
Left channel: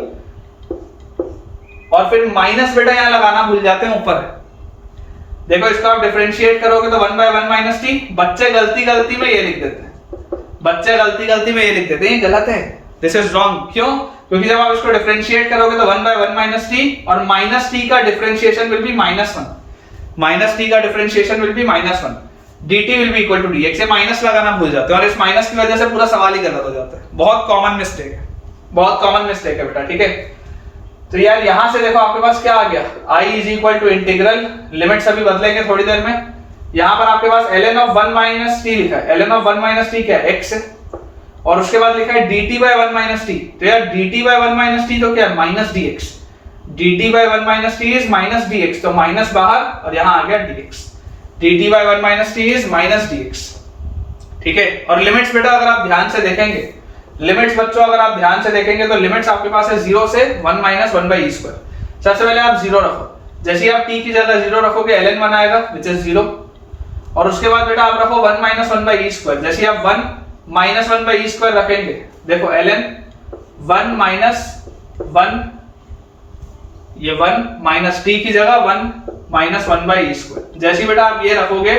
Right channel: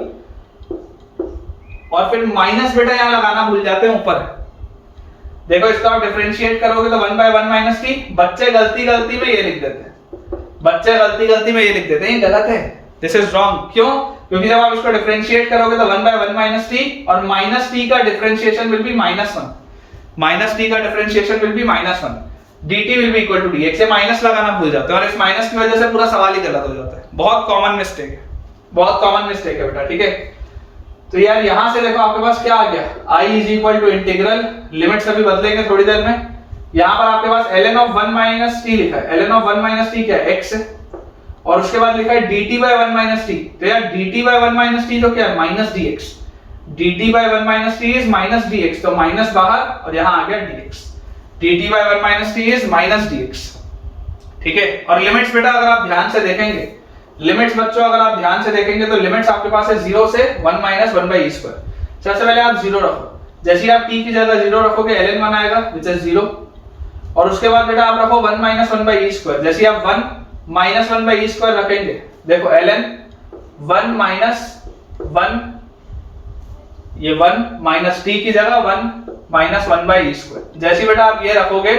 और फिर माइनस बेटा यहां लगाना भूल जाते हैं ऊपर। देखो इसको आप डिफरेंशिएट करोगे तो 1 बाय 1 माइनस टी। बच्चे गलती में ये लिख देते हैं, बच्चे गलती में ये लिख देते हैं, ये गलत है, दिस इज रॉन्ग। क्यों? क्योंकि जब आप इसको डिफरेंशिएट करोगे तो 1 बाय 1 माइनस टी, और माइनस टी का differentiation will be -1, minus T का differentiation will be -1, dt will be equal to dx। ये माइनस लगाना भूल जाते हैं और इस माइनस की वजह से पूरा सवाल ही गलत हो जाता है। बहुत कॉमन मिस्टेक है, बहुत कॉमन मिस्टेक है बेटा, ठीक है। तो यार यहां से देखो आपके पास क्या आ गया, I is equal to integral, limits अभी बदलेंगे थोड़ी देर में। यहां पर आपके पास ln ऑफ 1 माइनस टी लिखा है, ln ऑफ 1 माइनस टी क्या है, x है, और उसके बाद लिखा है dt बाय 1 माइनस टी। तो यार dt बाय 1 माइनस टी तो क्या है, minus dx, dt by 1 minus t is minus dx, तो माइनस बाहर और यहां आ गया dx, dt by 1 minus t is minus dx, ठीक है। और लिमिट्स बेटा अगर आप ध्यान से देखेंगे, लिमिट्स बच्चों अगर आप ध्यान से देखेंगे तो लिमिट्स आपके पास है 0 से 1 माइनस 1 बाई ई स्क्वायर। सबसे पहले आप 0 रखो, जैसे ही आप t की जगह 0 रखोगे ln 1 आएगा विच इज 0, और उसके बाद बेटा आप रखो 1 माइनस 1 बाई ई स्क्वायर। जैसे ही आप 1 माइनस 1 बाई ई स्क्वायर रखेंगे, देखो ln 1 माइनस 1, ये 1 माइनस t की जगह 1 माइनस 1 बाई ई स्क्वायर। जैसे ही बेटा आप ये रखोगे,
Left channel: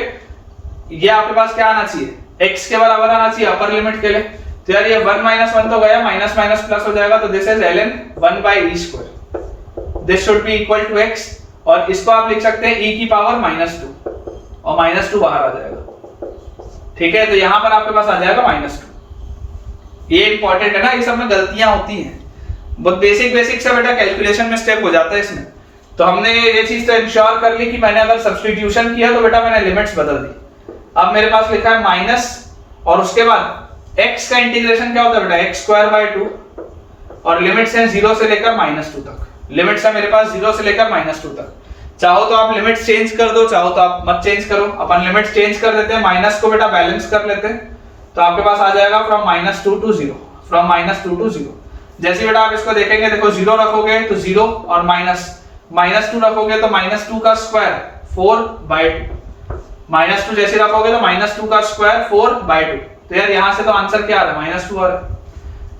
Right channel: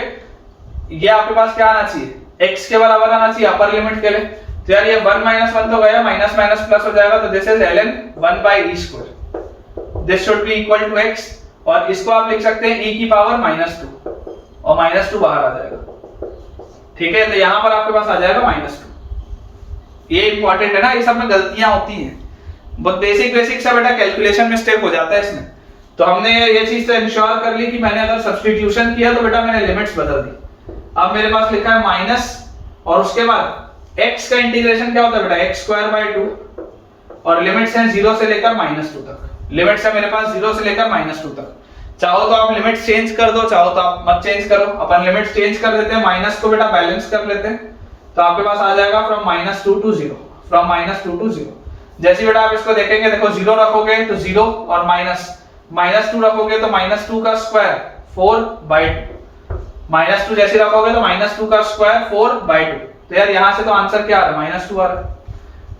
ये आपके पास क्या आना चाहिए, x के बराबर आना चाहिए अपर लिमिट के लिए। तो यार ये 1 माइनस 1 तो गया, माइनस माइनस प्लस हो जाएगा, तो this is ln 1 by e square, this should be equal to x, और इसको आप लिख सकते हैं e की पावर -2, और -2 बाहर आ जाएगा, ठीक है। तो यहां पर आपके पास आ जाएगा -2। ये इंपॉर्टेंट है ना, ये सब में गलतियां होती हैं, बहुत बेसिक सा बेटा कैलकुलेशन मिस्टेक हो जाता है इसमें। तो हमने ये चीज तो इंश्योर कर ली कि मैंने अगर सब्स्टिट्यूशन किया तो बेटा मैंने लिमिट्स बदल दी। अब मेरे पास लिखा है माइनस, और उसके बाद x का इंटीग्रेशन क्या होता है बेटा, x स्क्वायर बाय 2, और लिमिट्स हैं 0 से लेकर -2 तक, लिमिट्स है मेरे पास 0 से लेकर -2 तक। चाहो तो आप लिमिट्स चेंज कर दो, चाहो तो आप मत चेंज करो, अपन लिमिट्स चेंज कर देते हैं, माइनस को बेटा बैलेंस कर लेते हैं, तो आपके पास आ जाएगा फ्रॉम -2 टू 0, फ्रॉम -2 टू 0। जैसे बेटा आप इसको देखेंगे, देखो 0 रखोगे तो 0, और -2 रखोगे तो -2 का स्क्वायर 4 बाय 2, -2 जैसे रखोगे तो -2 का स्क्वायर 4 बाय 2। तो यार यहां से तो आंसर क्या आ रहा है, -2 आ रहा है,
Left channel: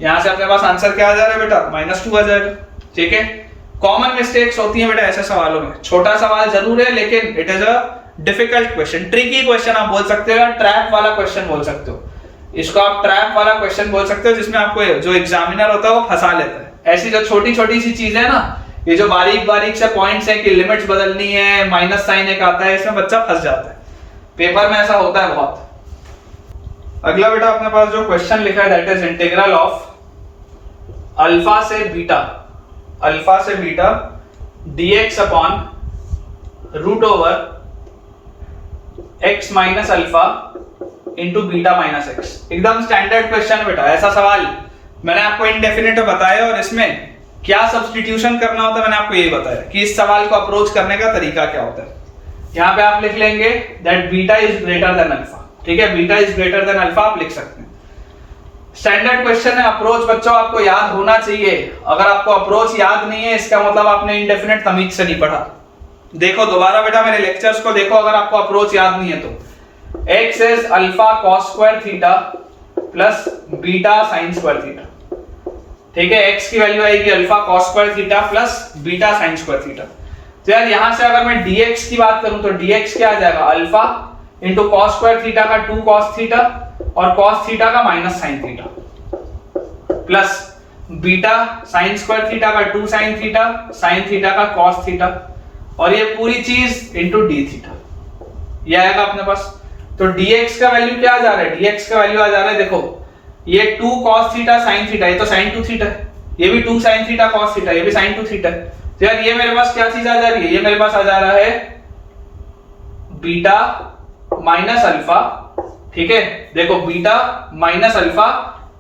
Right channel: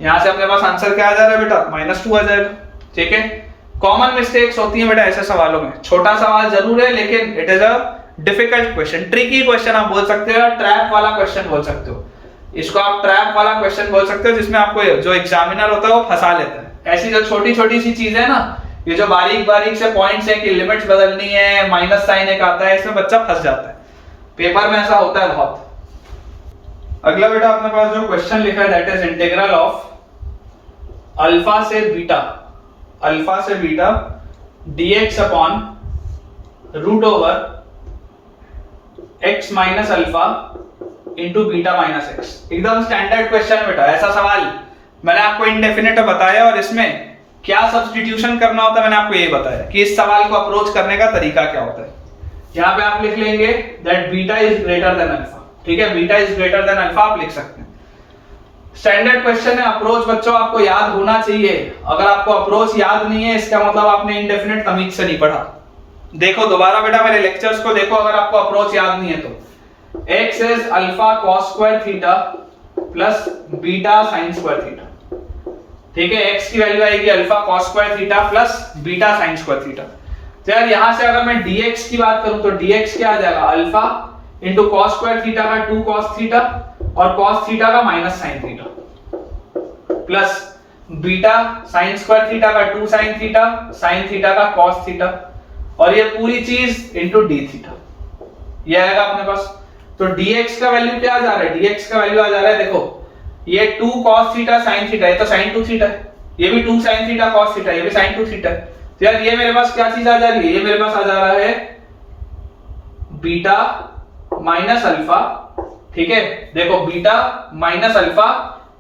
यहां से अपने पास आंसर क्या आ जा रहा है बेटा, -2 आ जाएगा, ठीक है। कॉमन मिस्टेक्स होती हैं बेटा ऐसे सवालों में, छोटा सवाल जरूर है लेकिन it is a difficult question, tricky question आप बोल सकते हो, ट्रैप वाला क्वेश्चन बोल सकते हो, इसको आप ट्रैप वाला क्वेश्चन बोल सकते हो, जिसमें आपको जो एग्जामिनर होता है वो फंसा लेता है। ऐसी जो छोटी छोटी सी चीजें ना, ये जो बारीक बारीक से पॉइंट्स हैं कि लिमिट्स बदलनी है, माइनस साइन एक आता है, इसमें बच्चा फंस जाता है, पेपर में ऐसा होता है बहुत। अगला बेटा अपने पास जो क्वेश्चन लिखा है that is integral of alpha से beta dx upon root over x minus alpha into beta minus X. एकदम स्टैंडर्ड क्वेश्चन है बेटा, ऐसा सवाल मैंने आपको इंडेफिनिट बताया, और इसमें क्या सब्स्टिट्यूशन करना होता है मैंने आपको ये बताया कि इस सवाल को अप्रोच करने का तरीका क्या होता है। यहाँ पे आप लिख लेंगे that beta is greater than alpha, ठीक है, beta is greater than alpha आप लिख सकते हैं। स्टैंडर्ड क्वेश्चन है, अप्रोच बच्चों आपको याद होना चाहिए, अगर आपको अप्रोच याद नहीं है इसका मतलब आपने इंडेफिनिट तमीज से नहीं पढ़ा। देखो दोबारा बेटा मेरे लेक्चर्स को देखो, अगर आपको अप्रोच याद नहीं है तो x is alpha cos square theta plus beta sin square theta, ठीक है, x की वैल्यू आएगी alpha cos square theta plus beta sin square theta. तो यार यहां से अगर मैं dx की बात करूं तो dx क्या आ जाएगा, alpha into cos square theta का 2 cos थीटा और cos थीटा का minus sin theta plus beta sin square theta का 2 sin थीटा sin थीटा का cos थीटा, और ये पूरी चीज इंटू d थीटा, ये आएगा अपने पास। तो dx का वैल्यू क्या आ जा रहा है, dx का वैल्यू आ जा रहा है, देखो ये 2 cos थीटा sin थीटा, ये तो sin 2 थीटा है, ये भी 2 sin थीटा cos थीटा, ये भी sin 2 थीटा है। तो यार ये मेरे पास क्या चीज आ जा रही है, ये मेरे पास आ जा रहा है बीटा माइनस अल्फा, ठीक है, देखो beta minus alpha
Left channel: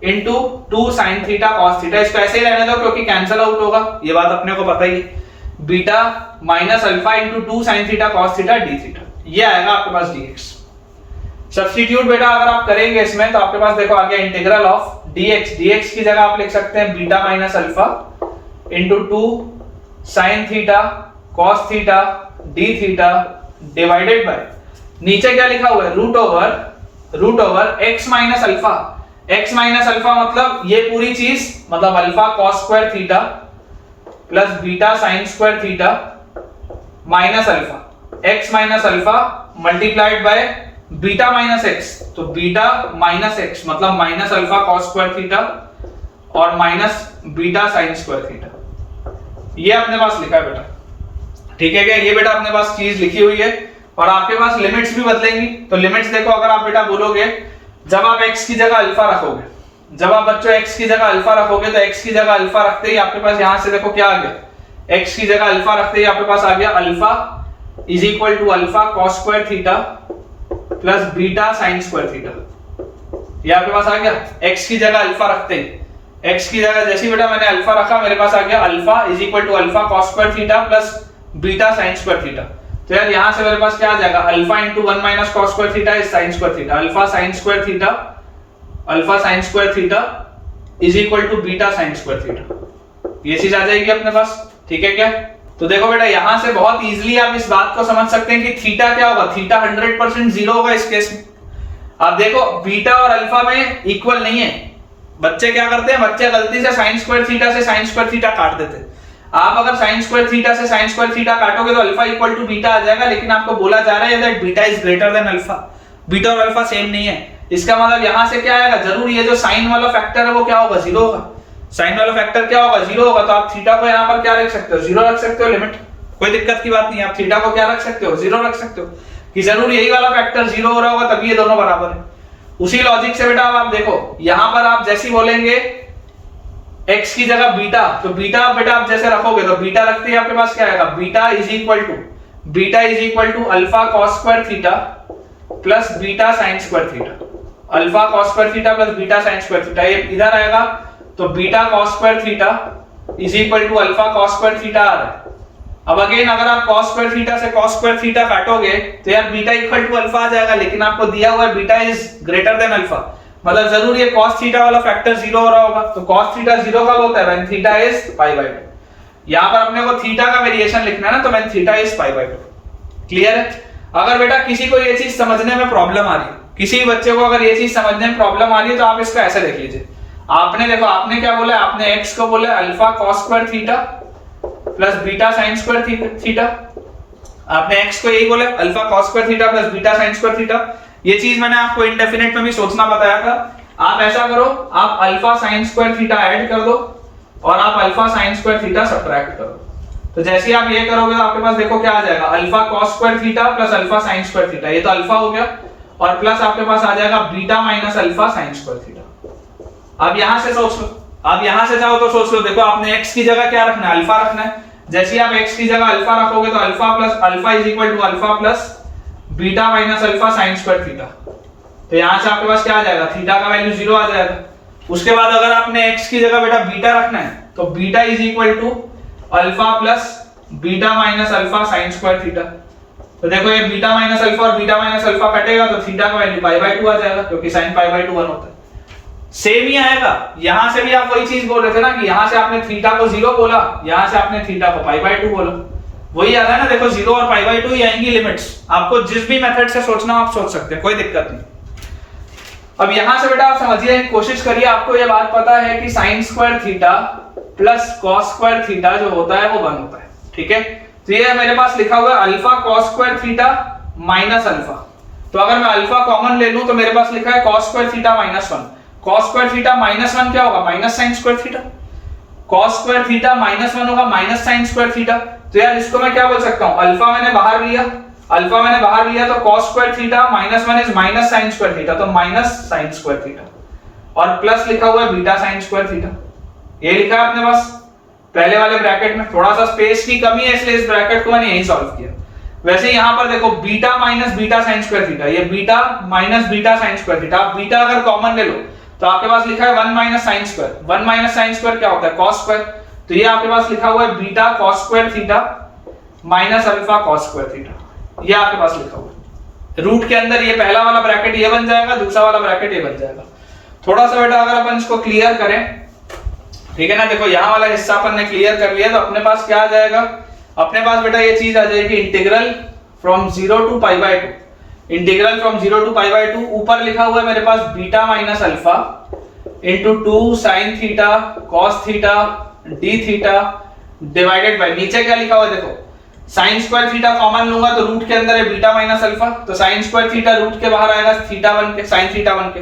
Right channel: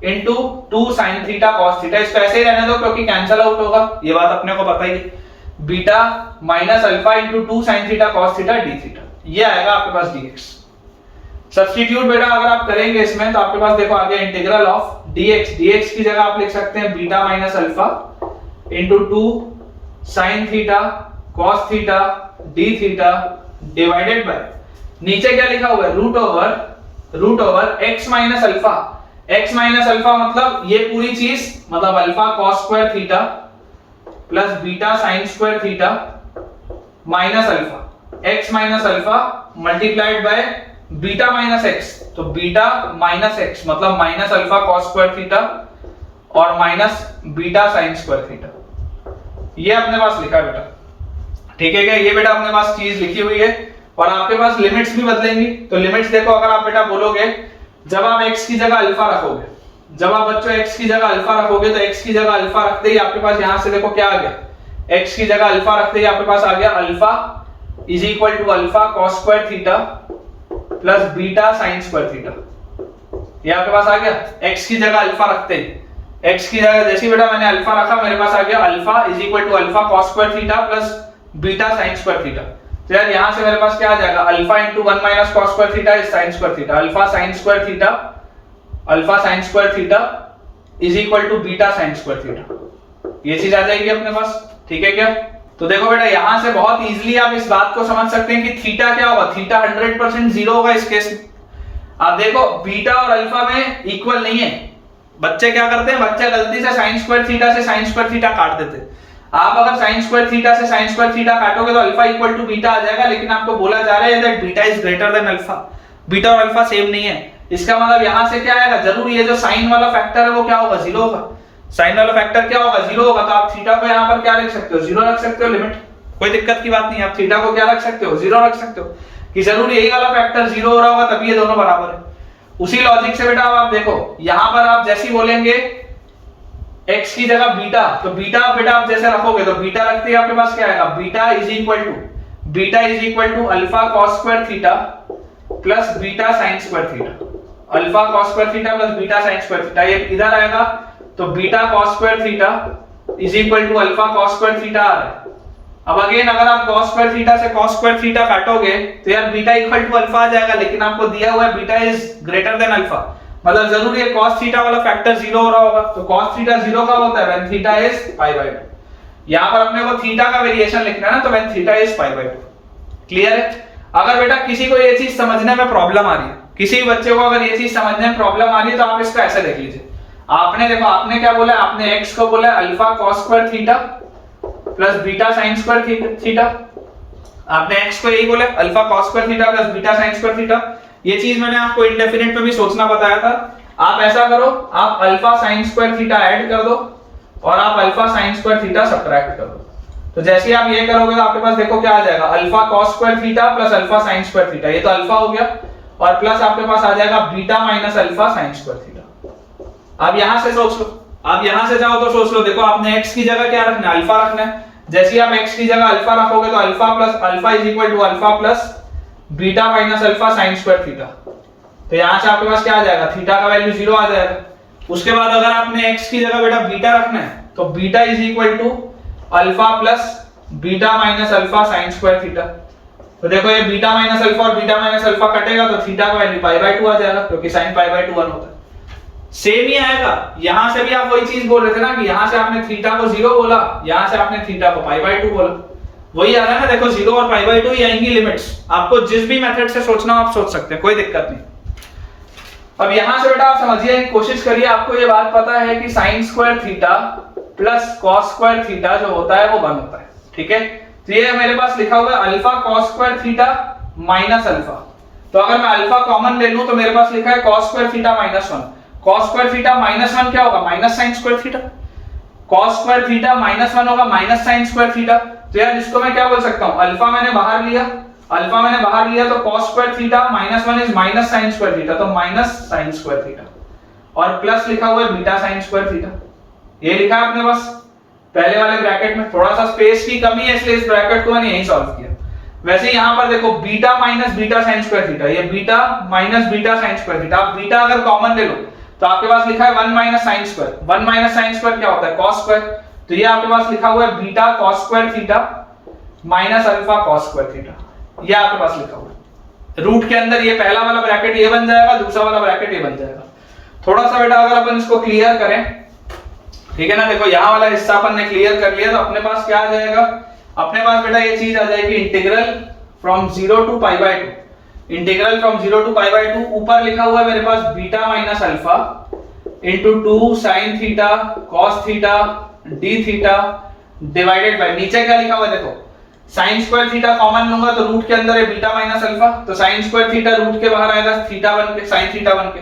into 2 sin theta cos theta, इसको ऐसे ही रहने दो क्योंकि कैंसिल आउट होगा, ये बात अपने को पता ही है, beta minus alpha into 2 sin theta cos theta d theta, ये आएगा आपके पास dx। सब्स्टिट्यूट बेटा अगर आप करेंगे इसमें तो आपके पास देखो आ गया इंटीग्रल ऑफ dx, dx की जगह आप लिख सकते हैं beta minus alpha into 2 sin theta cos theta d theta divided by, नीचे क्या लिखा हुआ है, root over x minus alpha, x minus alpha मतलब ये पूरी चीज, मतलब alpha cos square theta plus beta sin square theta minus alpha, x minus alpha multiplied by beta minus x, तो बीटा माइनस x मतलब minus alpha cos square theta और minus beta sine square theta. ये अपने पास लिखा है बेटा, ठीक है क्या? ये बेटा अपने पास चीज लिखी हुई है और आपके पास लिमिट्स भी बदलेंगी। तो लिमिट्स देखो, अगर आप बेटा बोलोगे जब आप x की जगह अल्फा रखोगे, जब आप बच्चों x की जगह अल्फा रखोगे तो x की जगह अल्फा रखते ही आपके पास यहां से देखो क्या आ गया, x की जगह अल्फा रखते ही आपके पास आ गया alpha is equal to alpha cos square theta plus beta sine square theta. ये आपके पास आ गया x की जगह अल्फा रखते ही, x की जगह जैसे बेटा मैंने अल्फा रखा मेरे पास आ गया alpha is equal to alpha cos square theta plus beta sine square theta. तो यार यहां से मेरे पास क्या आ जाएगा, alpha into 1 minus cos square theta is sine square theta, alpha sine square theta, alpha sine square theta is equal to beta sine square theta. ये चीज आ जाएगी अपने पास, ठीक है क्या? तो देखो बेटा यहां से बहुत इजीली आप इस बात को समझ सकते हैं कि थीटा क्या होगा, थीटा 100% जीरो होगा इस केस में। आप देखो बीटा और अल्फा में इक्वल नहीं है। बच्चे क्या करते हैं, बच्चे गलती से साइन स्क्वायर थीटा से साइन स्क्वायर थीटा काट देते हैं। आप अगर साइन स्क्वायर थीटा से साइन स्क्वायर थीटा काटोगे तो अल्फा इक्वल टू बीटा आ जाएगा, लेकिन आपको बोला जा रहा है that beta is greater than alpha. Beta और अल्फा सेम नहीं है, इसका मतलब यहां से क्या आएगा, जरूर ये जो साइन वाला फैक्टर है वो क्या होगा, जीरो होगा। साइन वाला फैक्टर क्या होगा, जीरो होगा। तो आप थीटा को यहां पर क्या रख सकते हो, जीरो रख सकते हो, लिमिट, कोई दिक्कत की बात नहीं। आप थीटा को क्या रख सकते हो, जीरो रख सकते हो, कि जरूर यही वाला फैक्टर जीरो हो रहा होगा तभी ये दोनों बराबर है। उसी लॉजिक से बेटा आप देखो यहां पर आप जैसे बोलेंगे x की जगह बीटा, तो बीटा बेटा आप जैसे रखोगे तो बीटा रखते ही आपके पास क्या आएगा, beta is equal to alpha cos square theta plus beta sine square theta. Alpha cos square theta plus beta sine square theta, ये इधर आएगा तो beta cos square theta is equal to alpha cos square theta आ रहा है। अब again अगर आप cos स्क्वायर थीटा से cos स्क्वायर थीटा काटोगे तो यार बीटा इक्वल टू अल्फा आ जाएगा, लेकिन आपको दिया हुआ है beta is greater than alpha, मतलब जरूर ये cos थीटा वाला फैक्टर जीरो हो रहा होगा। तो cos थीटा जीरो कब होता है, when theta is pi by 2। यहां पर अपने को थीटा का वेरिएशन लिखना है ना, तो when theta is pi by 2। Clear है? अगर बेटा किसी को ये चीज समझने में प्रॉब्लम आ रही है, किसी बच्चे को अगर ये चीज समझने में प्रॉब्लम आ रही है तो आप इसको ऐसे देख लीजिए। आपने देखो आपने क्या बोला, आपने x को बोला alpha cos square theta plus beta sine square theta. आपने x को यही बोला alpha cos square theta plus beta sine square theta. ये चीज मैंने आपको इंडेफिनिट में भी सोचना बताया था। आप ऐसा करो, आप alpha sine square theta add कर दो और आप alpha sine square theta subtract कर दो। तो जैसे ही आप ये करोगे तो आपके पास देखो क्या आ जाएगा, alpha cos square theta plus alpha sine square theta, ये तो अल्फा हो गया, और प्लस आपके पास आ जाएगा beta minus alpha sine square theta. अब यहां से सोच लो, आप यहां से जाओ तो सोच लो, देखो आपने x की जगह क्या रखना है, अल्फा रखना है। जैसे ही आप x की जगह अल्फा रखोगे तो alpha plus alpha is equal to alpha plus beta minus alpha sine square theta. तो यहां से आपके पास क्या आ जाएगा, थीटा का वैल्यू जीरो आ जाएगा। उसके बाद अगर आपने x की जगह बेटा बीटा रखना है तो beta is equal to alpha plus beta minus alpha sine square theta. तो देखो ये बीटा माइनस अल्फा और बीटा माइनस अल्फा कटेगा तो थीटा का वैल्यू पाई बाय 2 आ जाएगा, क्योंकि साइन पाई बाय 2 1 होता है। सेम ही आएगा, यहां से भी आप वही चीज बोल रहे थे ना कि यहां से आपने थीटा को जीरो बोला, यहां से आपने थीटा को पाई बाय 2 बोला, वही आ रहा है ना। देखो जीरो और पाई बाय 2 ही आएंगी लिमिट्स। आपको जिस भी मेथड से सोचना हो आप सोच सकते हैं, कोई दिक्कत नहीं। अब यहां से बेटा आप समझने की कोशिश करिए, आपको ये बात पता है कि sign square theta plus cos square theta जो होता है वो 1 होता है, ठीक है। तो ये मेरे पास लिखा हुआ है alpha cos square theta minus alpha. तो अगर मैं अल्फा कॉमन ले लूं तो मेरे पास लिखा है cos square theta minus 1। cos square theta minus 1 क्या होगा, minus sine square theta. cos square theta minus 1 होगा माइनस साइन स्क्वायर थीटा। तो यार इसको मैं क्या बोल सकता हूं, अल्फा मैंने बाहर लिया, तो cos square theta minus 1 is minus sine square theta, तो माइनस साइन स्क्वायर थीटा, और प्लस लिखा हुआ है बीटा साइन स्क्वायर थीटा। ये लिखा है अपने पास पहले वाले ब्रैकेट में, थोड़ा सा स्पेस की कमी है इसलिए इस ब्रैकेट को मैंने यही सॉल्व किया। वैसे यहां पर देखो beta minus beta sine square theta, ये beta minus beta sine square theta. आप बीटा अगर कॉमन ले लो तो आपके पास लिखा है 1 minus sine square. 1 minus sine square क्या होता है, cos स्क्वायर। तो ये आपके पास लिखा हुआ है beta cos square theta minus alpha cos square theta, ये आपके पास लिखा हुआ है। रूट के अंदर ये पहला वाला ब्रैकेट ये बन जाएगा, दूसरा वाला ब्रैकेट ये बन जाएगा। थोड़ा सा बेटा अगर अपन इसको क्लियर करें, ठीक है ना, देखो यहां वाला हिस्सा अपन ने क्लियर कर लिया तो अपने पास क्या आ जाएगा, अपने पास बेटा ये चीज आ जाएगी integral from 0 to pi by 2। Integral from 0 to pi by 2, ऊपर लिखा हुआ है मेरे पास beta minus alpha into 2 sine theta cos theta D theta divided by, नीचे क्या लिखा हुआ है देखो, साइन स्क्वायर थीटा कॉमन लूंगा तो रूट के अंदर है बीटा माइनस अल्फा, तो साइन स्क्वायर थीटा रूट के बाहर आएगा थीटा बन के, साइन थीटा बन के।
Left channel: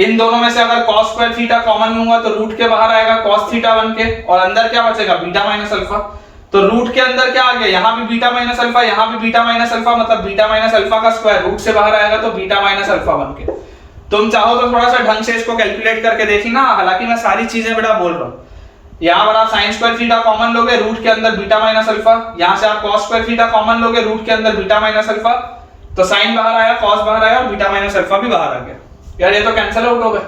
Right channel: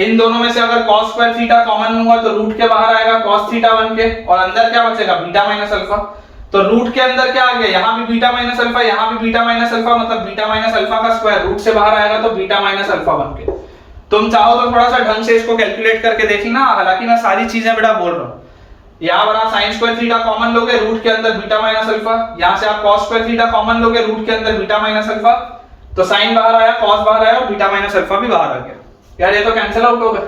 इन दोनों में से अगर cos स्क्वायर थीटा कॉमन लूंगा तो रूट के बाहर आएगा cos थीटा 1 के, और अंदर क्या बचेगा बीटा माइनस अल्फा। तो रूट के अंदर क्या आ गया, यहाँ भी बीटा माइनस अल्फा, यहाँ भी बीटा माइनस अल्फा, मतलब बीटा माइनस अल्फा का स्क्वायर रूट से बाहर आएगा तो बीटा माइनस अल्फा 1 के। तुम चाहो तो थोड़ा सा ढंग से इसको कैलकुलेट करके देख लेना, हालांकि मैं सारी चीजें बेटा बोल रहा हूँ। यहाँ बड़ा साइन स्क्वायर थीटा कॉमन लोगे, रूट के अंदर बीटा माइनस अल्फा, यहाँ से आप cos स्क्वायर थीटा कॉमन लोगे, रूट के अंदर बीटा माइनस अल्फा, तो साइन बाहर आया, cos बाहर आया और बीटा माइनस अल्फा भी बाहर आ गया। यार ये तो कैंसिल आउट हो गए,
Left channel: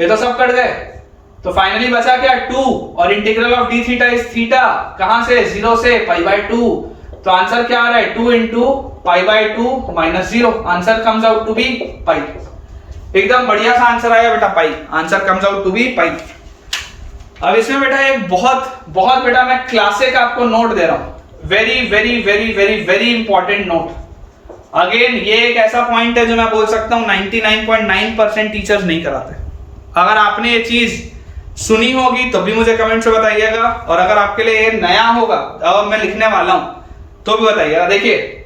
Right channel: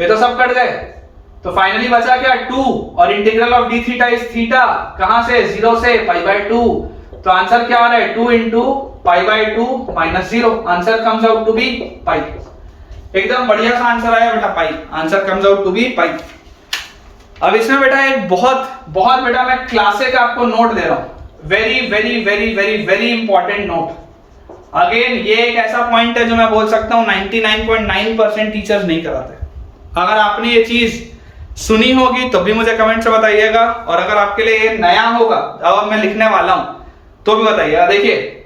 ये तो सब कट गए। तो फाइनली बचा क्या 2, और integral of D theta is theta, कहां से 0 से पाई बाय 2। तो आंसर क्या आ रहा है 2 into pi by 2 minus 0, answer comes out to be pi. एकदम बढ़िया सा आंसर आया बेटा pi, answer comes out to be pi. अब इसमें बेटा एक बहुत बहुत बेटा मैं क्लासिक आपको नोट दे रहा हूं, very very very very very important note. Again ये एक ऐसा पॉइंट है जो मैं बोल सकता हूं 99.9% टीचर्स नहीं कराते। अगर आपने ये चीज सुनी होगी तो भी मुझे कमेंट से बताइएगा, और अगर आपके लिए ये नया होगा अब मैं लिखने वाला हूं तो भी बताइएगा। देखिए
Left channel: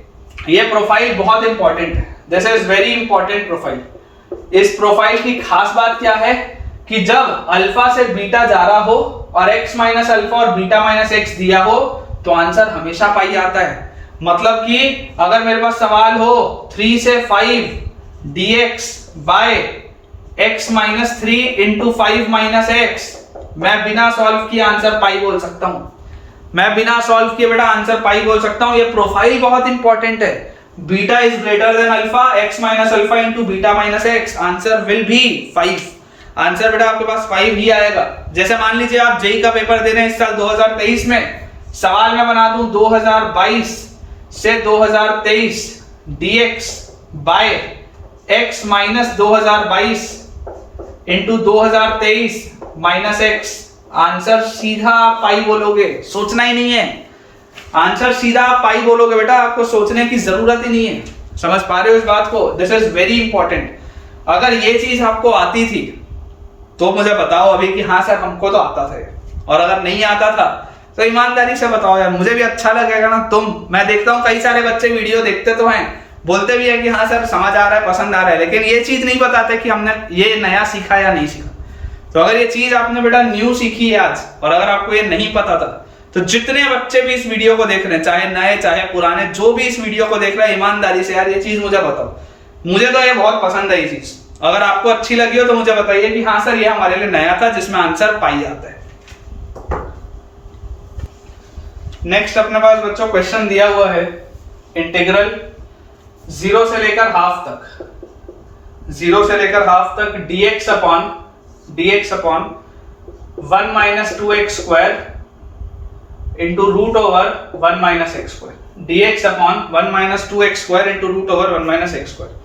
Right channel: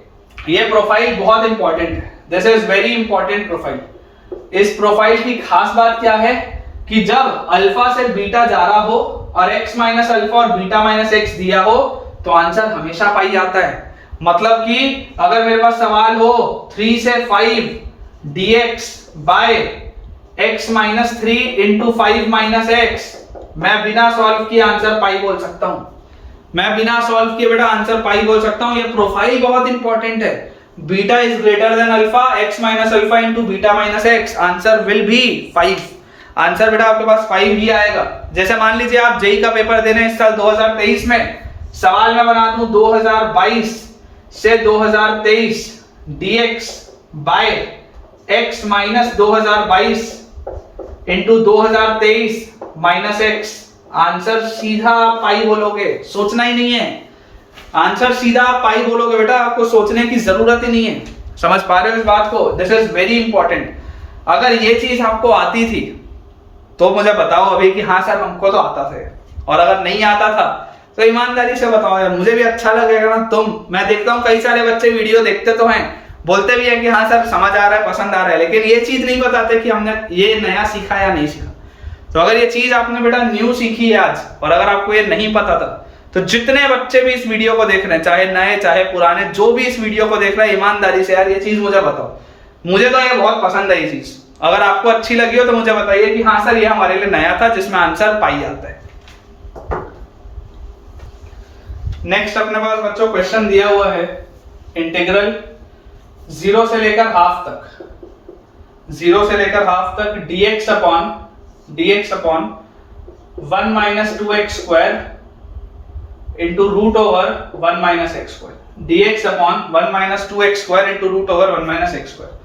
ये प्रोफाइल बहुत इंपॉर्टेंट है, this is very important profile. इस प्रोफाइल की खास बात क्या है कि जब अल्फा से बीटा जा रहा हो और x माइनस अल्फा और बीटा माइनस एक्स दिया हो तो आंसर हमेशा पाई आता है। मतलब कि अगर मेरे पास सवाल हो 3 से 5 dx by x minus 3 into 5 minus x, मैं बिना सॉल्व किए आंसर पाई बोल सकता हूं। मैं बिना सॉल्व किए बेटा आंसर पाई बोल सकता हूं। ये प्रोफाइल बहुत इंपॉर्टेंट है। Beta is greater than alpha, x minus alpha into beta minus x, answer will be 5। Answer बेटा आपके पास 5 ही आएगा। जैसे मान लीजिए आप जेई का पेपर दे रहे हैं इस साल 2023 में, सवाल मैं बना दूं 2022 से 2023 dx by x minus 2022 into 2023 minus x, answer सीधा आप पाई बोलोगे, सोचना ही नहीं है। आंसर सीधा आप पाई बोलोगे बेटा, आपको सोचने की जरूरत ही नहीं है। समझ पा रहे हो इस बात को? This is very important. अगर ये चीज आपको आती थी तो मुझे बताओ अभी कि हाँ सर हमको तो आता था, और अगर नहीं आता था तो ईमानदारी से बताओ यार, मुझे भी अच्छा लगेगा ना। मैं देखता हूँ कई सारे बच्चे वीडियो देखते तो हैं, बोलते भी है कि हाँ सर समझ आ रहा है, पसंद आ रहा है, लेकिन ये चीज नहीं बताते कि हमने ये नया सीखा या नहीं सीखा। तो अगर ये चीज आपने बेटा न्यू सीखी है आज, और अगर आपको ये नहीं पता था, तो जितने बच्चे भी इस वीडियो को देख रहे हैं, चाहे नए चाहे पुराने, जो भी इस वीडियो को देख रहे हैं, ईमानदारी से यार ये चीज मुझे बताओ। मुझे तो ये बहुत पसंद है ये चीज। अगर आपको अच्छी लगी हो तो मुझे बताइए कि हाँ सर ये हमारे लिए नया था, जिसमें आंसर पाई आता है। नेक्स्ट अपने पास बच्चों क्वेश्चन दिया हुआ है, इंटीग्रल 0 से लेकर हाफ तक, 0 से लेकर हाफ तक dx upon 1 minus 2x square into root over 1 minus x square, dx upon 1 minus 2x square into root over 1 minus x square.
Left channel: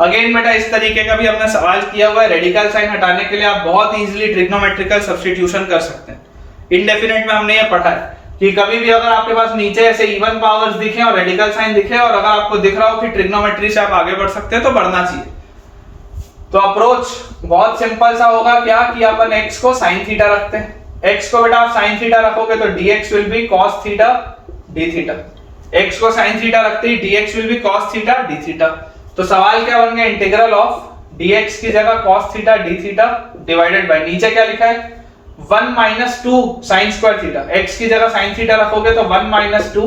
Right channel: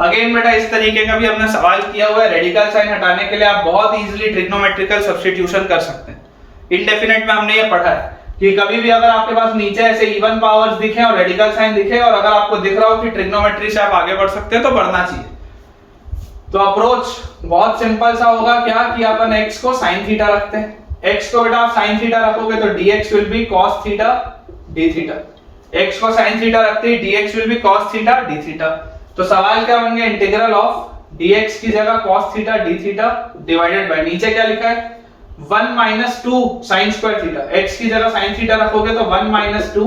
Again बेटा इस तरीके का भी अपने सवाल किया हुआ है। रेडिकल साइन हटाने के लिए आप बहुत इजीली ट्रिग्नोमेट्रिकल सब्स्टिट्यूशन कर सकते हैं। इनडेफिनेट में हमने ये पढ़ा है कि कभी भी अगर आपके पास नीचे ऐसे इवन पावर्स दिखे और रेडिकल साइन दिखे, और अगर आपको दिख रहा हो कि ट्रिग्नोमेट्री से आप आगे बढ़ सकते हैं तो बढ़ना चाहिए। तो अप्रोच बहुत सिंपल सा होगा, क्या कि अपन x को sin थीटा रखते हैं। x को बेटा आप sin थीटा रखोगे तो dx will B cos theta d theta. x को sin थीटा रखते ही dx will B cos theta d theta. तो सवाल क्या बन गया, इंटीग्रल ऑफ dx की जगह cos theta d theta divided by, नीचे क्या लिखा है 1 minus 2 sign square theta. x की जगह sin थीटा रखोगे तो 1 minus 2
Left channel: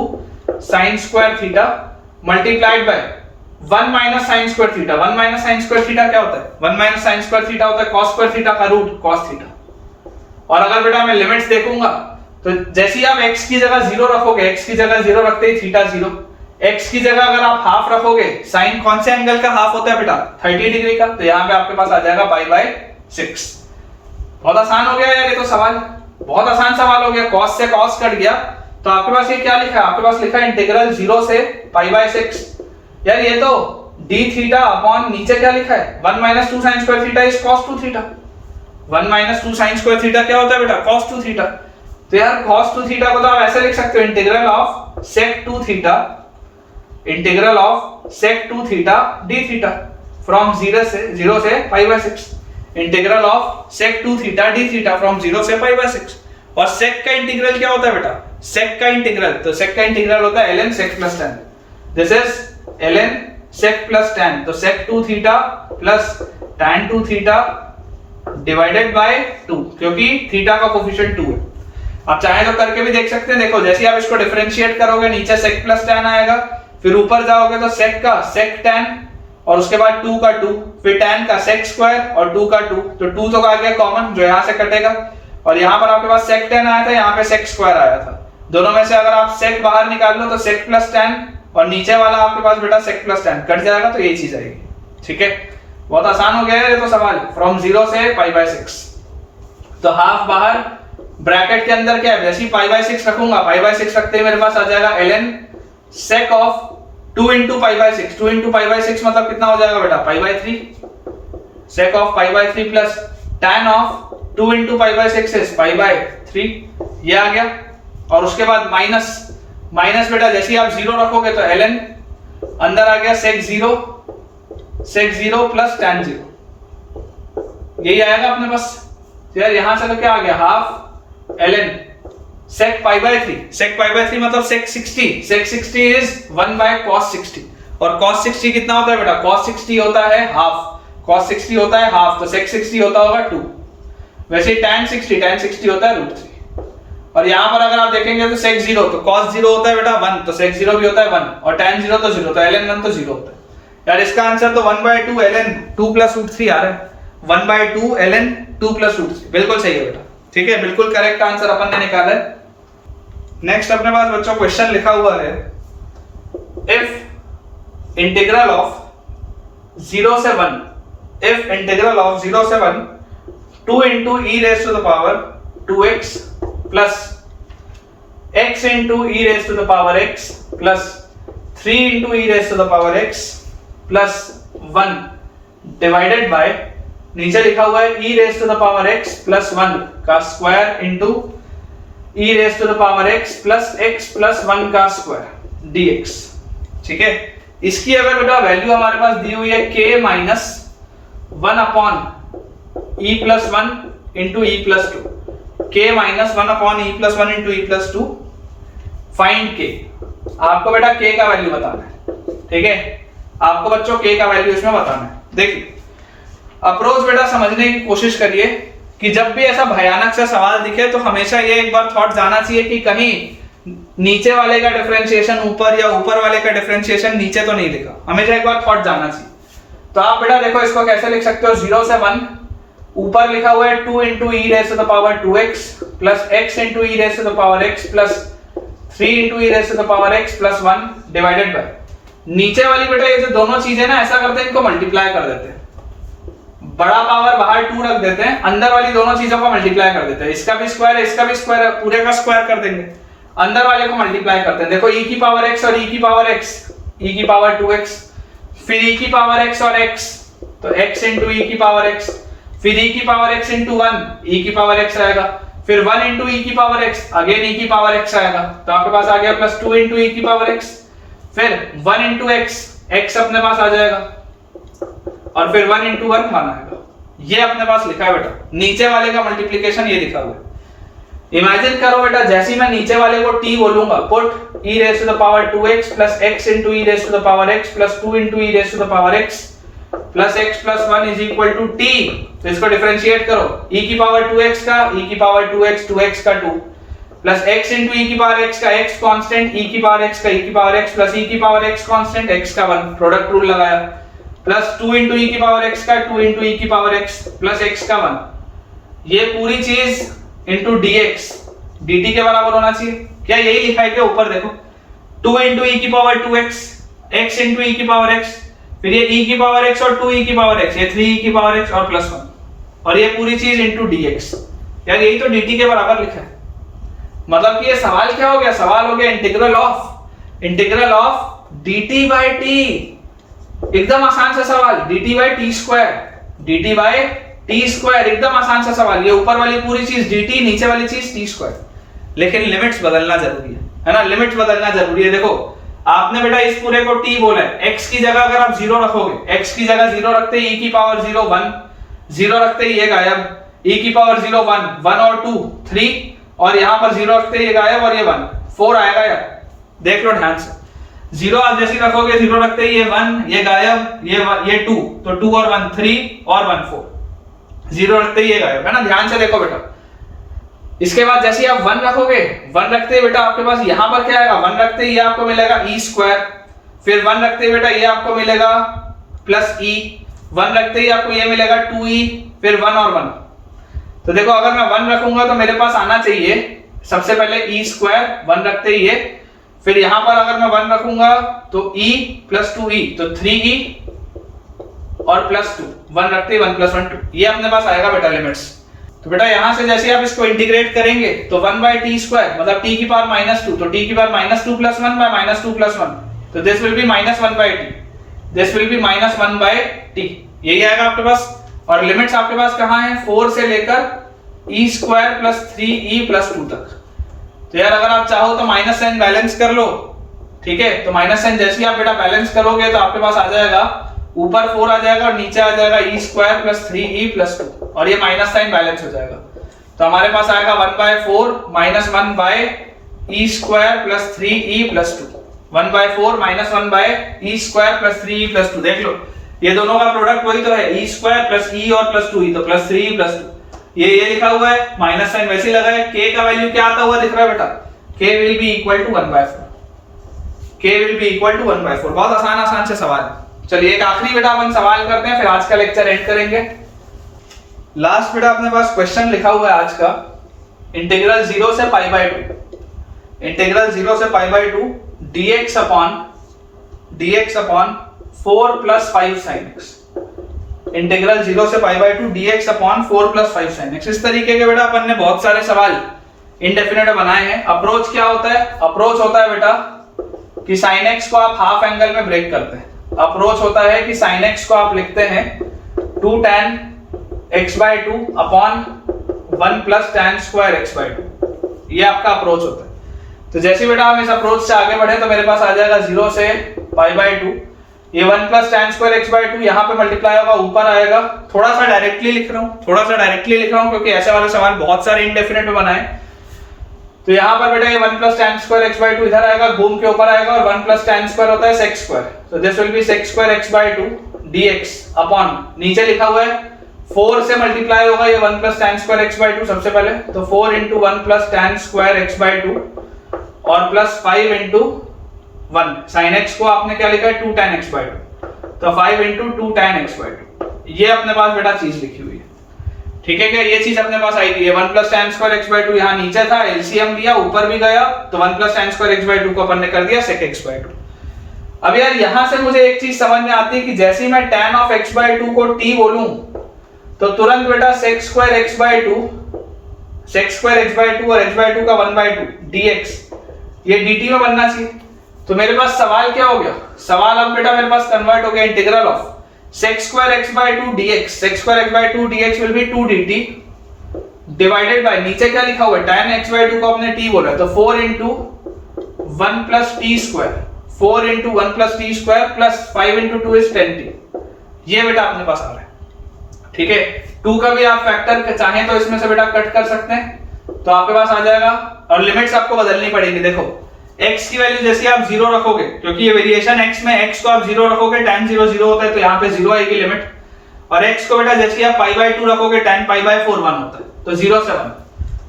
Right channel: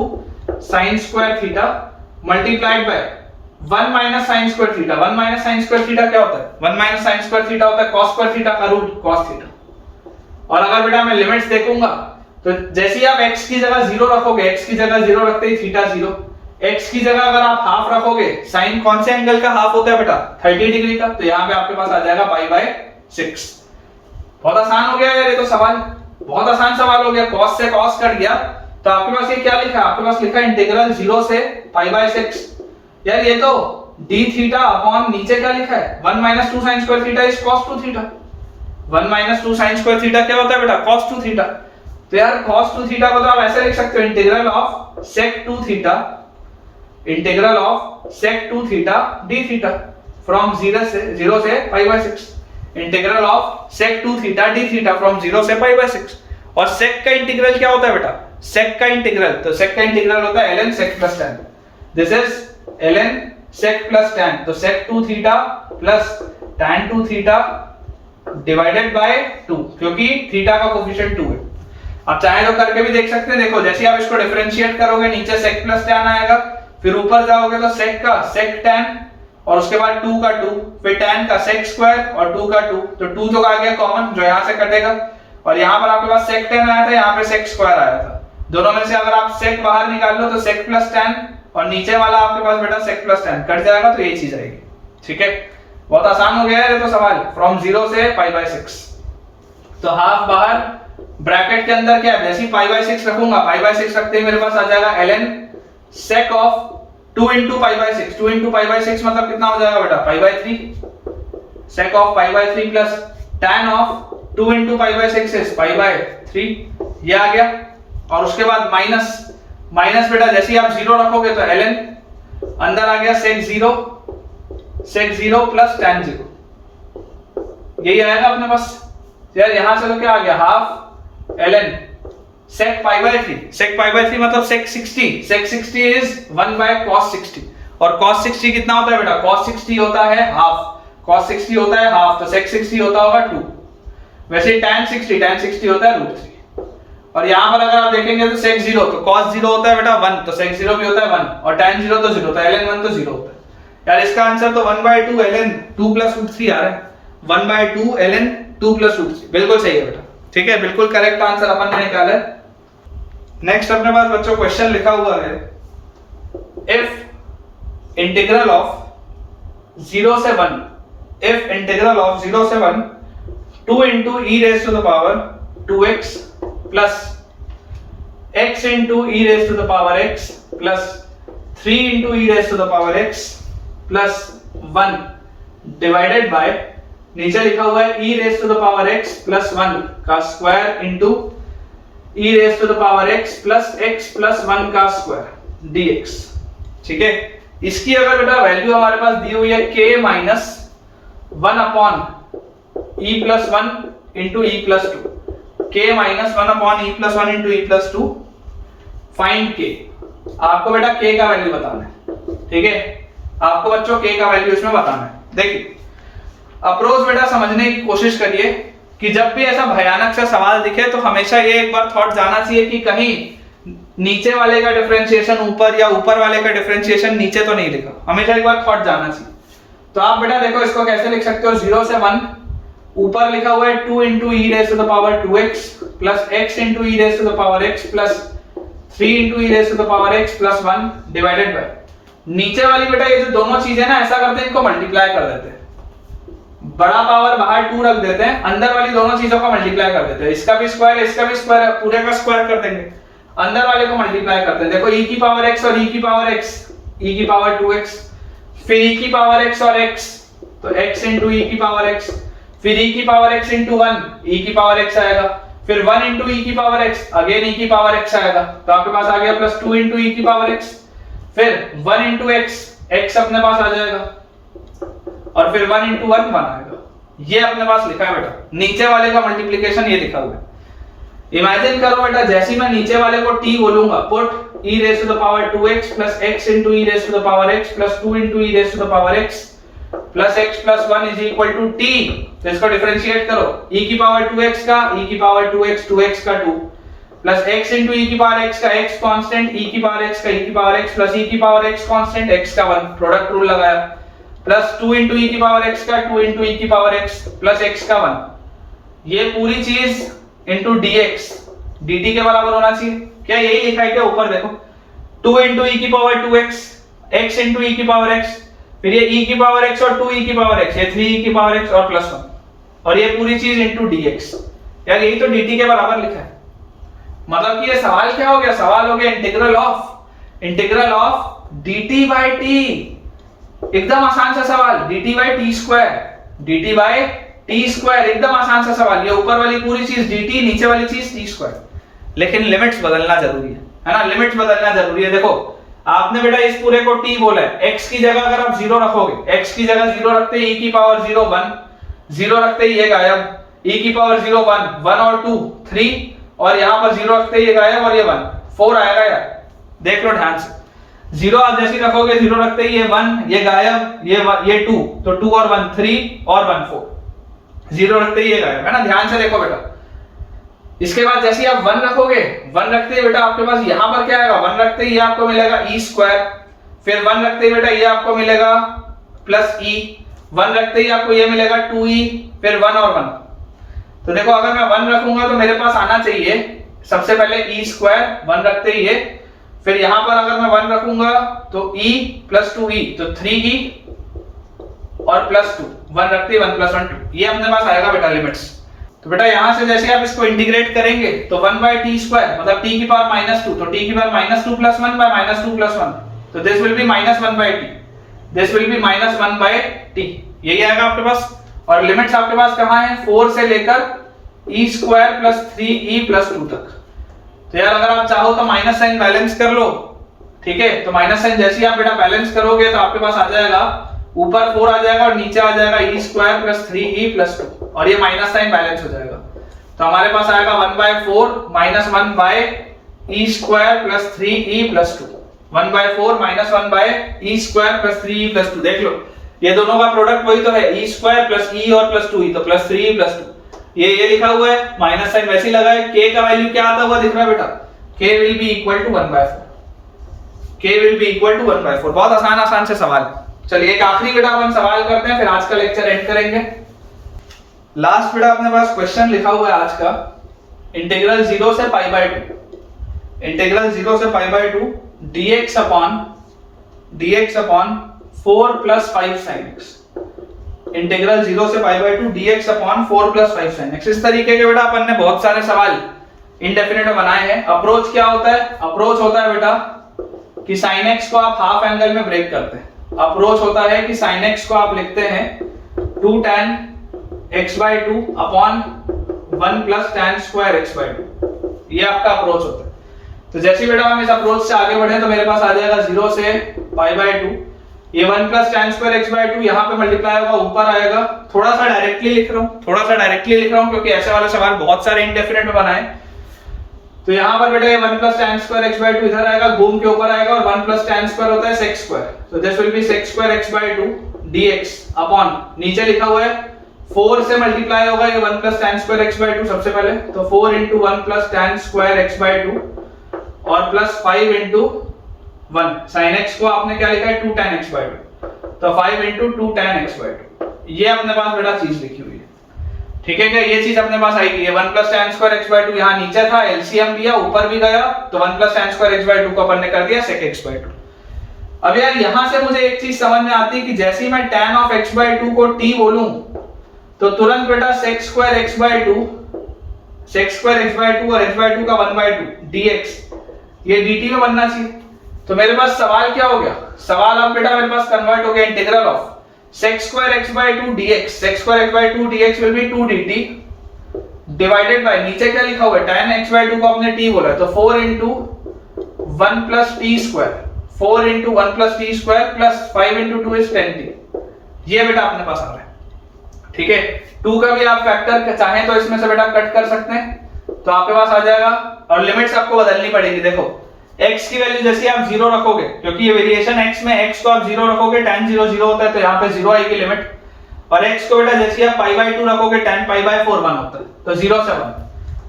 sign square theta multiplied by 1 minus sine square theta. 1 minus sine square theta क्या होता है, 1 माइनस साइन स्क्वायर थीटा होता है cos स्क्वायर थीटा का रूट cos थीटा। और अगर बेटा मैं लिमिट्स देखूंगा तो जैसे ही आप x की जगह 0 रखोगे, x की जगह 0 रखते ही थीटा 0, x की जगह अगर आप हाफ रखोगे, साइन कौन से एंगल का हाफ होता है बेटा 30 डिग्री का, तो यहाँ पे आपके पास आ जाएगा पाई बाय 6। बहुत आसान हो गया यार ये तो सवाल, बहुत आसान सवाल हो गया। cos से cos कट गया तो आपके पास ये क्या लिखा है, आपके पास लिखा है इंटीग्रल 0 से पाई बाय 6। यार ये तो d थीटा अपॉन नीचे क्या लिखा है 1 minus 2 sign square theta is cos 2 theta. 1 minus 2 sign square theta क्या होता है बेटा cos 2 थीटा। तो यार cos 2 थीटा को तो आप ऐसे लिख सकते हो, integral of sec 2 theta, integral of sec 2 theta d theta from 0 से pi by 6, integral of sec 2 theta d theta from 0 से पाई बाय 6। और sec का इंटीग्रल क्या होता है बेटा, sec का इंटीग्रल, तो sec का इंटीग्रल होता है ln sec plus tan। This is ln sec plus tan। तो sec 2 theta plus tan 2 theta divided bye 2, क्योंकि थीटा का कोफिशिएंट 2 है। आप चाहे तो करके भी देख सकते हैं। देखो जैसे आप इसको डिफरेंशिएट करोगे नीचे sec प्लस tan आएगा, फिर ऊपर जाओगे तो sec का sec tan और उसके बाद 2 का 2, फिर tan का sec स्क्वायर और 2 का 2, तो 2 तो आ गया कॉमन जो यहाँ से कटेगा, और यहाँ पर आपके पास sec tan आया था, यहाँ पे sec स्क्वायर आया था। दोनों में से अगर आप sec बाहर निकाल लो तो sec प्लस tan और नीचे वाला आपके पास बेटा sec प्लस tan कट जाएगा, तो यही चीज आएगी। ठीक है, बहुत आसान हो गया है तो सवाल फ्रॉम 0 से π/6। तो हाफ बाहर, ब्रैकेट के अंदर क्या है, जैसे π/6 रखूंगा, π/6 रखते ही मेरे पास आ जाएगा ln sec of 2 into π/6। 2 into π/6 मतलब कितना हो जाएगा बेटा, π/3। sec of π/3 plus tan of 2 into π/6 is π/3, ये आ गया। और उसके बाद माइनस बेटा जैसे ही आप 0 रखोगे तो ln अंदर आ गया sec 0 प्लस tan 0, यही आएगा अपने पास। यार यहां से तो क्या आ गया, हाफ ln sec π/3 मतलब sec 60 इज 1 by cos 60, और cos 60 कितना होता है बेटा, cos 60 होता है हाफ, cos 60 होता है हाफ, तो sec 60 होता होगा 2। वैसे tan 60 होता है √3। और यहां पर अगर आप देखेंगे तो sec 0 तो cos 0 होता है बेटा 1, तो sec 0 भी होता है 1, और tan 0 तो 0, तो ln 1 तो 0 होता है। यार इसका आंसर तो 1/2 ln 2 + √3 आ रहा है, 1/2 ln 2 + √3, बिल्कुल सही है बेटा। ठीक है, बिल्कुल करेक्ट आंसर अपन ने निकाला है। नेक्स्ट अपने पास बच्चों क्वेश्चन लिखा हुआ है, इफ इंटीग्रल ऑफ 0 से 1 2 into e raised to the power 2x plus x into e raised to the power x plus 3 into e raised to the power x plus 1 divided by, नीचे लिखा हुआ है e raised to the power x plus 1 का square into e raised to the power x plus 1 का square dx। ठीक है, इसकी अगर बेटा वैल्यू हमारे पास दी हुई है k minus 1 upon e plus 1 into e plus 2, k minus 1 upon e plus 1 into e plus 2, find k। आपको बेटा k का वैल्यू बताना है। ठीक है, आपको बच्चों k का वैल्यू इसमें बताना है। देखिए अप्रोच बेटा समझने की कोशिश करिए कि जब भी ऐसा भयानक सा सवाल दिखे तो हमेशा ये एक बार थॉट जाना चाहिए कि कहीं नीचे वाले का डिफरेंशिएशन ऊपर या ऊपर वाले का डिफरेंशिएशन नीचे तो नहीं लिखा, हमेशा एक बार थॉट जाना चाहिए। तो आप बेटा देखो इसको कैसे लिख सकते हो, 0 से 1 ऊपर लिखा हुआ है 2 into e raised to the power 2x plus x into e raised to the power x plus 3 into e raised to the power x plus 1 divided by, नीचे वाली बेटा ये जो दोनों चीजें ना ऐसा करते हैं, इनको मल्टीप्लाई कर देते हैं, बड़ा पावर बाहर 2 रख देते हैं, अंदर वाली दोनों चीजों को मल्टीप्लाई कर देते हैं। इसका भी स्क्वायर है, इसका भी स्क्वायर है, पूरे का स्क्वायर कर देंगे, अंदर वाले को मल्टीप्लाई करते हैं। देखो e की पावर x और e की पावर x, e की पावर 2x, फिर e की पावर x और x, तो x into e की पावर x, फिर e की पावर x into 1, e की पावर x आएगा, फिर 1 into e की पावर x, अगेन e की पावर x आएगा, तो आपके पास आ गया प्लस 2 into e की पावर x, फिर 1 into x, x अपने पास आ जाएगा, और फिर 1 into 1 1 आएगा। ये अपने पास लिखा है बेटा, नीचे वाले का मल्टीप्लिकेशन ये लिखा हुआ है। इमेजिन करो बेटा जैसे मैं नीचे वाले को t बोलूंगा, put e raised to the power 2x plus x into e raised to the power x plus 2 into e raised to the power x plus x plus 1 is equal to t। तो इसको differentiate करो, e की power 2x का e की power 2x का 2 plus x into e की power x का x constant, e की पावर x का e की पावर x प्लस e की पावर x कांस्टेंट, x का 1 प्रोडक्ट रूल लगाया, प्लस 2 into e की पावर x का 2 into e की पावर x प्लस x का 1, ये पूरी चीज into dx dt के बराबर होना चाहिए। क्या यही लिखा है क्या ऊपर देखो, 2 into e की power 2x, x into e की पावर x, फिर ये e की पावर x और 2e की पावर x, ये 3e की पावर x और प्लस 1, और ये पूरी चीज into dx। यार यही तो dt के बराबर लिखा है। मतलब कि ये सवाल क्या हो गया, सवाल हो गया integral of dt by t। एकदम आसान सा सवाल, dt by t स्क्वायर, एकदम आसान सा सवाल। ये ऊपर वाली पूरी चीज dt, नीचे वाली चीज t स्क्वायर, लेकिन लिमिट्स बदलना जरूरी है ना, लिमिट्स बदलना जरूरी है। देखो आपने बेटा इस पूरे को t बोला है, x की जगह अगर आप 0 रखोगे, x की जगह 0 रखते ही e की पावर 0 1, 0 रखते ही ये गायब, e की पावर 0 1, 1 और 2 3, और यहां पर 0 रखते ही ये गायब और ये 1 4 आएगा। यार देख लो ध्यान से, जीरो आप जैसे रखोगे, जीरो रखते ही ये 1, ये गायब, ये 2, तो 2 और 1 3 और 1 4, जीरो रखते ही ये गायब, है ना। ध्यान से देखो बेटा, इसके बाद जैसे आप 1 रखोगे, 1 रखते ही बेटा आपके पास यहां पर क्या आएगा, 1 रखते ही आपको मिलेगा ई स्क्वायर, फिर 1 रखते ही बेटा ये आपको मिलेगा प्लस ई, 1 रखते ही आपको ये मिलेगा 2e, फिर 1 और 1। तो देखो अगर मैं 1 रखूंगा तो मेरे पास आना चाहिए सबसे पहले ई स्क्वायर, 1 रखते ही ये, फिर यहां पर अगर मैं 1 रखूंगा तो e प्लस 2e, तो 3e और प्लस 2, 1 रखते ही 1 प्लस 1 2, ये अपने पास आएगा बेटा लिमिट्स। तो बेटा यहां से जैसे आप इसको इंटीग्रेट करेंगे तो 1 बाय टी स्क्वायर मतलब t की पावर -2, तो t की पावर -2 प्लस 1 बाय -2 प्लस 1, तो this will be -1 by t, this will be -1 by t, यही आएगा आपके पास। और लिमिट्स आपके पास कहां है, 4 से लेकर e square plus 3e plus 2 तक। तो यार अगर आप चाहो तो माइनस साइन बैलेंस कर लो, ठीक है। तो माइनस साइन जैसे ही आप बेटा बैलेंस करोगे तो आपके पास आ जाएगा ऊपर 4 आ जाएगा और नीचे आ जाएगा e square plus 3e plus 2, और ये माइनस साइन बैलेंस हो जाएगा। तो हमारे पास आएगा 1/4 -1 by e square plus 3e plus 2, 1/4 -1 by e square plus 3e plus 2। देख लो ये दोनों का प्रोडक्ट वही तो है, e स्क्वायर प्लस e और प्लस 2e, तो प्लस 3e प्लस 2, ये लिखा हुआ है, माइनस साइन वैसे ही लगा है। k का वैल्यू क्या आता हुआ दिख रहा है बेटा, k will be equal to 1/4, k will be equal to 1/4। बहुत आसान से सवाल है। चलिए एक आखिरी बेटा अपन सवाल करते हैं, फिर आज का लेक्चर एंड करेंगे। लास्ट बेटा अपने पास क्वेश्चन लिखा हुआ है आज का, इंटीग्रल 0 से पाई बाय 2, इंटीग्रल 0 से पाई by 2 dx upon 4 plus 5 sin x, integral 0 से पाई by 2 dx upon 4 plus 5 sin x। इस तरीके के बेटा अपन ने बहुत सारे सवाल इंडेफिनेट बनाए हैं। अप्रोच क्या होता है, अप्रोच होता है बेटा कि sin x को आप हाफ एंगल में ब्रेक करते हैं। अप्रोच होता है कि sin x को आप लिखते हैं 2 tan x/2 upon 1 plus tan square x/2, ये आपका अप्रोच होता है। तो जैसे बेटा हम इस अप्रोच से आगे बढ़े तो मेरे पास आ जाएगा 0 से पाई बाय 2, ये 1 प्लस tan स्क्वायर x/2 यहाँ पे मल्टीप्लाई होगा, ऊपर आएगा। थोड़ा सा डायरेक्टली लिख रहा हूँ क्योंकि ऐसे वाले सवाल बहुत सारे इंडेफिनेट में बनाए। तो यहाँ पर बेटा ये 1 प्लस tan स्क्वायर x/2 इधर आएगा, घूम के ऊपर आएगा, और 1 प्लस tan स्क्वायर होता है sec स्क्वायर, तो this will B sec square x/2 dx upon नीचे लिखा हुआ है 4 से मल्टीप्लाई होगा ये 1 प्लस tan स्क्वायर x/2 सबसे पहले, तो 4 into 1 plus tan square x/2 और प्लस 5 into 1 sin x को आपने क्या लिखा है 2 tan x/2, तो 5 into 2 tan x/2, ये अपने पास बेटा चीज लिखी हुई है, ठीक है क्या। ये चीज अपने पास आई थी, 1 प्लस tan स्क्वायर x/2 यहाँ नीचे था, एलसीएम लिया ऊपर भी गया, तो 1 प्लस tan स्क्वायर x/2 को अपन ने कर दिया sec x/2। अब यार यहां से मुझे एक चीज समझ में आती है कि जैसे ही मैं tan ऑफ x/2 को t बोलूं तो तुरंत बेटा sec स्क्वायर x/2 और h/2 का 1/2 dx ये dt में बनना चाहिए। तो मेरे पास सवाल क्या हो गया, सवाल अब बेटा मेरे पास कन्वर्ट हो गया integral of sec square x/2 dx, sec square x/2 dx will B 2 dt divided by नीचे क्या लिखा हुआ है tan x/2 को आपने t बोला है, तो 4 into 1 plus t square, 4 into 1 plus t square plus 5 into 2 is 10t, ये बेटा अपने पास आ रहा है, ठीक है। 2 का भी आप फैक्टर चाहें तो इसमें से बेटा कट कर सकते हैं, तो आपके पास आ जाएगा। और लिमिट्स आपको बदलनी पड़ेगी, देखो x की वैल्यू जैसे आप 0 रखोगे, क्योंकि ये वेरिएशन x में x को आप 0 रखोगे tan 0 0 होता है, तो यहाँ पे 0 आएगी लिमिट, और x को बेटा जैसे आप पाई बाय 2 रखोगे tan पाई बाय 4 1 होता है, तो 0 से 1,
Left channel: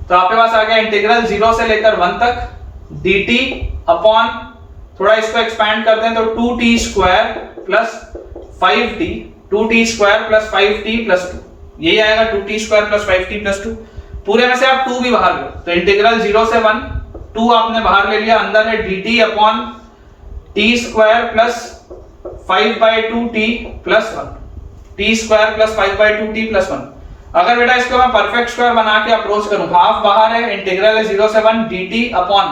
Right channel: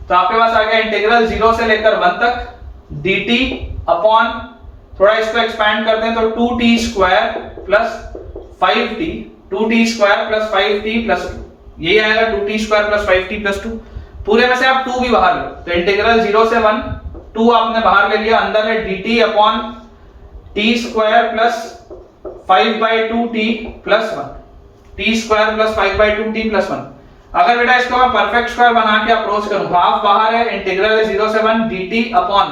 तो आपके पास आ गया इंटीग्रल 0 से लेकर 1 तक dt अपॉन, थोड़ा इसको एक्सपैंड करते हैं तो 2t square plus 5t, 2t square plus 5t plus 2, यही आएगा 2t square plus 5t plus 2। पूरे में से आप 2 भी बाहर लो, तो इंटीग्रल 0 से 1 2 आपने बाहर ले लिया, अंदर है dt upon t square plus 5/2t plus 1, t square plus 5/2t plus 1। अगर बेटा इसको मैं परफेक्ट स्क्वायर बना के अप्रोच करूं, हाफ बाहर है, इंटीग्रल है 0 से 1 dt अपॉन,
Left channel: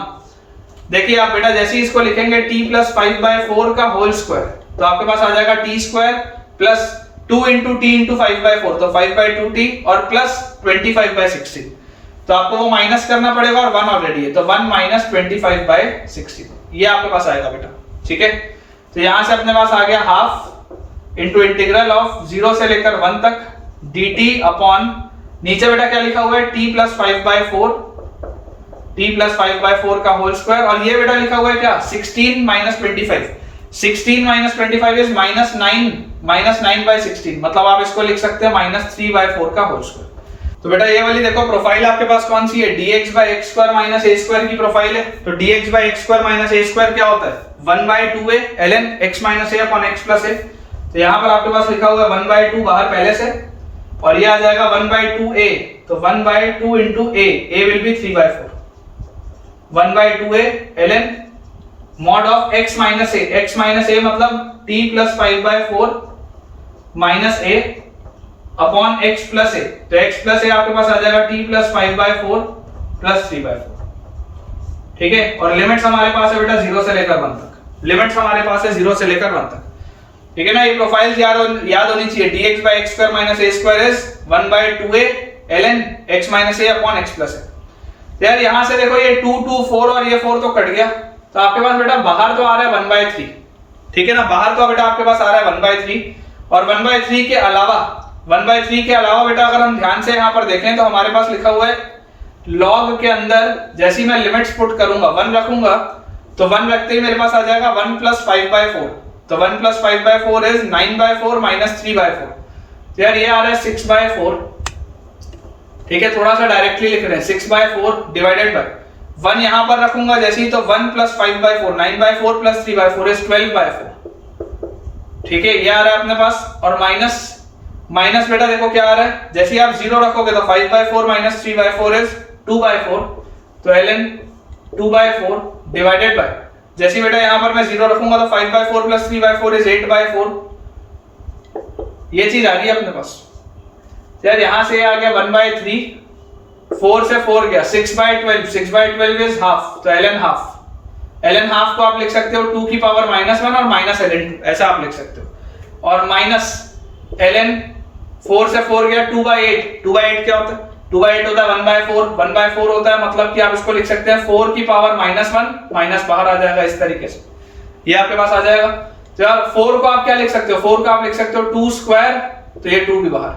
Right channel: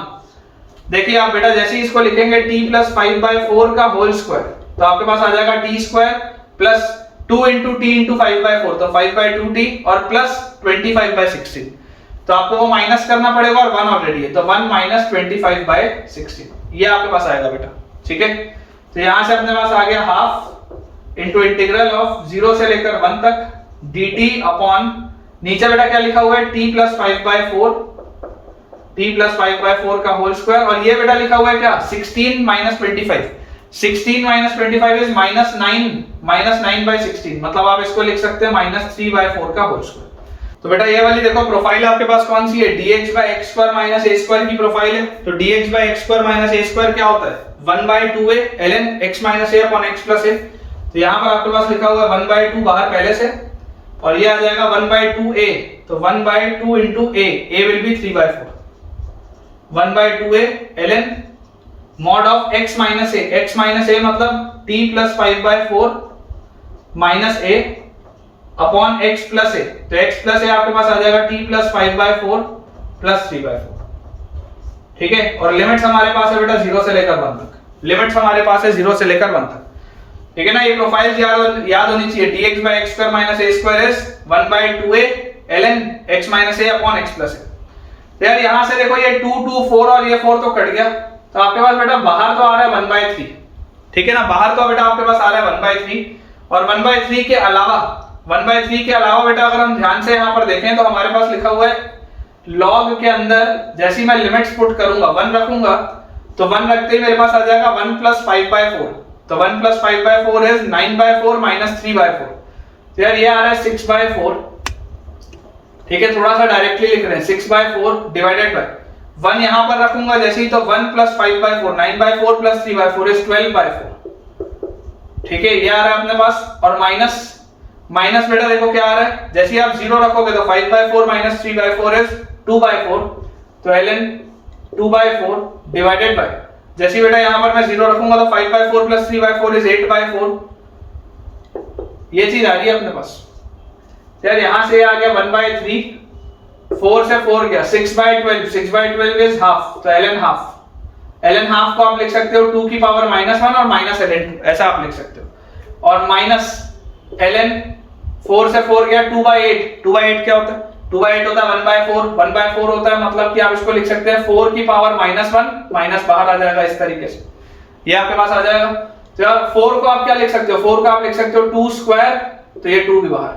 देखिए आप बेटा जैसे ही इसको लिखेंगे t प्लस 5/4 का होल स्क्वायर, तो आपके पास आ जाएगा t square plus 2 into t into 5/4, तो 5/2t और प्लस 25/16, तो आपको वो माइनस करना पड़ेगा, और 1 ऑलरेडी है, तो 1 माइनस 25/16, ये आपके पास आएगा बेटा, ठीक है। तो यहां से अपने पास आ गया हाफ इंटू इंटीग्रल ऑफ 0 से लेकर 1 तक dt अपॉन नीचे बेटा क्या लिखा हुआ है t प्लस 5/4 t प्लस 5/4 का होल स्क्वायर, और ये बेटा लिखा हुआ है क्या 16 माइनस 25, 16 माइनस 25 इज -9/16, मतलब आप इसको लिख सकते हैं -3/4 का होल स्क्वायर। तो बेटा ये वाली देखो प्रोफाइल आपके पास कौन सी है, dx/x² माइनस a² की प्रोफाइल है। तो dx/x² माइनस a² क्या होता है 1/2a ln x minus a upon x plus a। तो यहाँ पर आपके पास लिखा हुआ है 1/2 बाहर पहले से, और ये आ जाएगा 1/2a, तो 1/2 into a will be 3/4, 1/2a ln mod of x minus a मतलब t plus 5/4 minus a upon x plus a। तो x प्लस a आपके पास आ जाएगा t प्लस 5/4 प्लस 3/4, ठीक है। और लिमिट्स हमारे पास है बेटा 0 से लेकर 1 तक, लिमिट्स हमारे पास है 0 से लेकर 1 तक, ठीक है ना। ये प्रोफाइल याद होनी चाहिए, dx/x² minus a² is 1/2a ln x minus a upon x plus a। तो यार यहां से देखो ये 2 2 4 और ये 4 तो कट गया, तो आपके पास बेटा बाहर तो आ रहा है 1/3, ठीक है ना। बाहर तो बेटा आपके पास आ रहा है 1/3, और 1/3 के अलावा बेटा अगर हम ध्यान से यहाँ पर देखें तो हमारे पास लिखा हुआ है log के अंदर जैसे मैं लिमिट्स पुट करूंगा 1 रखूंगा, तो 1 रखते ही मेरे पास आ जाएगा 1 प्लस 5/4, तो 1 प्लस 5/4 इज 9/4 माइनस 3/4। तो यार ये आ रहा है 6/4, ठीक है। थोड़ा सा डायरेक्टली लिख रहे हैं 6/4 डिवाइडेड बाय 1 यहां पर रखूंगा जैसे ही, तो 1 प्लस 5/4 9/4 प्लस 3/4 इज 12/4, ठीक है। ये आ रहा है अपने पास, और माइनस बेटा देखो क्या आ रहा है, जैसे ही आप 0 रखोगे तो 5/4 माइनस 3/4 इज 2/4, तो ln 2/4 डिवाइडेड बाय, जैसे बेटा यहां पर मैं 0 रखूंगा तो 5/4 प्लस 3/4 इज 8/4, ये चीज आ गई अपने पास। यार यहां से आ गया 1/3, 4 से 4 गया 6/12, 6/12 इज हाफ, तो ln हाफ को आप लिख सकते हो 2 की पावर -1 और माइनस ln 2, ऐसा आप लिख सकते हो। और माइनस ln 4 से 4 गया 2/8, 2/8 क्या होता है, 2/8 होता है 1/4 होता है, मतलब कि आप इसको लिख सकते हैं 4 की पावर -1, माइनस बाहर आ जाएगा इस तरीके से, ये आपके पास आ जाएगा। तो यार 4 को आप क्या लिख सकते हो, 4 को आप लिख सकते हो 2 स्क्वायर, तो ये 2 भी बाहर,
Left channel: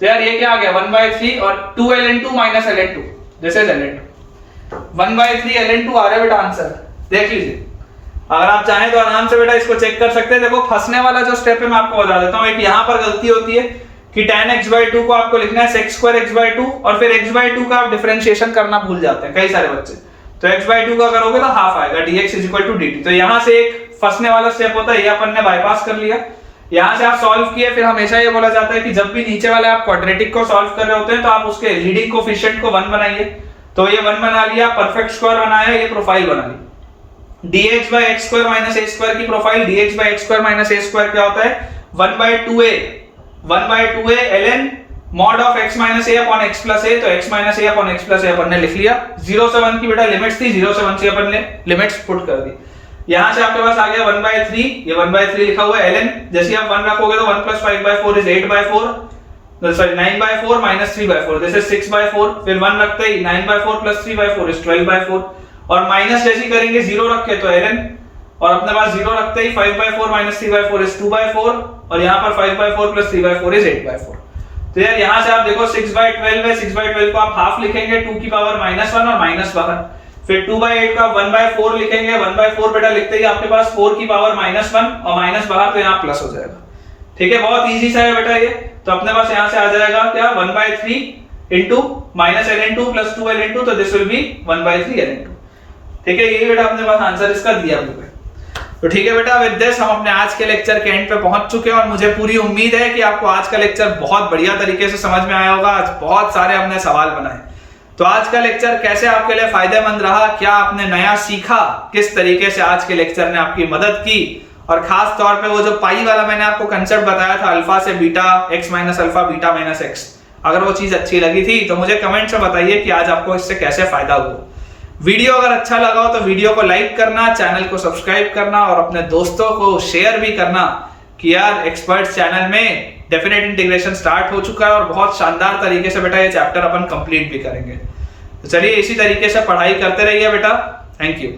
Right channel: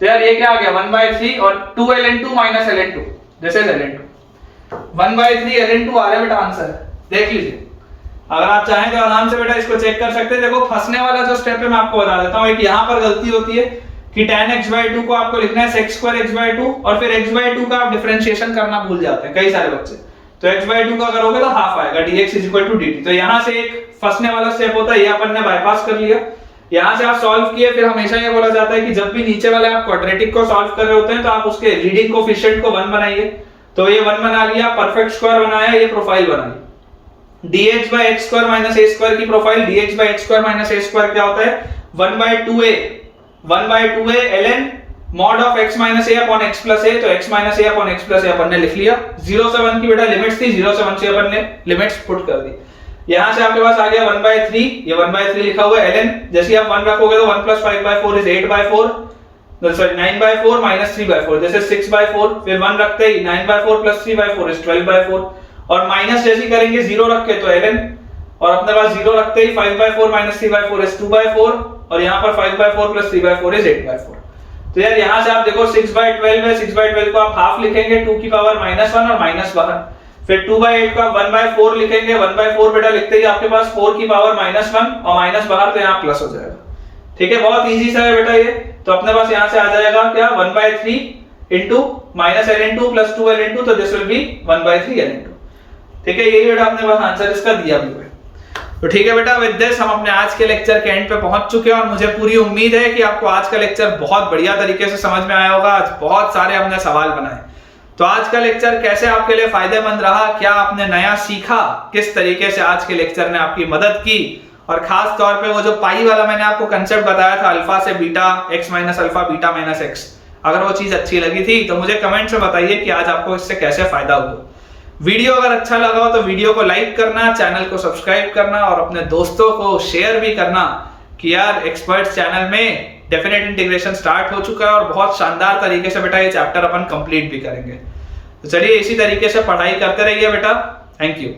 तो यार ये क्या आ गया 1/3 और 2 ln 2 minus ln 2, this is ln 2, 1/3 ln 2 आ रहा है बेटा आंसर, देख लीजिए। अगर आप चाहें तो आराम से बेटा इसको चेक कर सकते हैं। देखो फंसने वाला जो स्टेप है मैं आपको बता देता हूं, एक यहां पर गलती होती है कि tan x/2 को आपको लिखना है sec² x/2, और फिर x/2 का आप डिफरेंशिएशन करना भूल जाते हैं कई सारे बच्चे, तो x/2 का करोगे तो हाफ आएगा dx = dt। तो यहां से एक फंसने वाला स्टेप होता है, ये अपन ने बाईपास कर लिया। यहां से आप सॉल्व किए, फिर हमेशा ये बोला जाता है कि जब भी नीचे वाले आप क्वाड्रेटिक को सॉल्व कर रहे होते हैं तो आप उसके लीडिंग कोफिशिएंट को 1 बनाइए। तो ये 1 बना लिया, परफेक्ट स्क्वायर बनाया, ये प्रोफाइल बना ली। dx/x² माइनस a² की प्रोफाइल, dx/x² माइनस a² क्या होता है 1/2a ln mod of x minus a upon x plus a। तो x minus a upon x plus a अपन ने लिख लिया। 0 से 1 की बेटा लिमिट्स थी, 0 से 1 से अपन ने लिमिट्स पुट कर दी। यहां से आपके पास आ गया 1/3, ये 1/3 लिखा हुआ है ln, जैसे आप 1 रखोगे तो 1 plus 5/4 is 8/4, sorry 9/4 minus 3/4, this is 6/4। फिर 1 रखते ही 9/4 प्लस 3/4 इज 12/4, और माइनस जैसे करेंगे 0 रख के तो ln, और अपने पास 0 रखते ही 5/4 माइनस 3/4 इज 2/4, और यहाँ पर 5/4 प्लस 3/4 इज 8/4। तो यार यहाँ से आप देखो 6/12 है, 6/12 को आप हाफ लिखेंगे 2 की पावर -1 और माइनस बाहर, फिर 2/8 का 1/4 लिखेंगे, 1/4 बेटा लिखते ही आपके पास 4 की पावर -1 और माइनस बाहर, तो यहाँ प्लस हो जाएगा, ठीक है। बहुत इजी सा है बेटा ये। तो अपने पास यहाँ से आ जाएगा क्या 1/3 into minus ln 2 plus 2 ln 2, तो दिस विल बी 1/3 ln 2, ठीक है। यही बेटा अपने पास आंसर इसका दिया हुआ है। तो ठीक है बेटा, विद दिस हम अपने आज के लेक्चर के एंड पे पहुंच चुके हैं, और मुझे पूरी उम्मीद है कि आपको आज का लेक्चर बहुत बढ़िया तरीके से समझ में आया होगा। आज बहुत सारे हमने सवाल बनाए, तो आज का लेक्चर कैसे आपके लिए फायदेमंद रहा, क्या आपने नया सीखा, किस तरीके से आज के लेक्चर ने आपकी मदद की, और खास तौर पे वो जो पाई वाला मैंने आपको कंसेप्ट बताया था, अल्फा से beta, x minus alpha, beta minus x, अगर वो चीज अच्छी लगी थी तो मुझे कमेंट में बताइए कि आज आपको इससे कैसे फायदा हुआ। वीडियो अगर अच्छा लगा हो तो वीडियो को लाइक करना, चैनल को सब्सक्राइब करना, और अपने दोस्तों को शेयर भी करना कि यार एक्सपर्ट्स चैनल में डेफिनेट इंटीग्रेशन स्टार्ट हो चुका है, और बहुत शानदार तरीके से बेटा ये चैप्टर अपन कंप्लीट भी करेंगे। तो चलिए इसी तरीके से पढ़ाई करते रहिए बेटा। Thank you.